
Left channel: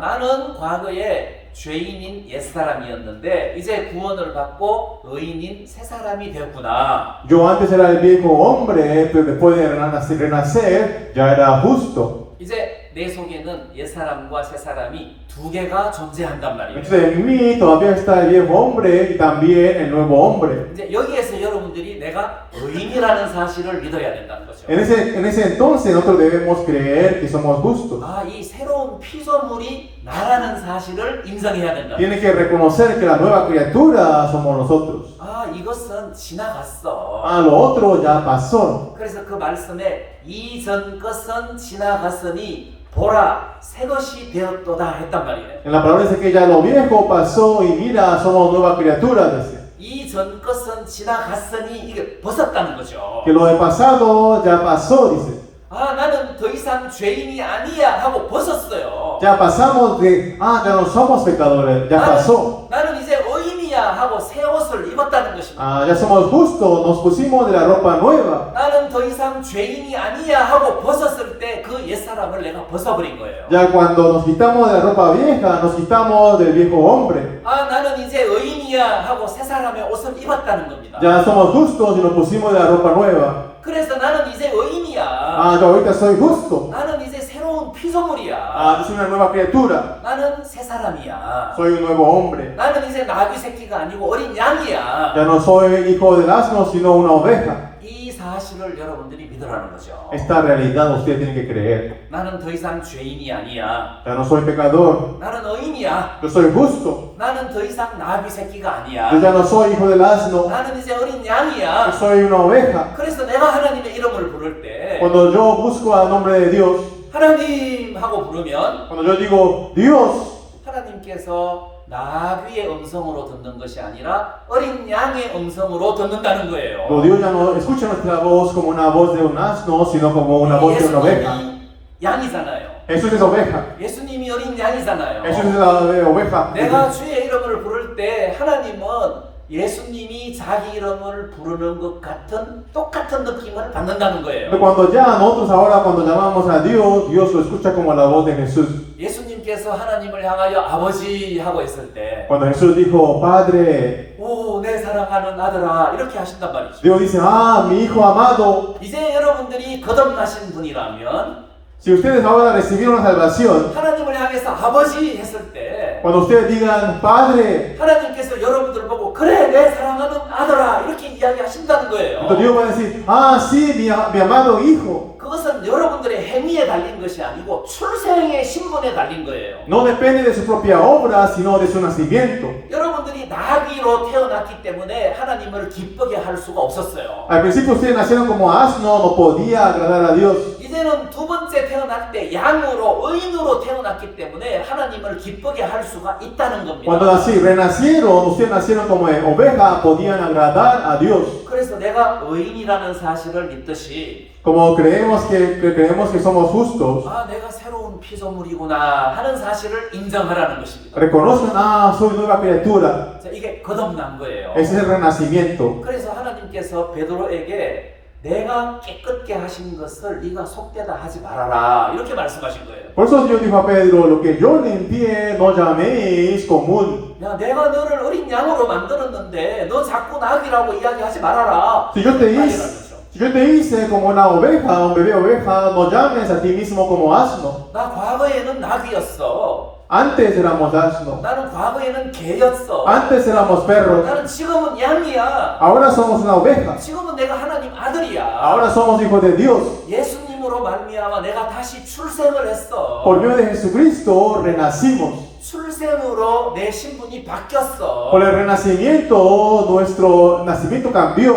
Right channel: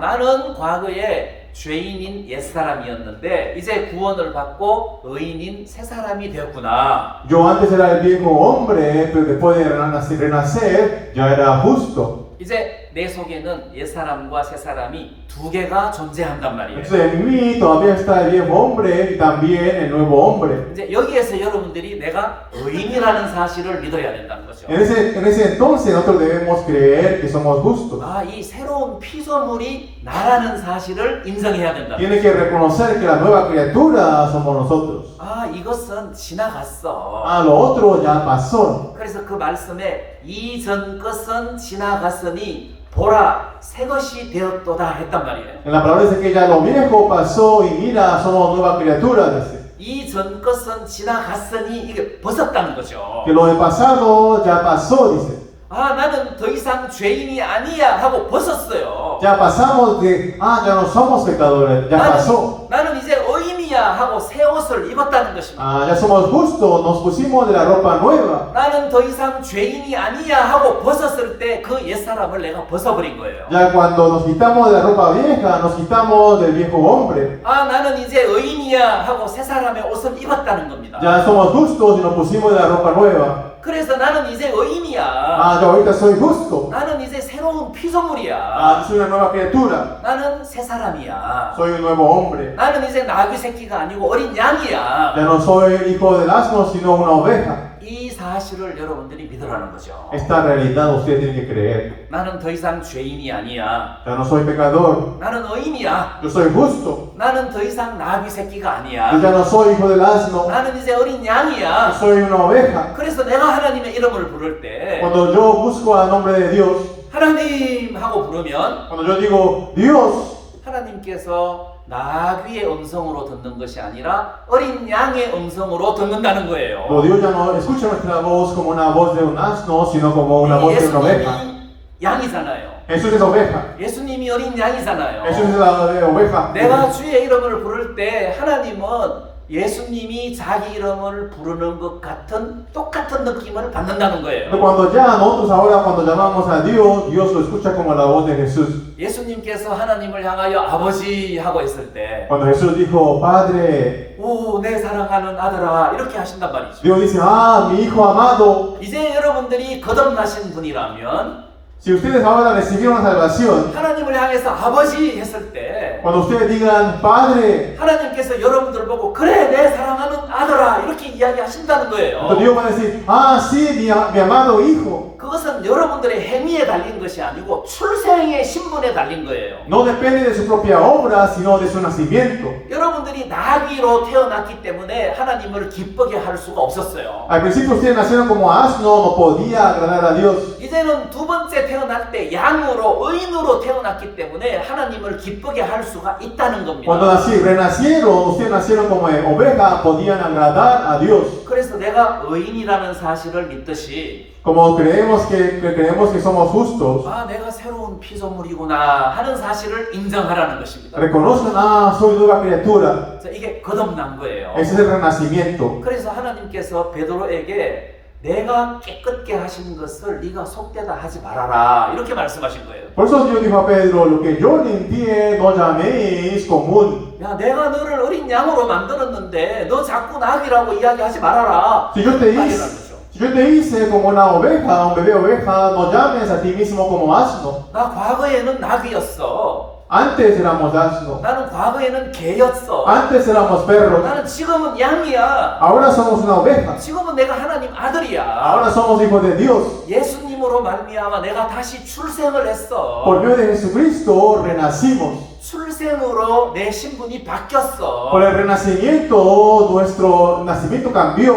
나는 과거에 죄인인 옛사람이었는데 이제 구원을 받고 의인인 새사람이 되었구나. Yo antes era el viejo hombre, pero después de renacer ya era justo. 이제 내 속에는 옛사람과 새사람이 두 개가 존재한단 말이에요. Entonces en mí todavía está el viejo hombre y también el nuevo hombre. 이제 여기에서 여러분들이 내가 의인이라는 사실을 믿어야 된다는 거죠. En ese entonces nosotros debemos creer que somos justos. 이 새로운 피조물이 나라는 사실을 인정해야 된다. Tiene que reconocer que la nueva criatura somos nosotros. 이것은 지나갔어. Lo otro ya pasó. 그래서 그 말씀에 이전 것은 지나갔으니 보라 새 것이 되었도다 했단 말이에요. En la palabra dice que ya lo viejo pasó y mira, somos nueva criatura. Dice. 이전 것은 지나갔으니 이게 벗었다는 거죠. Que lo de pasado ya pasó, dice. 나는 더 이상 죄인이 아니야 하고 벗었어요. Ya pasamos de, ya no somos pecadores, ya pasó. 나는 이제 의인이야 하고 새 옷을 입었다는 것입니다. Ya somos justos, nos pusimos de la ropa nueva. 나는 더 이상 죄인이 아니야 하고 벗었을 때 그 옛사람을 내가 벗어버린 거예요. Ya cuando nos quitamos de la ropa vieja, nos quitamos del viejo hombre. 나는 이제 의인이야 하고 새 사람의 옷을 입었다는 겁니다. Ya somos justos y nos pusimos de la ropa nueva. 그래서 나는 이제 의인이야. Yo ahorita soy justo. 나는 이제 새로운 피조물이야. Yo soy una nueva criatura. 나는 새 사람이야. Soy un nuevo hombre. 나는 이제 나귀 새끼가 아니고 어린 양이야. Ya no soy hijo del asno, sino una oveja. 이 사실을 여러분들이 믿으라는 거죠. Esta realidad ustedes tienen que creer. 나는 더 이상 죄인이 아니야. Ya no soy pecador, 나는 의인이야. yo soy justo. 나는 더 이상 나귀 새끼가 아니야. Yo ya no soy hijo del asno, 나는 이제 어린 yo 양이야. soy una oveja. 그래서 내가 하나님의 이름을 부를 때 Cuando yo busco al nombre de Dios, 하나님 하고 부르면 cuando yo digo Dios, 하나님께서 나귀의 음성으로 듣는 것이 아니라 어린 양의 음성으로 듣는다는 거예요. no, Dios ya no escucha nuestra voz como una voz de un asno, sino como una voz de una oveja. 예수님이 양이잖아요. Jesús es oveja. 예수님이 어린 양이잖아요. Jesús es la oveja. 내가 주의 이름을 부를 때 하나님은 예수님이 자기 이름을 부르는 것 같은 똑같은 느낌을 받는다는 거예요. Pero cuando ya nosotros ahora cuando llamamos a Dios, Dios lo escucha como la voz de Jesús. 예수님께서 하나님을 향하여 아버지 하고 했을 때 Cuando Jesús dijo Padre, 오, 내 사랑하는 아들아 이렇게 하신단 말이죠. Dios dice, ah, mi hijo amado. 이제 여러분들이 거듭나신 분이라면 Si ustedes ahora recibieron la salvación, 하나님을 향해서 아버지 했을 때 cuando ustedes digan Padre, 하나님께서 여러분들 보고 그래 내 사랑하는 아들아 이렇게 이야기하신다는 거예요. entonces Dios va a decir, ah, sí, mi amado hijo. 그것은 여러분들의 행위에 달린 것이 아니고 출생의 신분에 달린 거예요. No depende de su propia obra, sino de su nacimiento. 여러분들이 나귀로 태어났기 때문에 하나님을 기쁘게 할 수가 없었어요. Al principio ustedes nacieron como asno, no podía agradar a Dios. 이제는 두 번째 태어날 때 양으로 의인으로 태어났기 때문에 하나님을 기쁘게 할 수가 있다는 Cuando 겁니다. renacieron, ustedes nacieron como oveja, podían agradar a Dios. 그래서 내가 의인이라는 사실을 믿듯이 Como creemos que somos justos, 아 내가 새로운 피조물이구나 하는 사실을 인정하라는 것입니다. reconozcan, ah, soy nueva criatura. 그래서 이게 거듭난 거예요. Ese es el renacimiento. 그래서 하나님께서 베드로에게 내가 깨끗게 하신 것을 네가 속되다 하지 말아라 이렇게 말씀하신 거예요. Por eso Dios dijo a Pedro, lo que yo limpié, no llaméis común. 야 내가 너를 어린 양으로 만들었는데 너 자꾸 나귀라고 이야기하지 말아라. Si yo te 말이라는 hice, 거죠. si yo te hice como una oveja, un bebé oveja, no llames a ti mismo como asno. 나 과거에는 나귀였어. Antes éramos asno. 나는 과거에는 개였어. Antes éramos perros. 나는 지금은 양이야. Ahora somos una oveja. 지금은 내가 하나님 아들이야. Ahora somos hijos de Dios. 예수님으로 말미암아 내가 다시 출생을 했어. Por medio de Jesucristo renacimos. 출생으로 내 신분이 바뀌었어. Por el renacimiento, nuestro nacimiento cambió.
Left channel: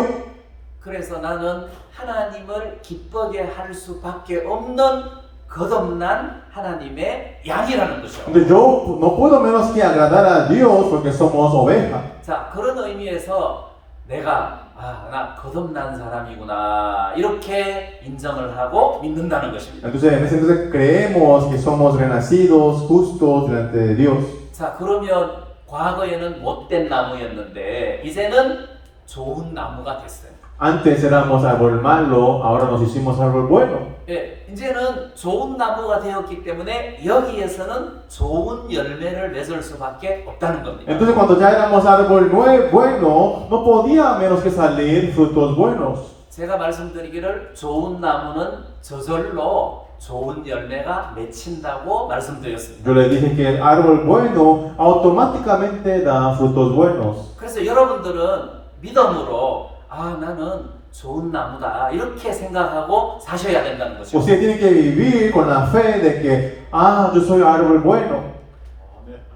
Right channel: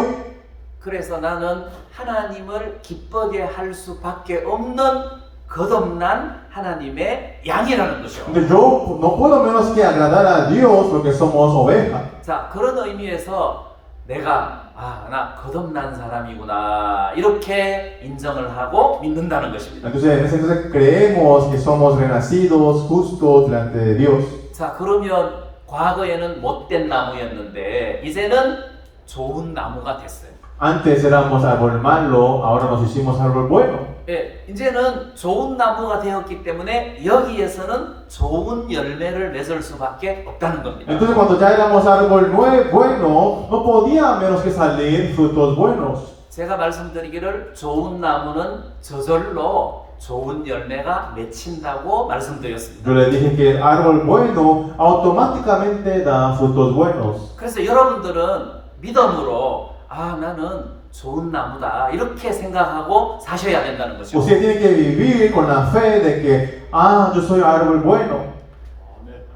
그래서 나는 하나님을 기쁘게 할 수밖에 없는 거듭난 하나님의 양이라는 거죠. Entonces yo no puedo menos que agradar a Dios porque somos oveja. 자, 그런 의미에서 내가 나 거듭난 사람이구나 이렇게 인정을 하고 믿는다는 것입니다. Entonces en ese entonces creemos que somos renacidos, justos delante de Dios. 자, 그러면 과거에는 못된 나무였는데 이제는 좋은 나무가 됐어요. Antes éramos árbol malo, ahora nos hicimos árbol bueno. 예, 이제는 좋은 나무가 되었기 때문에 여기에서는 좋은 열매를 맺을 수밖에 없다는 겁니다. Entonces cuando ya éramos árbol bueno, no podía menos que salir frutos buenos. 제가 말씀드리기를 좋은 나무는 저절로 좋은 열매가 맺힌다고 말씀드렸습니다. Yo le dije que el árbol bueno automáticamente da frutos buenos. 그래서 여러분들은 믿음으로 나는 좋은 나무다 이렇게 생각하고 사셔야 된다는 거죠. Usted tiene que vivir con la fe de que, yo soy árbol bueno.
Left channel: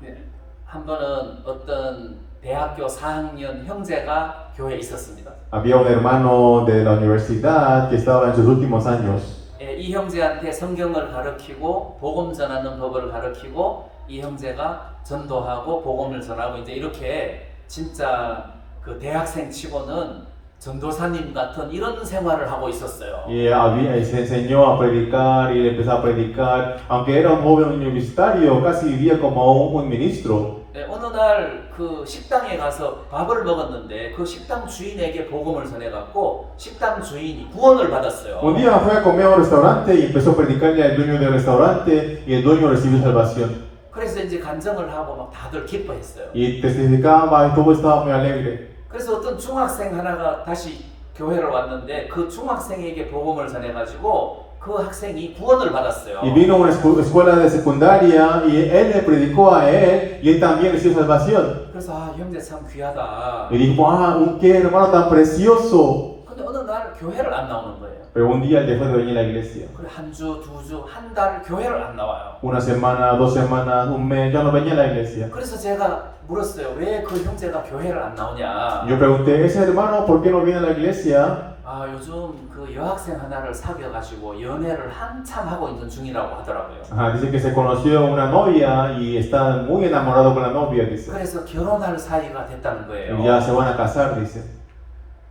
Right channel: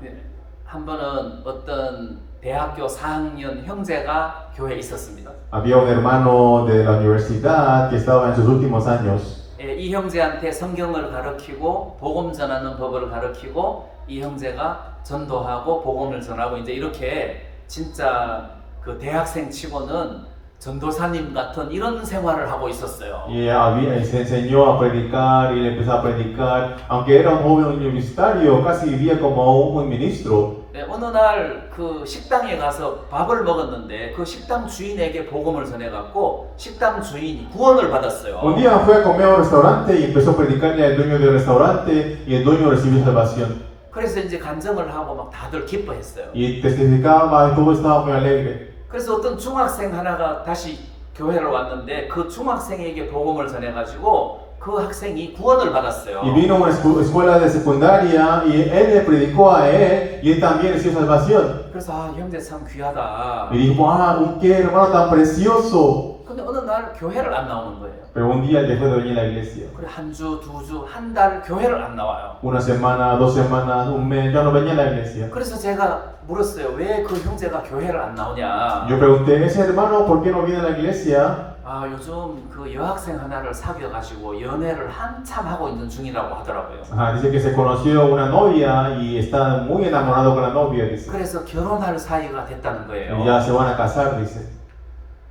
네, 한 번은 어떤 대학교 4학년 형제가 교회에 있었습니다. Había un hermano de la universidad que estaba en sus últimos años. 예, 이 형제한테 성경을 가르치고 복음 전하는 법을 가르치고 이 형제가 전도하고 복음을 전하고 이제 이렇게 진짜 그 대학생 치고는 전도사님 같은 이런 생활을 하고 있었어요. Y se enseñó a predicar y empezó a predicar. Aunque era un joven universitario, casi vivía como un ministro. 네, 어느 날 그 식당에 가서 밥을 먹었는데 그 식당 주인에게 복음을 전해갖고 식당 주인이 구원을 받았어요. Un día fue a comer a un restaurante y empezó a predicarle al dueño del restaurante y el dueño recibió salvación. 그래서 이제 간증을 하고 막 다들 기뻐했어요. Y testificaba y todo estaba muy alegre. 그래서 어떤 중학생 하나가 다시 교회를 왔는데 그 중학생에게 복음을 전해가지고 그 학생이 구원을 받았어요. Y vino a una escuela de secundaria y él le predicó a él y él también recibió salvación. 그래서 형제 참 귀하다. Y dijo, qué hermano tan precioso. 근데 어느 날 교회를 안 나오는 거예요. Pero un día dejó de venir a la iglesia. 그래 한 주, 두 주, 한 달 교회를 안 나와요. Una semana, 2 semanas, un mes, ya no venía a la iglesia. 그래서 제가 물었어요. 왜 그 형제가 교회를 안 나오냐? Yo pregunté, ese hermano, ¿por qué no viene a la iglesia? 아 요즘 그 여학생 하나를 사귀어가지고 연애를 한참 하고 있는 중이라고 하더라고요. Ajá, dice que se conoció una novia y está muy enamorado con la novia, dice. 그래서 결혼할 사이가 됐다는 거예요. Y ya se van a casar, dice.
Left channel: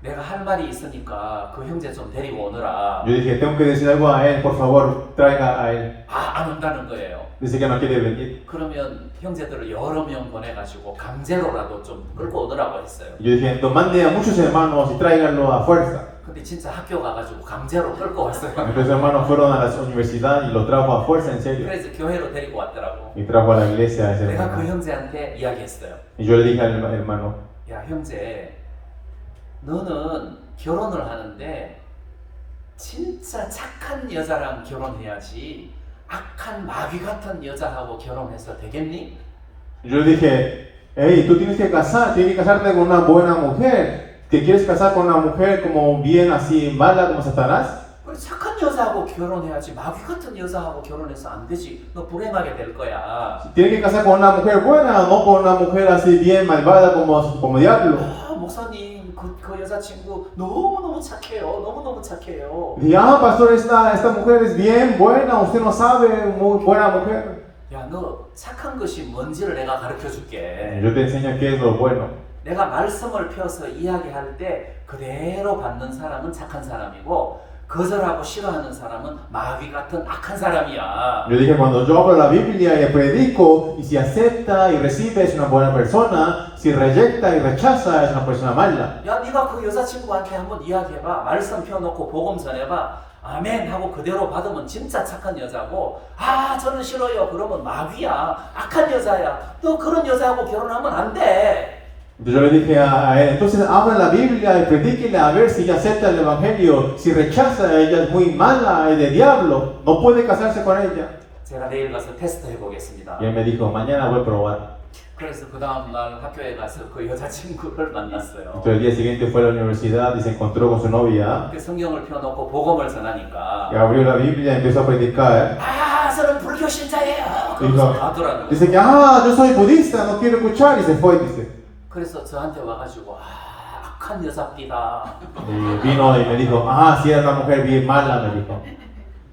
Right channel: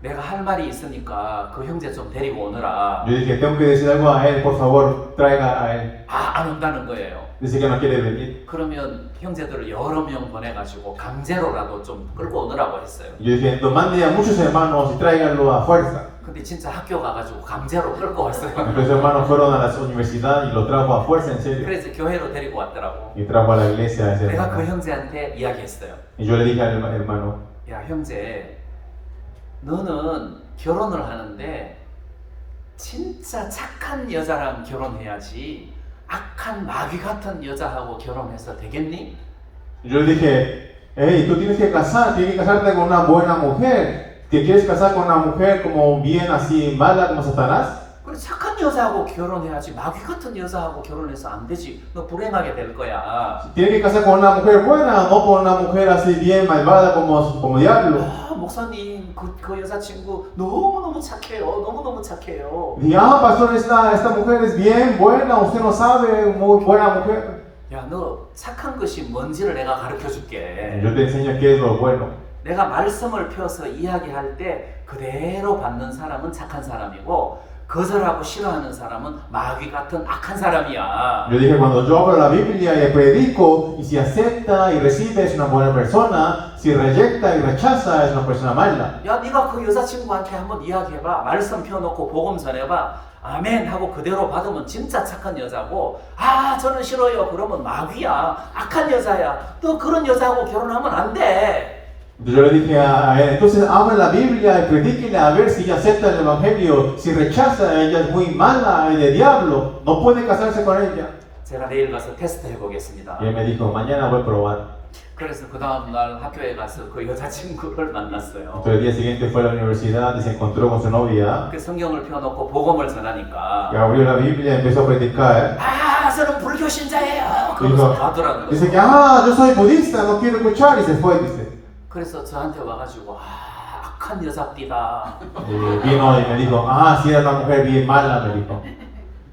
내가 할 말이 있으니까 그 형제 좀 데리고 오느라. Yo dije, tengo que decir algo a él, por favor, traiga a él. 안 온다는 거예요. Dice que no quiere venir. 그러면 형제들을 여러 명 보내가지고 강제로라도 좀 끌고 오느라고 했어요. Yo dije, mande a muchos hermanos y tráiganlo a fuerza. 근데 진짜 학교 가가지고 강제로 끌고 왔어요. Los hermanos fueron a la universidad y lo trajo a fuerza, en serio. 그래서 교회로 데리고 왔더라고. Y trajo a la iglesia a ese 내가 그 hermano. 형제한테 이야기했어요. Y yo le dije al hermano, 야 형제, 너는 결혼을 하는데 진짜 착한 여자랑 결혼해야지 악한 마귀 같은 여자하고 결혼해서 되겠니? yo le dije, hey, tú tienes que casarte con una buena mujer. ¿Te quieres casar con una mujer como bien así mala como Satanás? 그래 착한 여자하고 결혼해야지 마귀 같은 여자하고 결혼해서 안 되지. 너 불행하게 될 거야. Tienes que casar con una mujer buena, no con una mujer así bien malvada como diablo. 아 목사님 그 여자친구 너무너무 착해요. 너무너무 착해요. Y pastor, esta mujer es bien buena, usted no sabe, muy buena mujer. 야 너 착한 것이 뭔지를 내가 가르쳐 줄게. Yo te enseño qué es lo bueno. 내가 말씀을 펴서 이야기할 때 그대로 받는 사람은 착한 사람이고 거절하고 싫어하는 사람은 마귀 같은 악한 사람이야. Yo dije, cuando yo hablo la Biblia y predico, y si acepta y recibe es una buena persona, si reyecta y rechaza es una persona mala. 야 네가 그 여자친구한테 한번 이야기해봐. 말씀 펴놓고 복음 전해봐. 아멘 하고 그대로 받으면 진짜 착한 여자고, 아 저는 싫어요 그러면 마귀야, 악한 여자야. 너 그런 여자하고 결혼하면 안 돼. Entonces yo le dije a él, entonces abra la Biblia y predíquele a ver si ella acepta el Evangelio. Si rechaza, ella es muy mala y de diablo, no puede casarse con ella. 제가 내일 가서 테스트 해보겠습니다. Y él me dijo, mañana voy a probar. 그래서 그 다음 날 학교에 가서 그 여자친구를 만났어요. Entonces el día siguiente fue a la universidad y se encontró con su novia. 그 성경을 펴놓고 복음을 전하니까 Y abrió la Biblia y empezó a predicar. 아 저는 불교 신자예요. Dijo, 그러면서 가더라는 dice que, yo soy budista, no quiero escuchar, y se fue, dice. 그래서 저한테 와가지고 악한 여자띠다. Y vino y me dijo, si era una mujer bien mala, me dijo.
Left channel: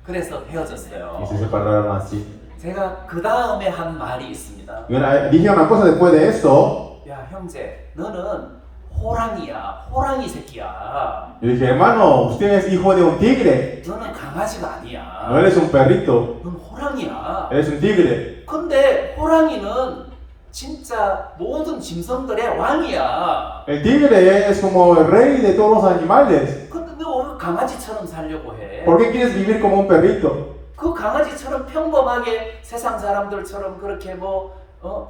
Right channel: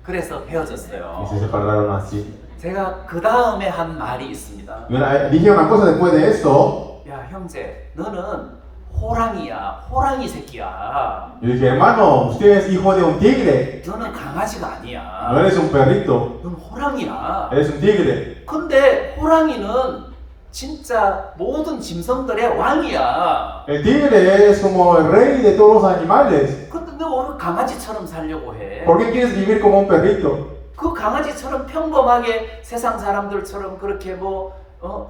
그래서 헤어졌어요. Y se separaron así. 제가 그 다음에 한 말이 있습니다. Y dije una cosa después de esto. 야 형제, 너는 호랑이야, 호랑이 새끼야. Yo dije, hermano, usted es hijo de un tigre. 너는 강아지가 아니야. No eres un perrito, 넌 호랑이야. eres un tigre. 근데 호랑이는 진짜 모든 짐승들의 왕이야. El tigre es como el rey de todos los animales. 근데 너 왜 강아지처럼 살려고 해? ¿Por qué quieres vivir como un perrito? 그 강아지처럼 평범하게 세상 사람들처럼 그렇게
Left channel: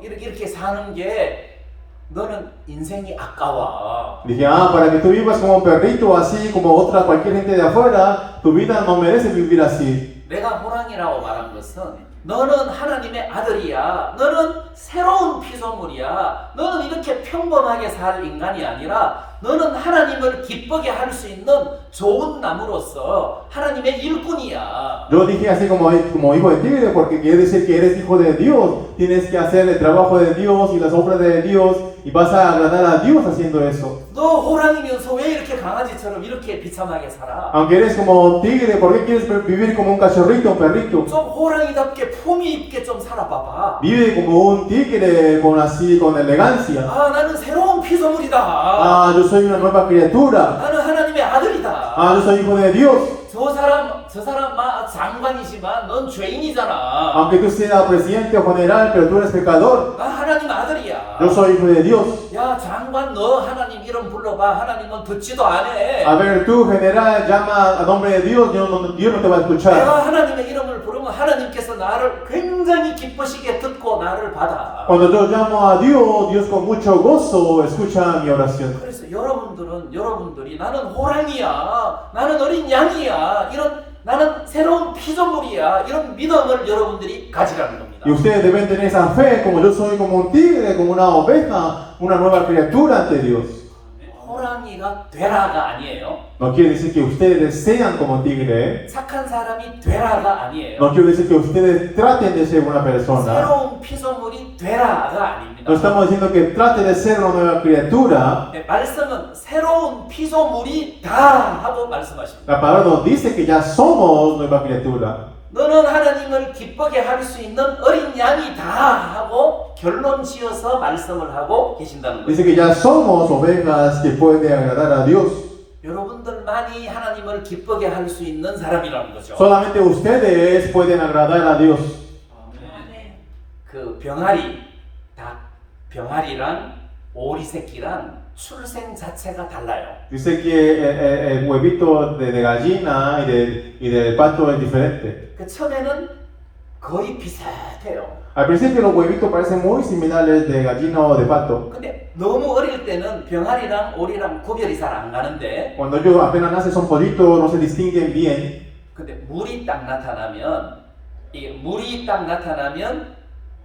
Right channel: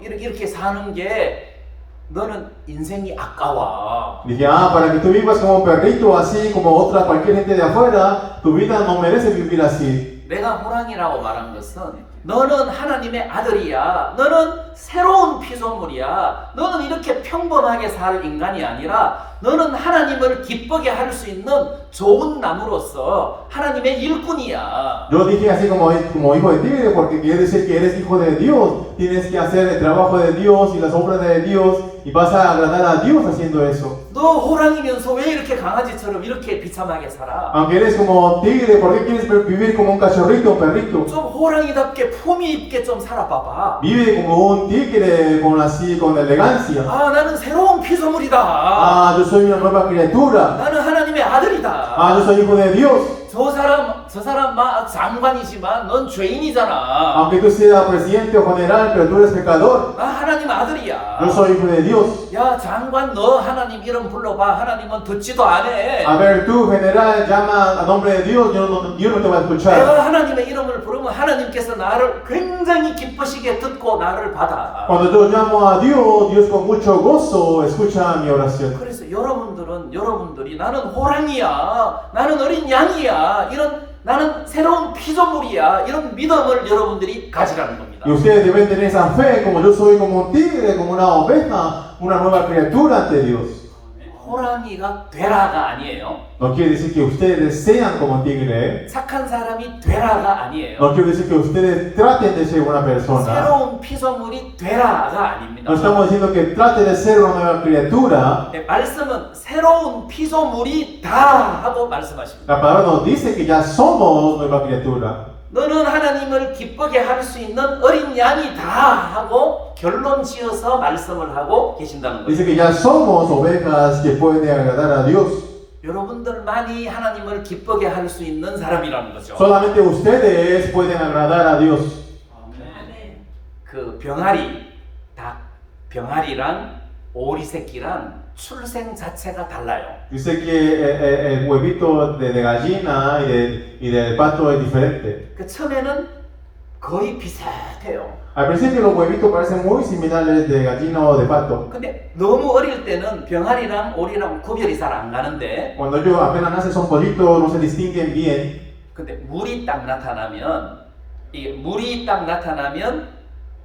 이렇게 사는 게 너는 인생이 아까워. Dije, para que tú vivas como un perrito, así como cualquier gente de afuera, tu vida no merece vivir así. 내가 호랑이라고 말한 것은 너는 하나님의 아들이야. 너는 새로운 피조물이야. 너는 이렇게 평범하게 살 인간이 아니라 너는 하나님을 기쁘게 할 수 있는 좋은 나무로서 하나님의 일꾼이야. Yo dije así como hijo de tigre, porque quiere decir que eres hijo de Dios. Tienes que hacer el trabajo de Dios y las obras de Dios y vas a agradar a Dios haciendo eso. 너 호랑이면서 왜 이렇게 강아지처럼 이렇게 비참하게 살아? Aunque eres como tigre, ¿por qué quieres vivir como un cachorrito, un perrito? 좀 호랑이답게 품위 있게 좀 살아봐봐. Vive como un tigre, con elegancia. 나는 새로운 피조물이다. Yo soy una nueva criatura. 나는 하나님의 아들이다. Yo soy hijo de Dios. 저 사람 장관이지만 넌 죄인이잖아. Aunque tú seas presidente o general, pero tú eres pecador. 하나님 아들이야. Yo soy hijo de Dios. 야 장관 너 하나님 이름 불러봐. 하나님은 듣지도 안 해. A ver, tú general, llama a nombre de Dios, Dios no te va a escuchar. 내가 하나님의 이름을 부르면 하나님께서 나를 굉장히 기쁘시게 듣고 나를 받아. Cuando yo llamo a Dios, Dios con mucho gozo escucha mi oración. 그래서 여러분들이 나는 호랑이야, 나는 어린 양이야, 나는 새로운 피조물이야, 이런 믿음을 여러분들이 가지라는 겁니다. Y ustedes deben tener esa fe, como yo soy como un tigre, como una oveja, una nueva criatura ante Dios. 호랑이가 되라가 아니에요. No quiere decir que ustedes sean como un tigre. 착한 sa람이 되라가 아니에요. No quiere decir que ustedes traten de ser una persona. 새로운 피조물이 되라가 아닙니다. No estamos diciendo que trate de ser una nueva criatura. 네, 말씀은 새로운 피조물이다 하고 말씀하십니다. La palabra nos dice que ya somos nueva criatura. 너는 하나님을 기쁘게 할 수 있는 어린 양이다 하고 결론 지어서 말씀을 하고 계신다는 Dice 거예요. que ya somos ovejas que pueden agradar a Dios. 여러분들만이 하나님을 기쁘게 할 수 있는 사람이라는 거죠. Solamente ustedes pueden agradar a Dios. 그 병아리, 닭, 병아리랑 오리 새끼랑 출생 자체가 달라요. Dice que el huevito de gallina y del pato es diferente. 그 처음에는 거의 비슷해요. Al principio los huevitos parecen muy similares de gallina o de pato. 근데 너무 어릴 때는 병아리랑 오리랑 구별이 잘 안 가는데 Cuando ellos apenas nacen son pollitos, no se distinguen bien. 근데 물이 딱 나타나면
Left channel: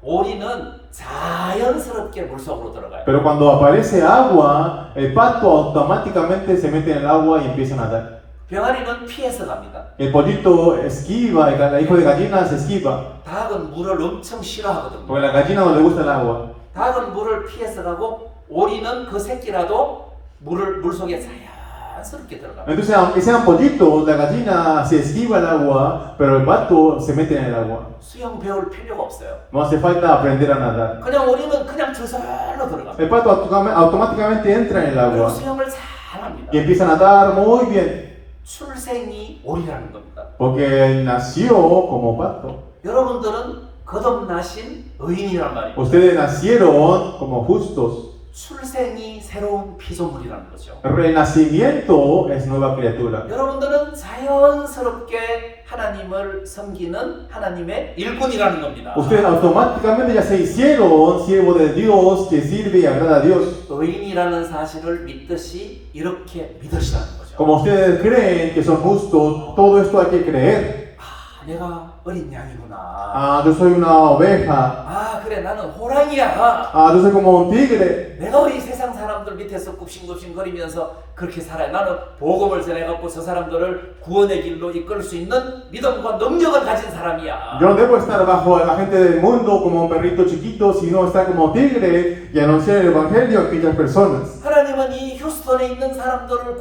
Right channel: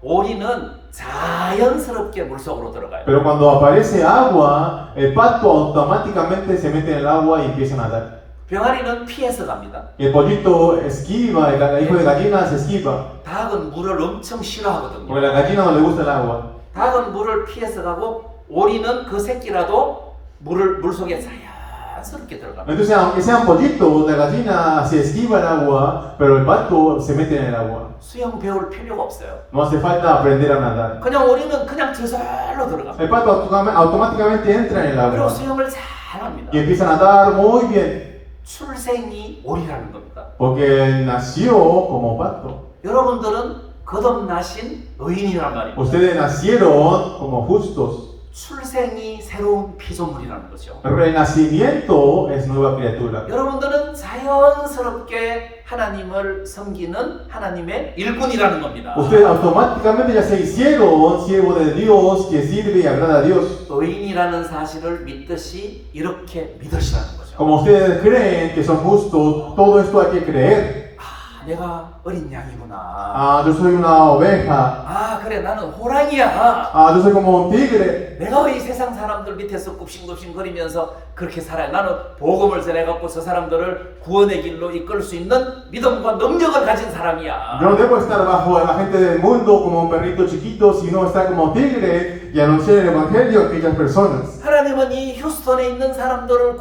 오리는 자연스럽게 물속으로 들어가요. Pero cuando aparece agua, el pato automáticamente se mete en el agua y empieza a nadar. 병아리는 피해서 갑니다. El pollito esquiva, el hijo de gallina se esquiva. 닭은 물을 엄청 Porque a 싫어하거든요. la gallina no le gusta el agua. 닭은 물을 피해서 가고 오리는 그 새끼라도 물속에 자연스럽게 들어갑니다. Entonces, aunque sean pollitos, la gallina se esquiva el agua, pero el pato se mete en el agua. 수영 배울 필요가 없어요. No hace falta aprender a nadar. 그냥 오리는 그냥 저절로 들어갑니다. El pato automáticamente entra en el 그리고 agua 수영을 잘합니다. y empieza a nadar muy bien. 출생이 오리라는 겁니다. Porque él nació como pato. 여러분들은 거듭나신 의인이란 말입니다. Ustedes nacieron como justos. 출생이 새로운 피조물이라는 거죠. Pero el nacimiento es nueva criatura. 여러분들은 자연스럽게 하나님을 섬기는 하나님의 일꾼이라는 겁니다. Ustedes automáticamente ya se hicieron siervos de Dios que sirve y agrada a Dios. 의인이라는 사실을 믿듯이 이렇게 믿으시라는 거죠. Como ustedes creen que son justos, todo esto hay que creer. 아, 내가 어린 양이구나. Ah, yo soy una oveja. 아, 그래, 나는 호랑이야. Ah, yo soy como un tigre. 내가 이 세상 사람들 밑에서 굽신굽신 거리면서 그렇게 살아요. 나는 복음을 전해갖고 저 사람들을 구원의 길로 이끌 수 있는 믿음과 능력을 가진 사람이야. Yo no debo estar bajo la gente del mundo como un perrito chiquito, sino estar como tigre y anunciar el evangelio a aquellas personas. 하나님은 이 휴스턴에 있는 사람들을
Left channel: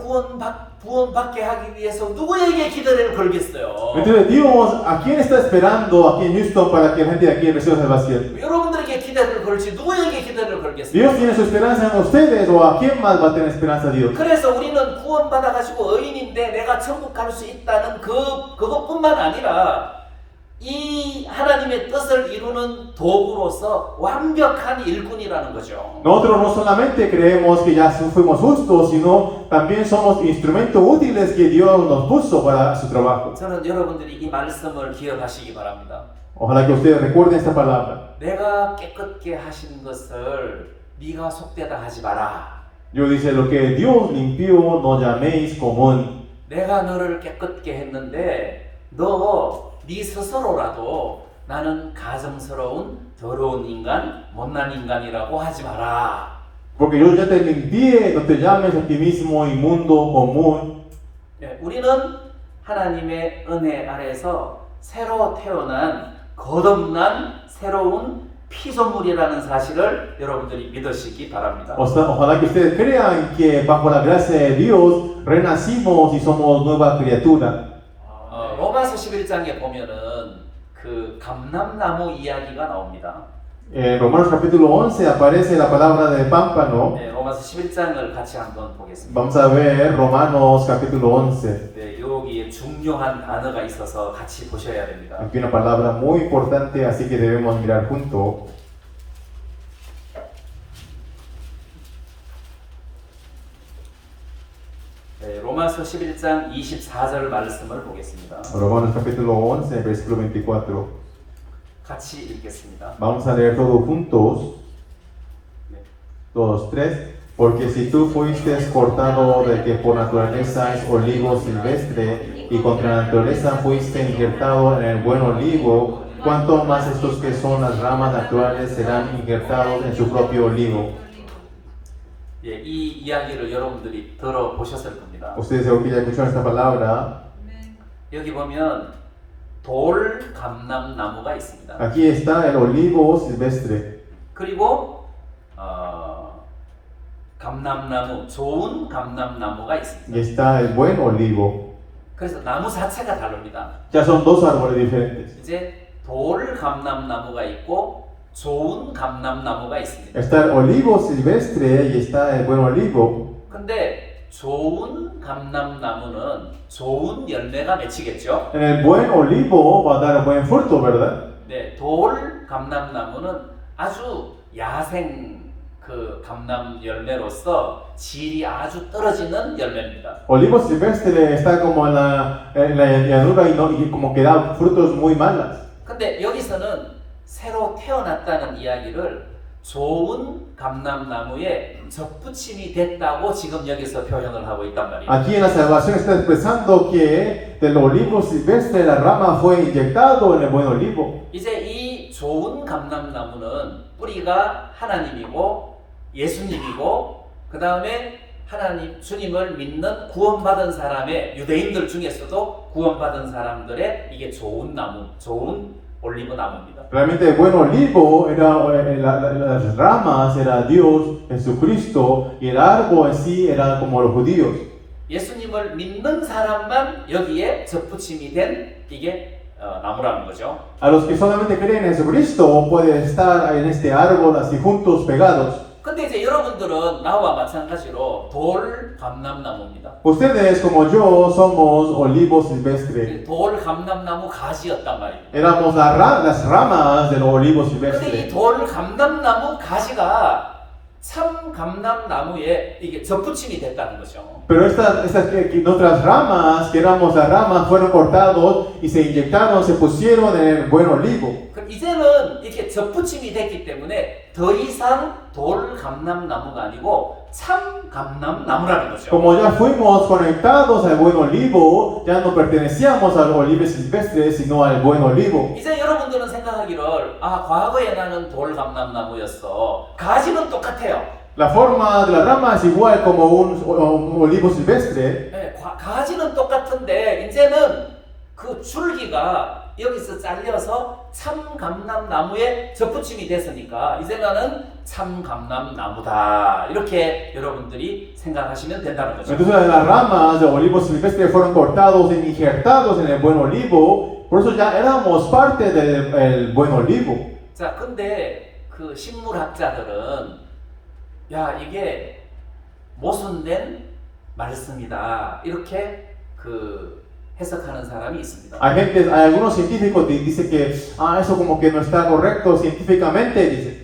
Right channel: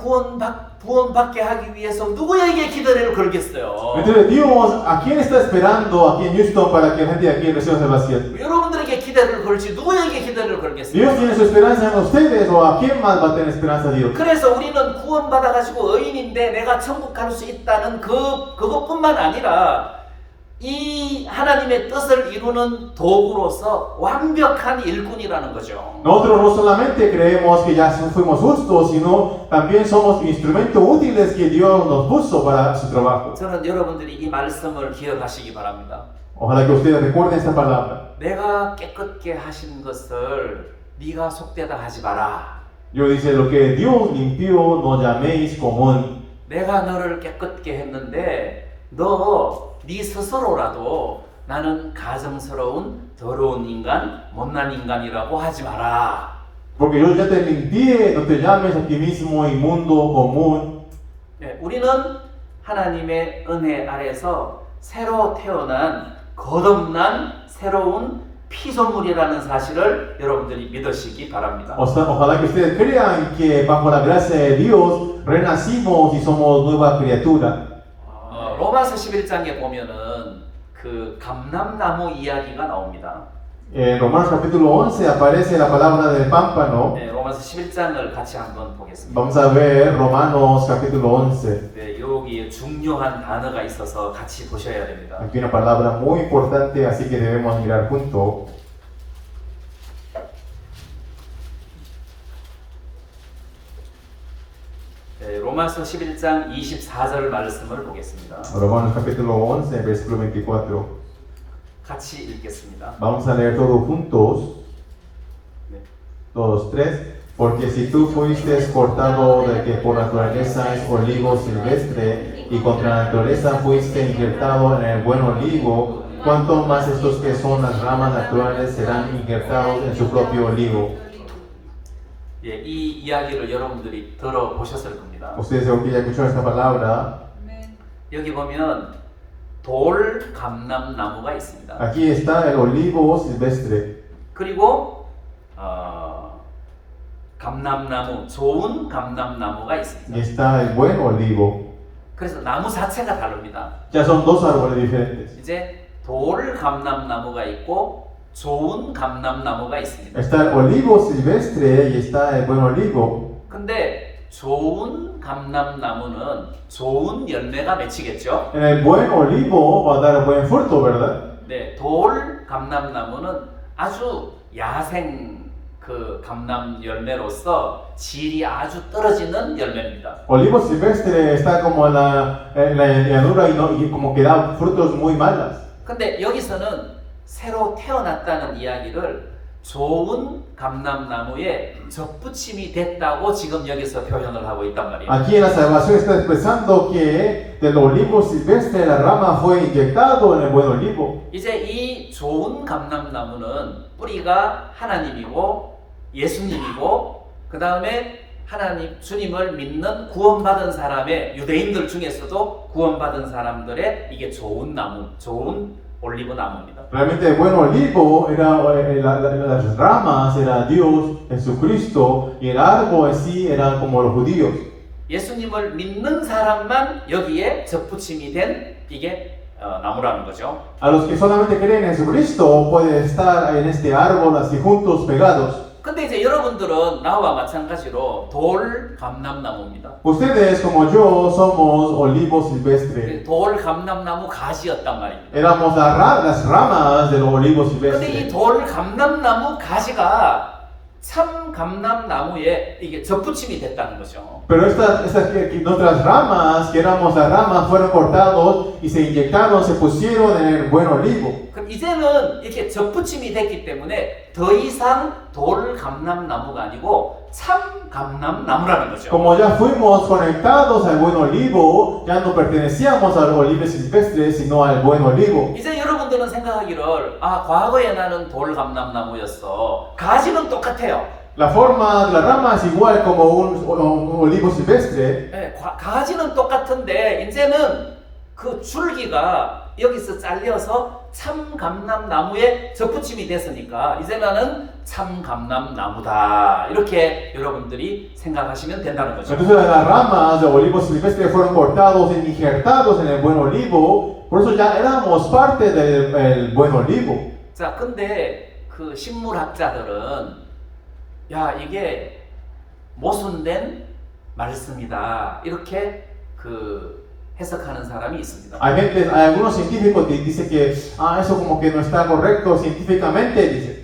구원받게 하기 위해서 누구에게 기대를 걸겠어요? Entonces Dios, ¿a quién está esperando aquí en Houston para que la gente de aquí reciba salvación? 여러분들에게 기대를 걸지 누구에게 기대를 걸겠어요? Dios tiene su esperanza en ustedes o a quién más va a tener esperanza Dios. 그래서 우리는 구원받아가지고 의인인데 내가 천국 갈 수 있다는 그것뿐만 아니라 이 하나님의 뜻을 이루는 도구로서 완벽한 일꾼이라는 거죠. Nosotros no solamente creemos que ya fuimos justos, sino también somos instrumentos útiles que Dios nos puso para su trabajo. 저는 여러분들이 이 말씀을 기억하시기 바랍니다. Ojalá que ustedes recuerden esta palabra. 내가 깨끗게 하신 것을 네가 속되다 하지 마라. Yo dice, lo que Dios limpió no llaméis común. 내가 너를 깨끗게 했는데 네 스스로라도 나는 가증스러운 더러운 인간, 못난 인간이라고 하지 마라. Porque yo ya te limpié, no te llames a ti mismo inmundo, común. 네, 우리는 하나님의 은혜 아래서 새로 태어난 거듭난 새로운 피조물이라는 사실을 여러분들이 믿으시기 바랍니다. Ojalá que ustedes crean que bajo la gracia de Dios renacimos y somos nueva criatura. 로마서 11장에 보면은 그 감람나무 이야기가 나옵니다. En Romanos capítulo 11 aparece la palabra del pámpano. 네, 로마서 11장을 같이 한번 보겠습니다. Vamos a ver Romanos capítulo 11. 네, 여기에 중요한 단어가 있어서 같이 보셔야 됩니다. Aquí una palabra muy importante, así que debemos mirar juntos. 네, 로마서 11장 24절 말씀을 보겠습니다. Romanos capítulo 11, versículo 24. 같이 읽겠습니다. Vamos a leer todos juntos. 네. 2, 3. Porque si tú fuiste cortado de que por naturaleza es olivo silvestre y contra naturaleza fuiste injertado en el buen olivo, cuánto más estos que son las ramas naturales serán injertados en su propio olivo. 예, 이 이야기를 여러분들이 들어보셨을 겁니다. Ustedes seguro que ya escucharon esta palabra. 여기 보면 돌 감람나무가 있습니다. Aquí está el olivo silvestre. 그리고 감람나무, 좋은 감람나무가 Y 있습니다. está el buen olivo. 그래서 나무 자체가 다릅니다. Ya son dos árboles diferentes. 이제 돌 감람나무가 있고 좋은 감람나무가 있습니다. Está el olivo silvestre y está el buen olivo. 근데 좋은 감람나무는 좋은 열매가 맺히겠죠. En el buen olivo va a dar buen fruto, ¿verdad? 네, 돌 감람나무는 아주 야생 그 감람 열매로서 질이 아주 떨어지는 열매입니다. Olivo silvestre está como en la llanura y como que da frutos muy malas. 근데 여기서는 새로 태어났다는 이야기를 좋은 감람나무에 접붙임이 됐다고 지금 여기서 표현을 하고 있단 말이에요. Aquí en la salvación está expresando que del olivo silvestre la rama fue inyectado en el buen olivo. 이제 이 좋은 감람나무는 뿌리가 하나님이고 예수님이고 그 다음에 하나님 주님을 믿는 구원받은 사람의 유대인들 중에서도 구원받은 사람들의 이게 좋은 나무, 좋은 올리브 나무입니다. Realmente el buen olivo era las ramas era Dios, Jesucristo, y el árbol en sí era como los judíos. 예수님을 믿는 사람만 여기에 접붙임이 된 이게 나무라는 거죠. A los que solamente creen en Jesucristo puede estar en este árbol así juntos, pegados. 근데 이제 여러분들은 나와 마찬가지로 돌 감람나무입니다. Ustedes como yo somos olivo silvestre. 돌 감람나무 가지였단 말입니다. Éramos las ramas del olivo 근데 이 silvestre. 돌 감람나무 가지가 참 감람나무에 이게 접붙임이 됐다는 거죠. Pero nuestras ramas, que éramos las ramas, fueron cortados y se inyectaron, se pusieron en el buen olivo. 그럼 이제는 이렇게 접붙임이 됐기 때문에 더 이상 돌 감람나무가 아니고 참 감람나무라는 거죠. Como ya fuimos conectados al buen olivo, ya no pertenecíamos al olivo silvestre, sino al buen olivo. 이제 여러분들은 생각하기를 과거에 나는 돌 감람나무였어. 가지는 똑같아요. La forma de la rama es igual como un olivo silvestre. 네, 가지는 똑같은데 이제는 그 줄기가 여기서 잘려서 참 감람나무에 접붙임이 됐으니까 이제 나는 참 감람나무다 이렇게 여러분들이 생각하시면 된다는 거죠. Entonces las ramas del olivo silvestre fueron cortados y injertados en el buen olivo, por eso ya éramos parte del buen olivo. 자, 근데 그 식물학자들은 야 이게 모순된 말씀이다 이렇게 그 해석하는 사람이 있습니다. Hay algunos científicos que dicen que eso como que no está correcto científicamente, dice.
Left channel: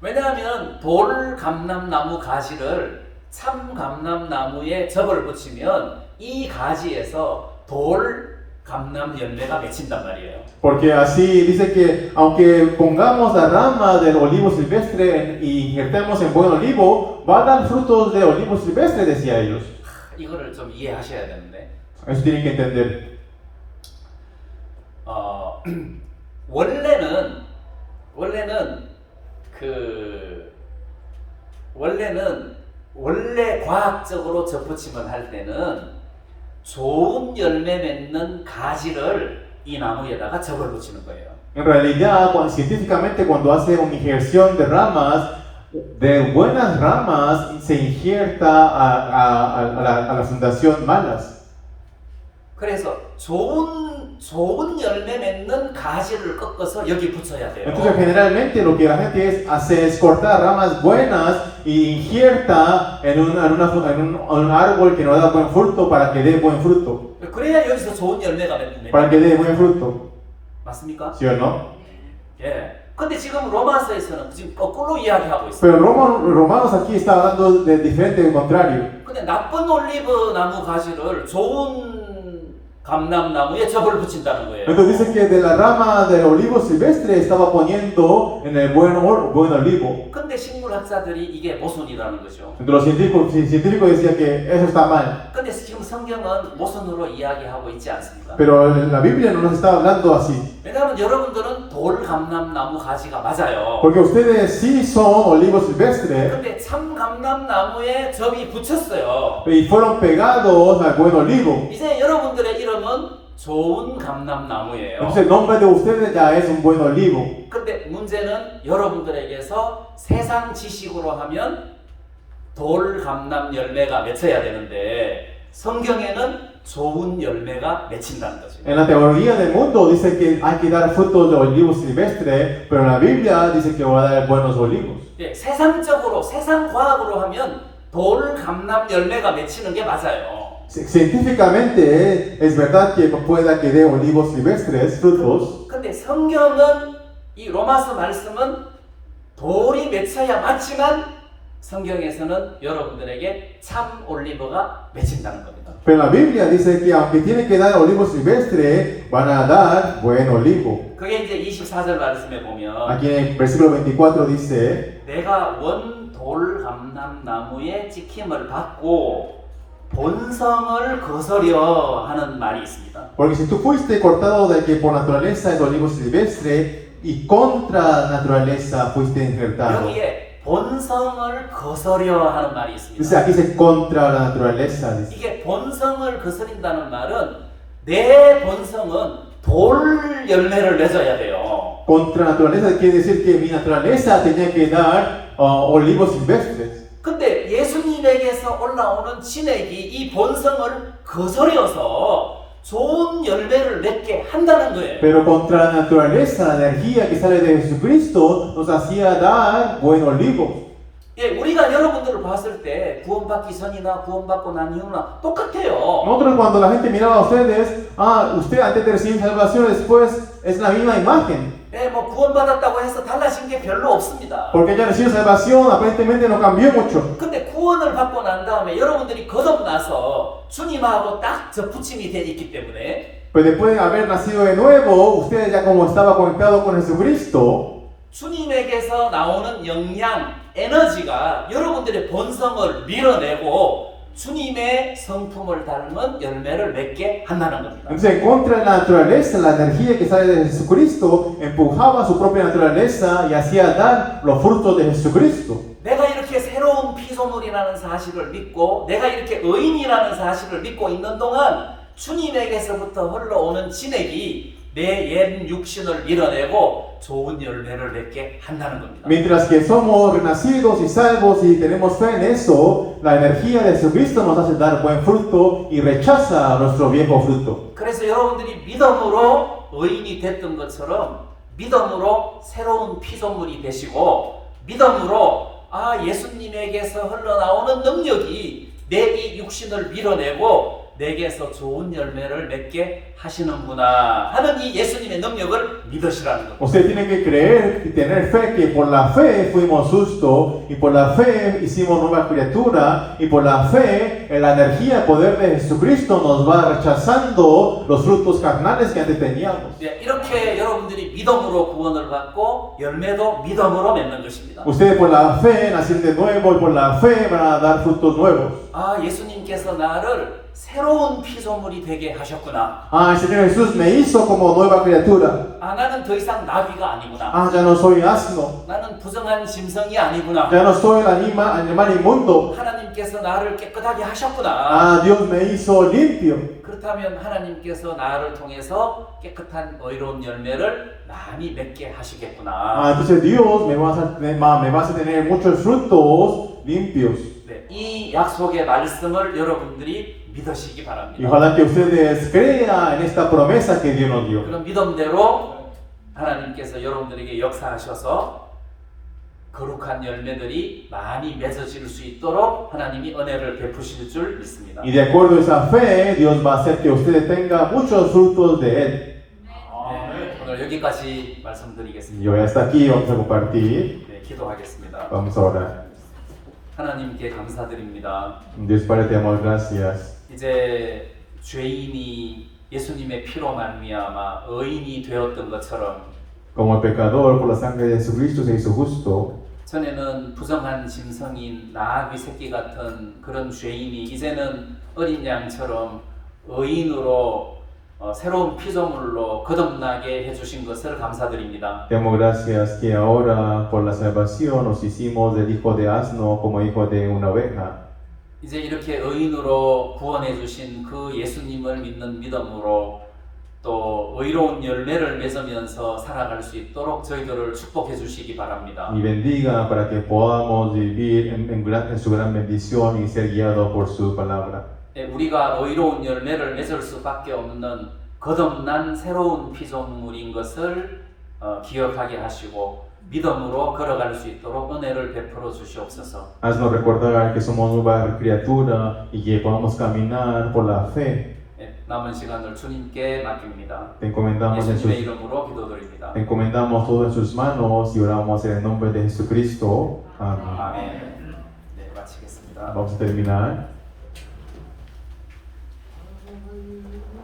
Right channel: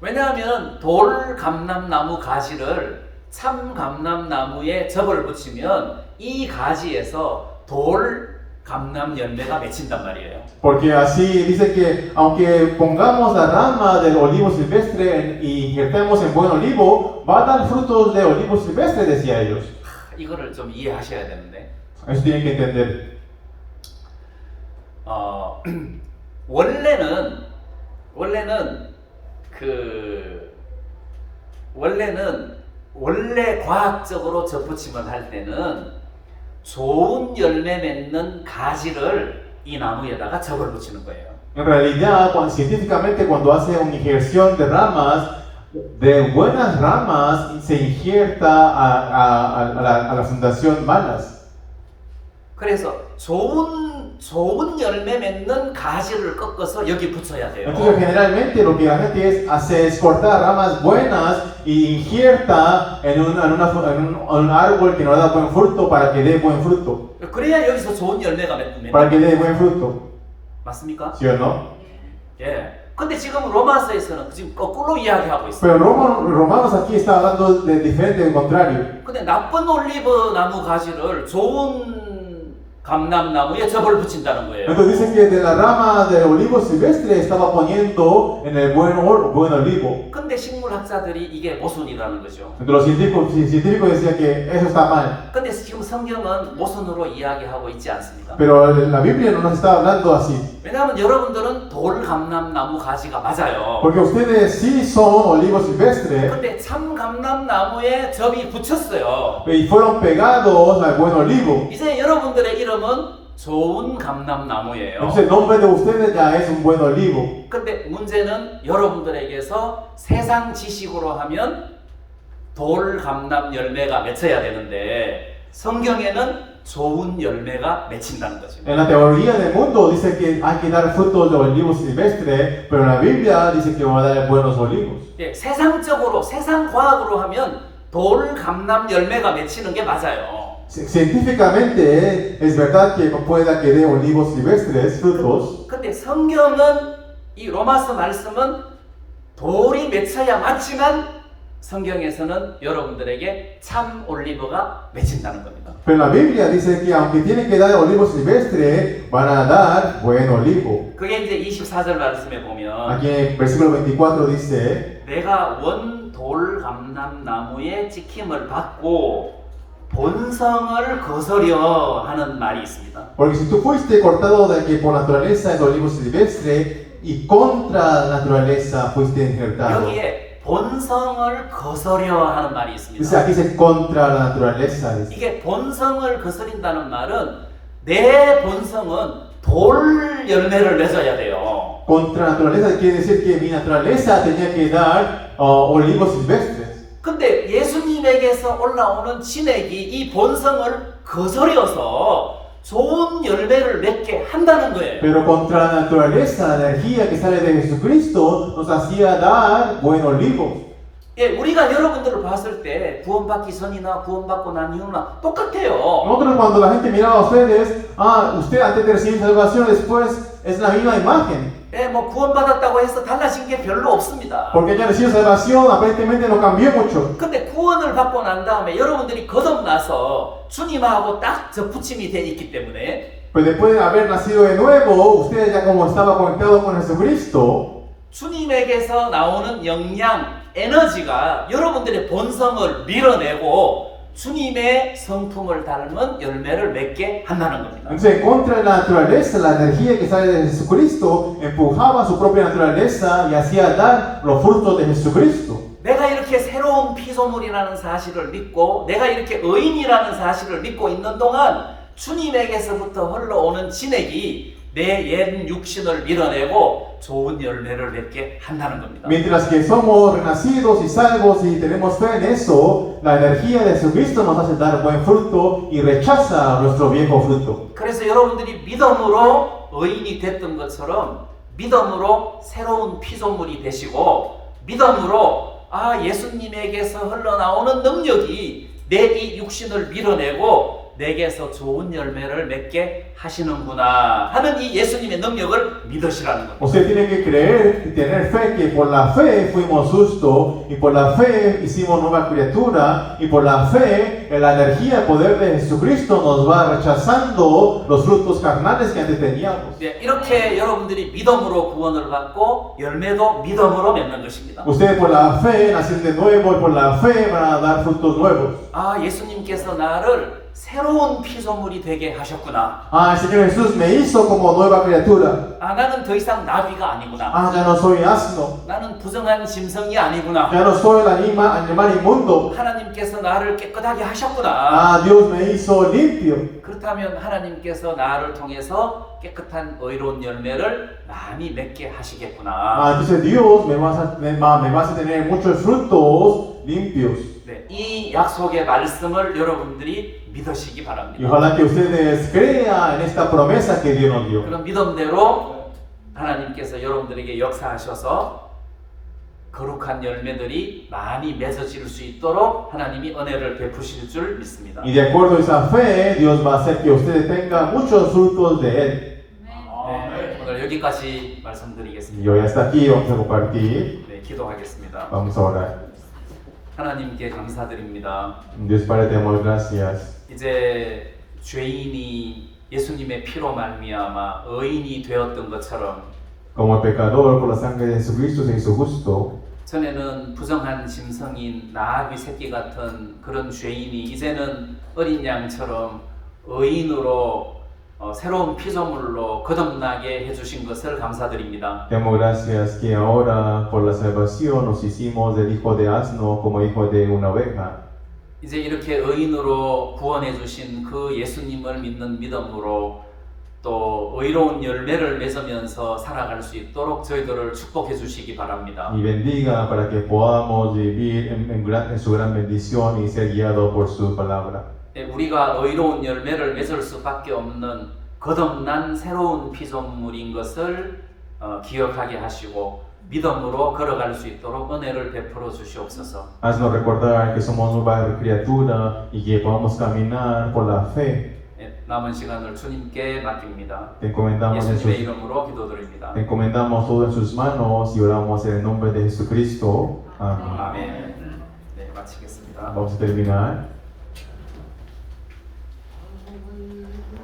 왜냐하면 돌 감람나무 가지를 참 감람나무에 접을 붙이면 이 가지에서 돌 감람 열매가 맺힌단 말이에요. Porque así dice que aunque pongamos la rama del olivo silvestre y injertemos en buen olivo, va a dar frutos de olivo silvestre, decía ellos. 이거를 좀 이해하셔야 되는데 Eso tienen que entender. 원래 과학적으로 접붙임을 할 때는 좋은 열매 맺는 가지를 이 나무에다가 접을 붙이는 거예요. En realidad, científicamente, cuando hace una injerción de ramas, de buenas ramas se injerta a la fundación malas. 그래서 좋은 열매 맺는 가지를 꺾어서 여기 붙여야 돼요. Entonces, generalmente lo que la gente hace es cortar ramas buenas y injerta en un árbol que no da buen fruto para que dé buen fruto. 그래야 여기서 좋은 열매가 맺는 Para que dé buen fruto. 맞습니까? ¿Sí o no? 예. 근데 지금 로마서에서는 지금 거꾸로 이야기하고 있어요. Pero Romanos aquí está hablando de diferente, del contrario. 근데 나쁜 올리브 나무 가지를 좋은 감람나무에 접을 붙인다는 거예요. Entonces dice que de la rama del olivo silvestre estaba poniendo en el buen olivo. 근데 식물학자들이 이게 모순이라는 거죠. Entonces los científicos decían que eso está mal. 근데 지금 성경은 모순으로 이야기하고 있지 않습니다. Pero la Biblia no nos está hablando así. 왜냐하면 여러분들은 돌감람나무 가지가 맞아요. Porque ustedes sí son olivos silvestres 근데 참 감람나무에 접이 붙였어요. y fueron pegados al buen olivo. 이제 여러분들의 이름은 좋은 감람나무예요. Entonces el nombre de ustedes ya es un buen olivo. 근데 문제는 여러분들에게서 세상 지식으로 하면 돌감람 열매가 맺혀야 되는데 성경에는 좋은 열매가 맺힌다는 거죠. En la teoría del mundo dice que hay que dar frutos de olivos silvestres, pero en la Biblia dice que va a dar buenos olivos. 예, 세상적으로 세상 과학으로 하면 돌감람 열매가 맺히는 게 맞아요. Científicamente es verdad que pueda que dé olivos silvestres, frutos, 근데 성경은 이 로마서 말씀은 돌이 맺혀야 맞지만 성경에서는 여러분들에게 참 올리브가 맺힌다는 겁니다. pero la Biblia dice que aunque tiene que dar olivos silvestres, van a dar buen olivo. 그게 이제 24절 말씀에 보면 Aquí en el versículo 24 dice, 내가 원 돌감람나무의 찍힘을 받고 본성을 거스려 하는 말이 있습니다. porque si tú fuiste cortado de que por naturaleza es olivo silvestre y contra naturaleza fuiste injertado. 여기에 본성을 거스려 하는 말이 Dice, 있습니다. aquí dice contra la naturaleza. Dice. 이게 본성을 거스린다는 말은 내 본성은 돌 열매를 맺어야 돼요. Contra naturaleza quiere decir que mi naturaleza tenía que dar olivos silvestres. 근데 예수님에게서 올라오는 진액이 이 본성을 거스려서 좋은 열매를 맺게 한다는 거예요. Pero contra la naturaleza, la energía que sale de Jesucristo nos hacía dar buen olivo. 예, 우리가 여러분들을 봤을 때 구원받기 전이나 구원받고 난 이후나 똑같아요. Nosotros cuando la gente miraba a ustedes, usted antes de recibir salvación, después es la misma imagen. 예, 뭐 구원받았다고 해서 달라진 게 별로 없습니다. Porque ya recibió salvación, aparentemente no cambió mucho. 근데 구원을 받고 난 다음에 여러분들이 거듭나서 주님하고 딱 접붙임이 돼 있기 때문에 Pero después de haber nacido de nuevo, ustedes ya como estaba conectado con Jesucristo, 주님에게서 나오는 영양, 에너지가 여러분들의 본성을 밀어내고 주님의 성품을 닮은 열매를 맺게 한다는 겁니다. entonces en contra de la naturaleza, la energía que sale de Jesucristo empujaba su propia naturaleza y hacía dar los frutos de Jesucristo. 내가 이렇게 새로운 피조물이라는 사실을 믿고 내가 이렇게 의인이라는 사실을 믿고 있는 동안 주님에게서부터 흘러오는 진액이 내 옛 육신을 밀어내고 좋은 열매를 맺게 한다는 겁니다. Mientras que somos renacidos y salvos y tenemos fe en eso, la energía de Jesucristo nos hace dar buen fruto y rechaza nuestro viejo fruto. 그래서 여러분들이 믿음으로 의인이 됐던 것처럼 믿음으로 새로운 피조물이 되시고 믿음으로 예수님에게서 흘러나오는 능력이 내 이 육신을 밀어내고 내게서 좋은 열매를 맺게 하시는구나 하는 이 예수님의 능력을 믿으시라는 겁니다. Usted tiene que creer y tener fe que por la fe fuimos justos y por la fe hicimos nueva criatura y por la fe la energía, el poder de Jesucristo nos va rechazando los frutos carnales que antes teníamos. 네, 이렇게 여러분들이 믿음으로 구원을 받고 열매도 믿음으로 맺는 것입니다. Ustedes por la fe nacieron de nuevo y por la fe van a dar frutos nuevos. 예수님께서 나를 새로운 피조물이 되게 하셨구나. El Señor Jesús me hizo como nueva criatura. 나는 더 이상 나비가 아니구나. Ya no soy asno. 나는 부정한 짐승이 아니구나. Ya no soy el animal inmundo. 하나님께서 나를 깨끗하게 하셨구나. Dios me hizo limpio. 그렇다면 하나님께서 나를 통해서 깨끗한 의로운 열매를 많이 맺게 하시겠구나. Entonces Dios me va a hacer tener muchos frutos limpios. 네, 이 약속의 말씀을 여러분들이 믿으시기 Y 바랍니다. ojalá que ustedes crean en esta promesa que Dios nos dio. 그런 믿음대로 하나님께서 여러분들에게 역사하셔서 거룩한 열매들이 많이 맺어질 수 있도록 하나님이 은혜를 베푸실 줄 믿습니다. Y de acuerdo a esa fe, Dios va a hacer que ustedes tengan muchos frutos de Él. 네, 오늘 여기까지 말씀드리겠습니다. Y hoy hasta aquí vamos a compartir. 네, 기도하겠습니다. Vamos a orar. 하나님께 감사드립니다. Dios Padre, te damos gracias. 이제 죄인이 예수님의 피로 말미암아 의인이 되었던 것처럼 Como el pecador por la sangre de Jesucristo se hizo justo, 전에는 부정한 짐승인 나귀 새끼 같은 그런 죄인이 이제는 어린 양처럼 의인으로 새로운 피조물로 거듭나게 해주신 것을 감사드립니다. demos gracias que ahora por la salvación nos hicimos del hijo de asno como hijo de una oveja. 이제 이렇게 의인으로 구원해 주신 그 예수님을 믿는 믿음으로 또 의로운 열매를 맺으면서 살아갈 수 있도록 저희들을 축복해 주시기 바랍니다. Y bendiga para que podamos vivir en su gran bendición y ser guiados por su palabra. 우리가 의로운 열매를 맺을 수밖에 없는 거듭난 새로운 피조물인 것을 기억하게 하시고 믿음으로 걸어갈 수 있도록 은혜를 베풀어 주시옵소서. Haznos recordar que somos nueva criatura y que podamos caminar por la fe. 남은 시간을 주님께 맡깁니다. Te encomendamos, 예수님의 이름으로 기도드립니다. te encomendamos todo en sus manos y oramos en el nombre de Jesucristo. Amén. 아멘. 네, 마치겠습니다. Vamos a terminar.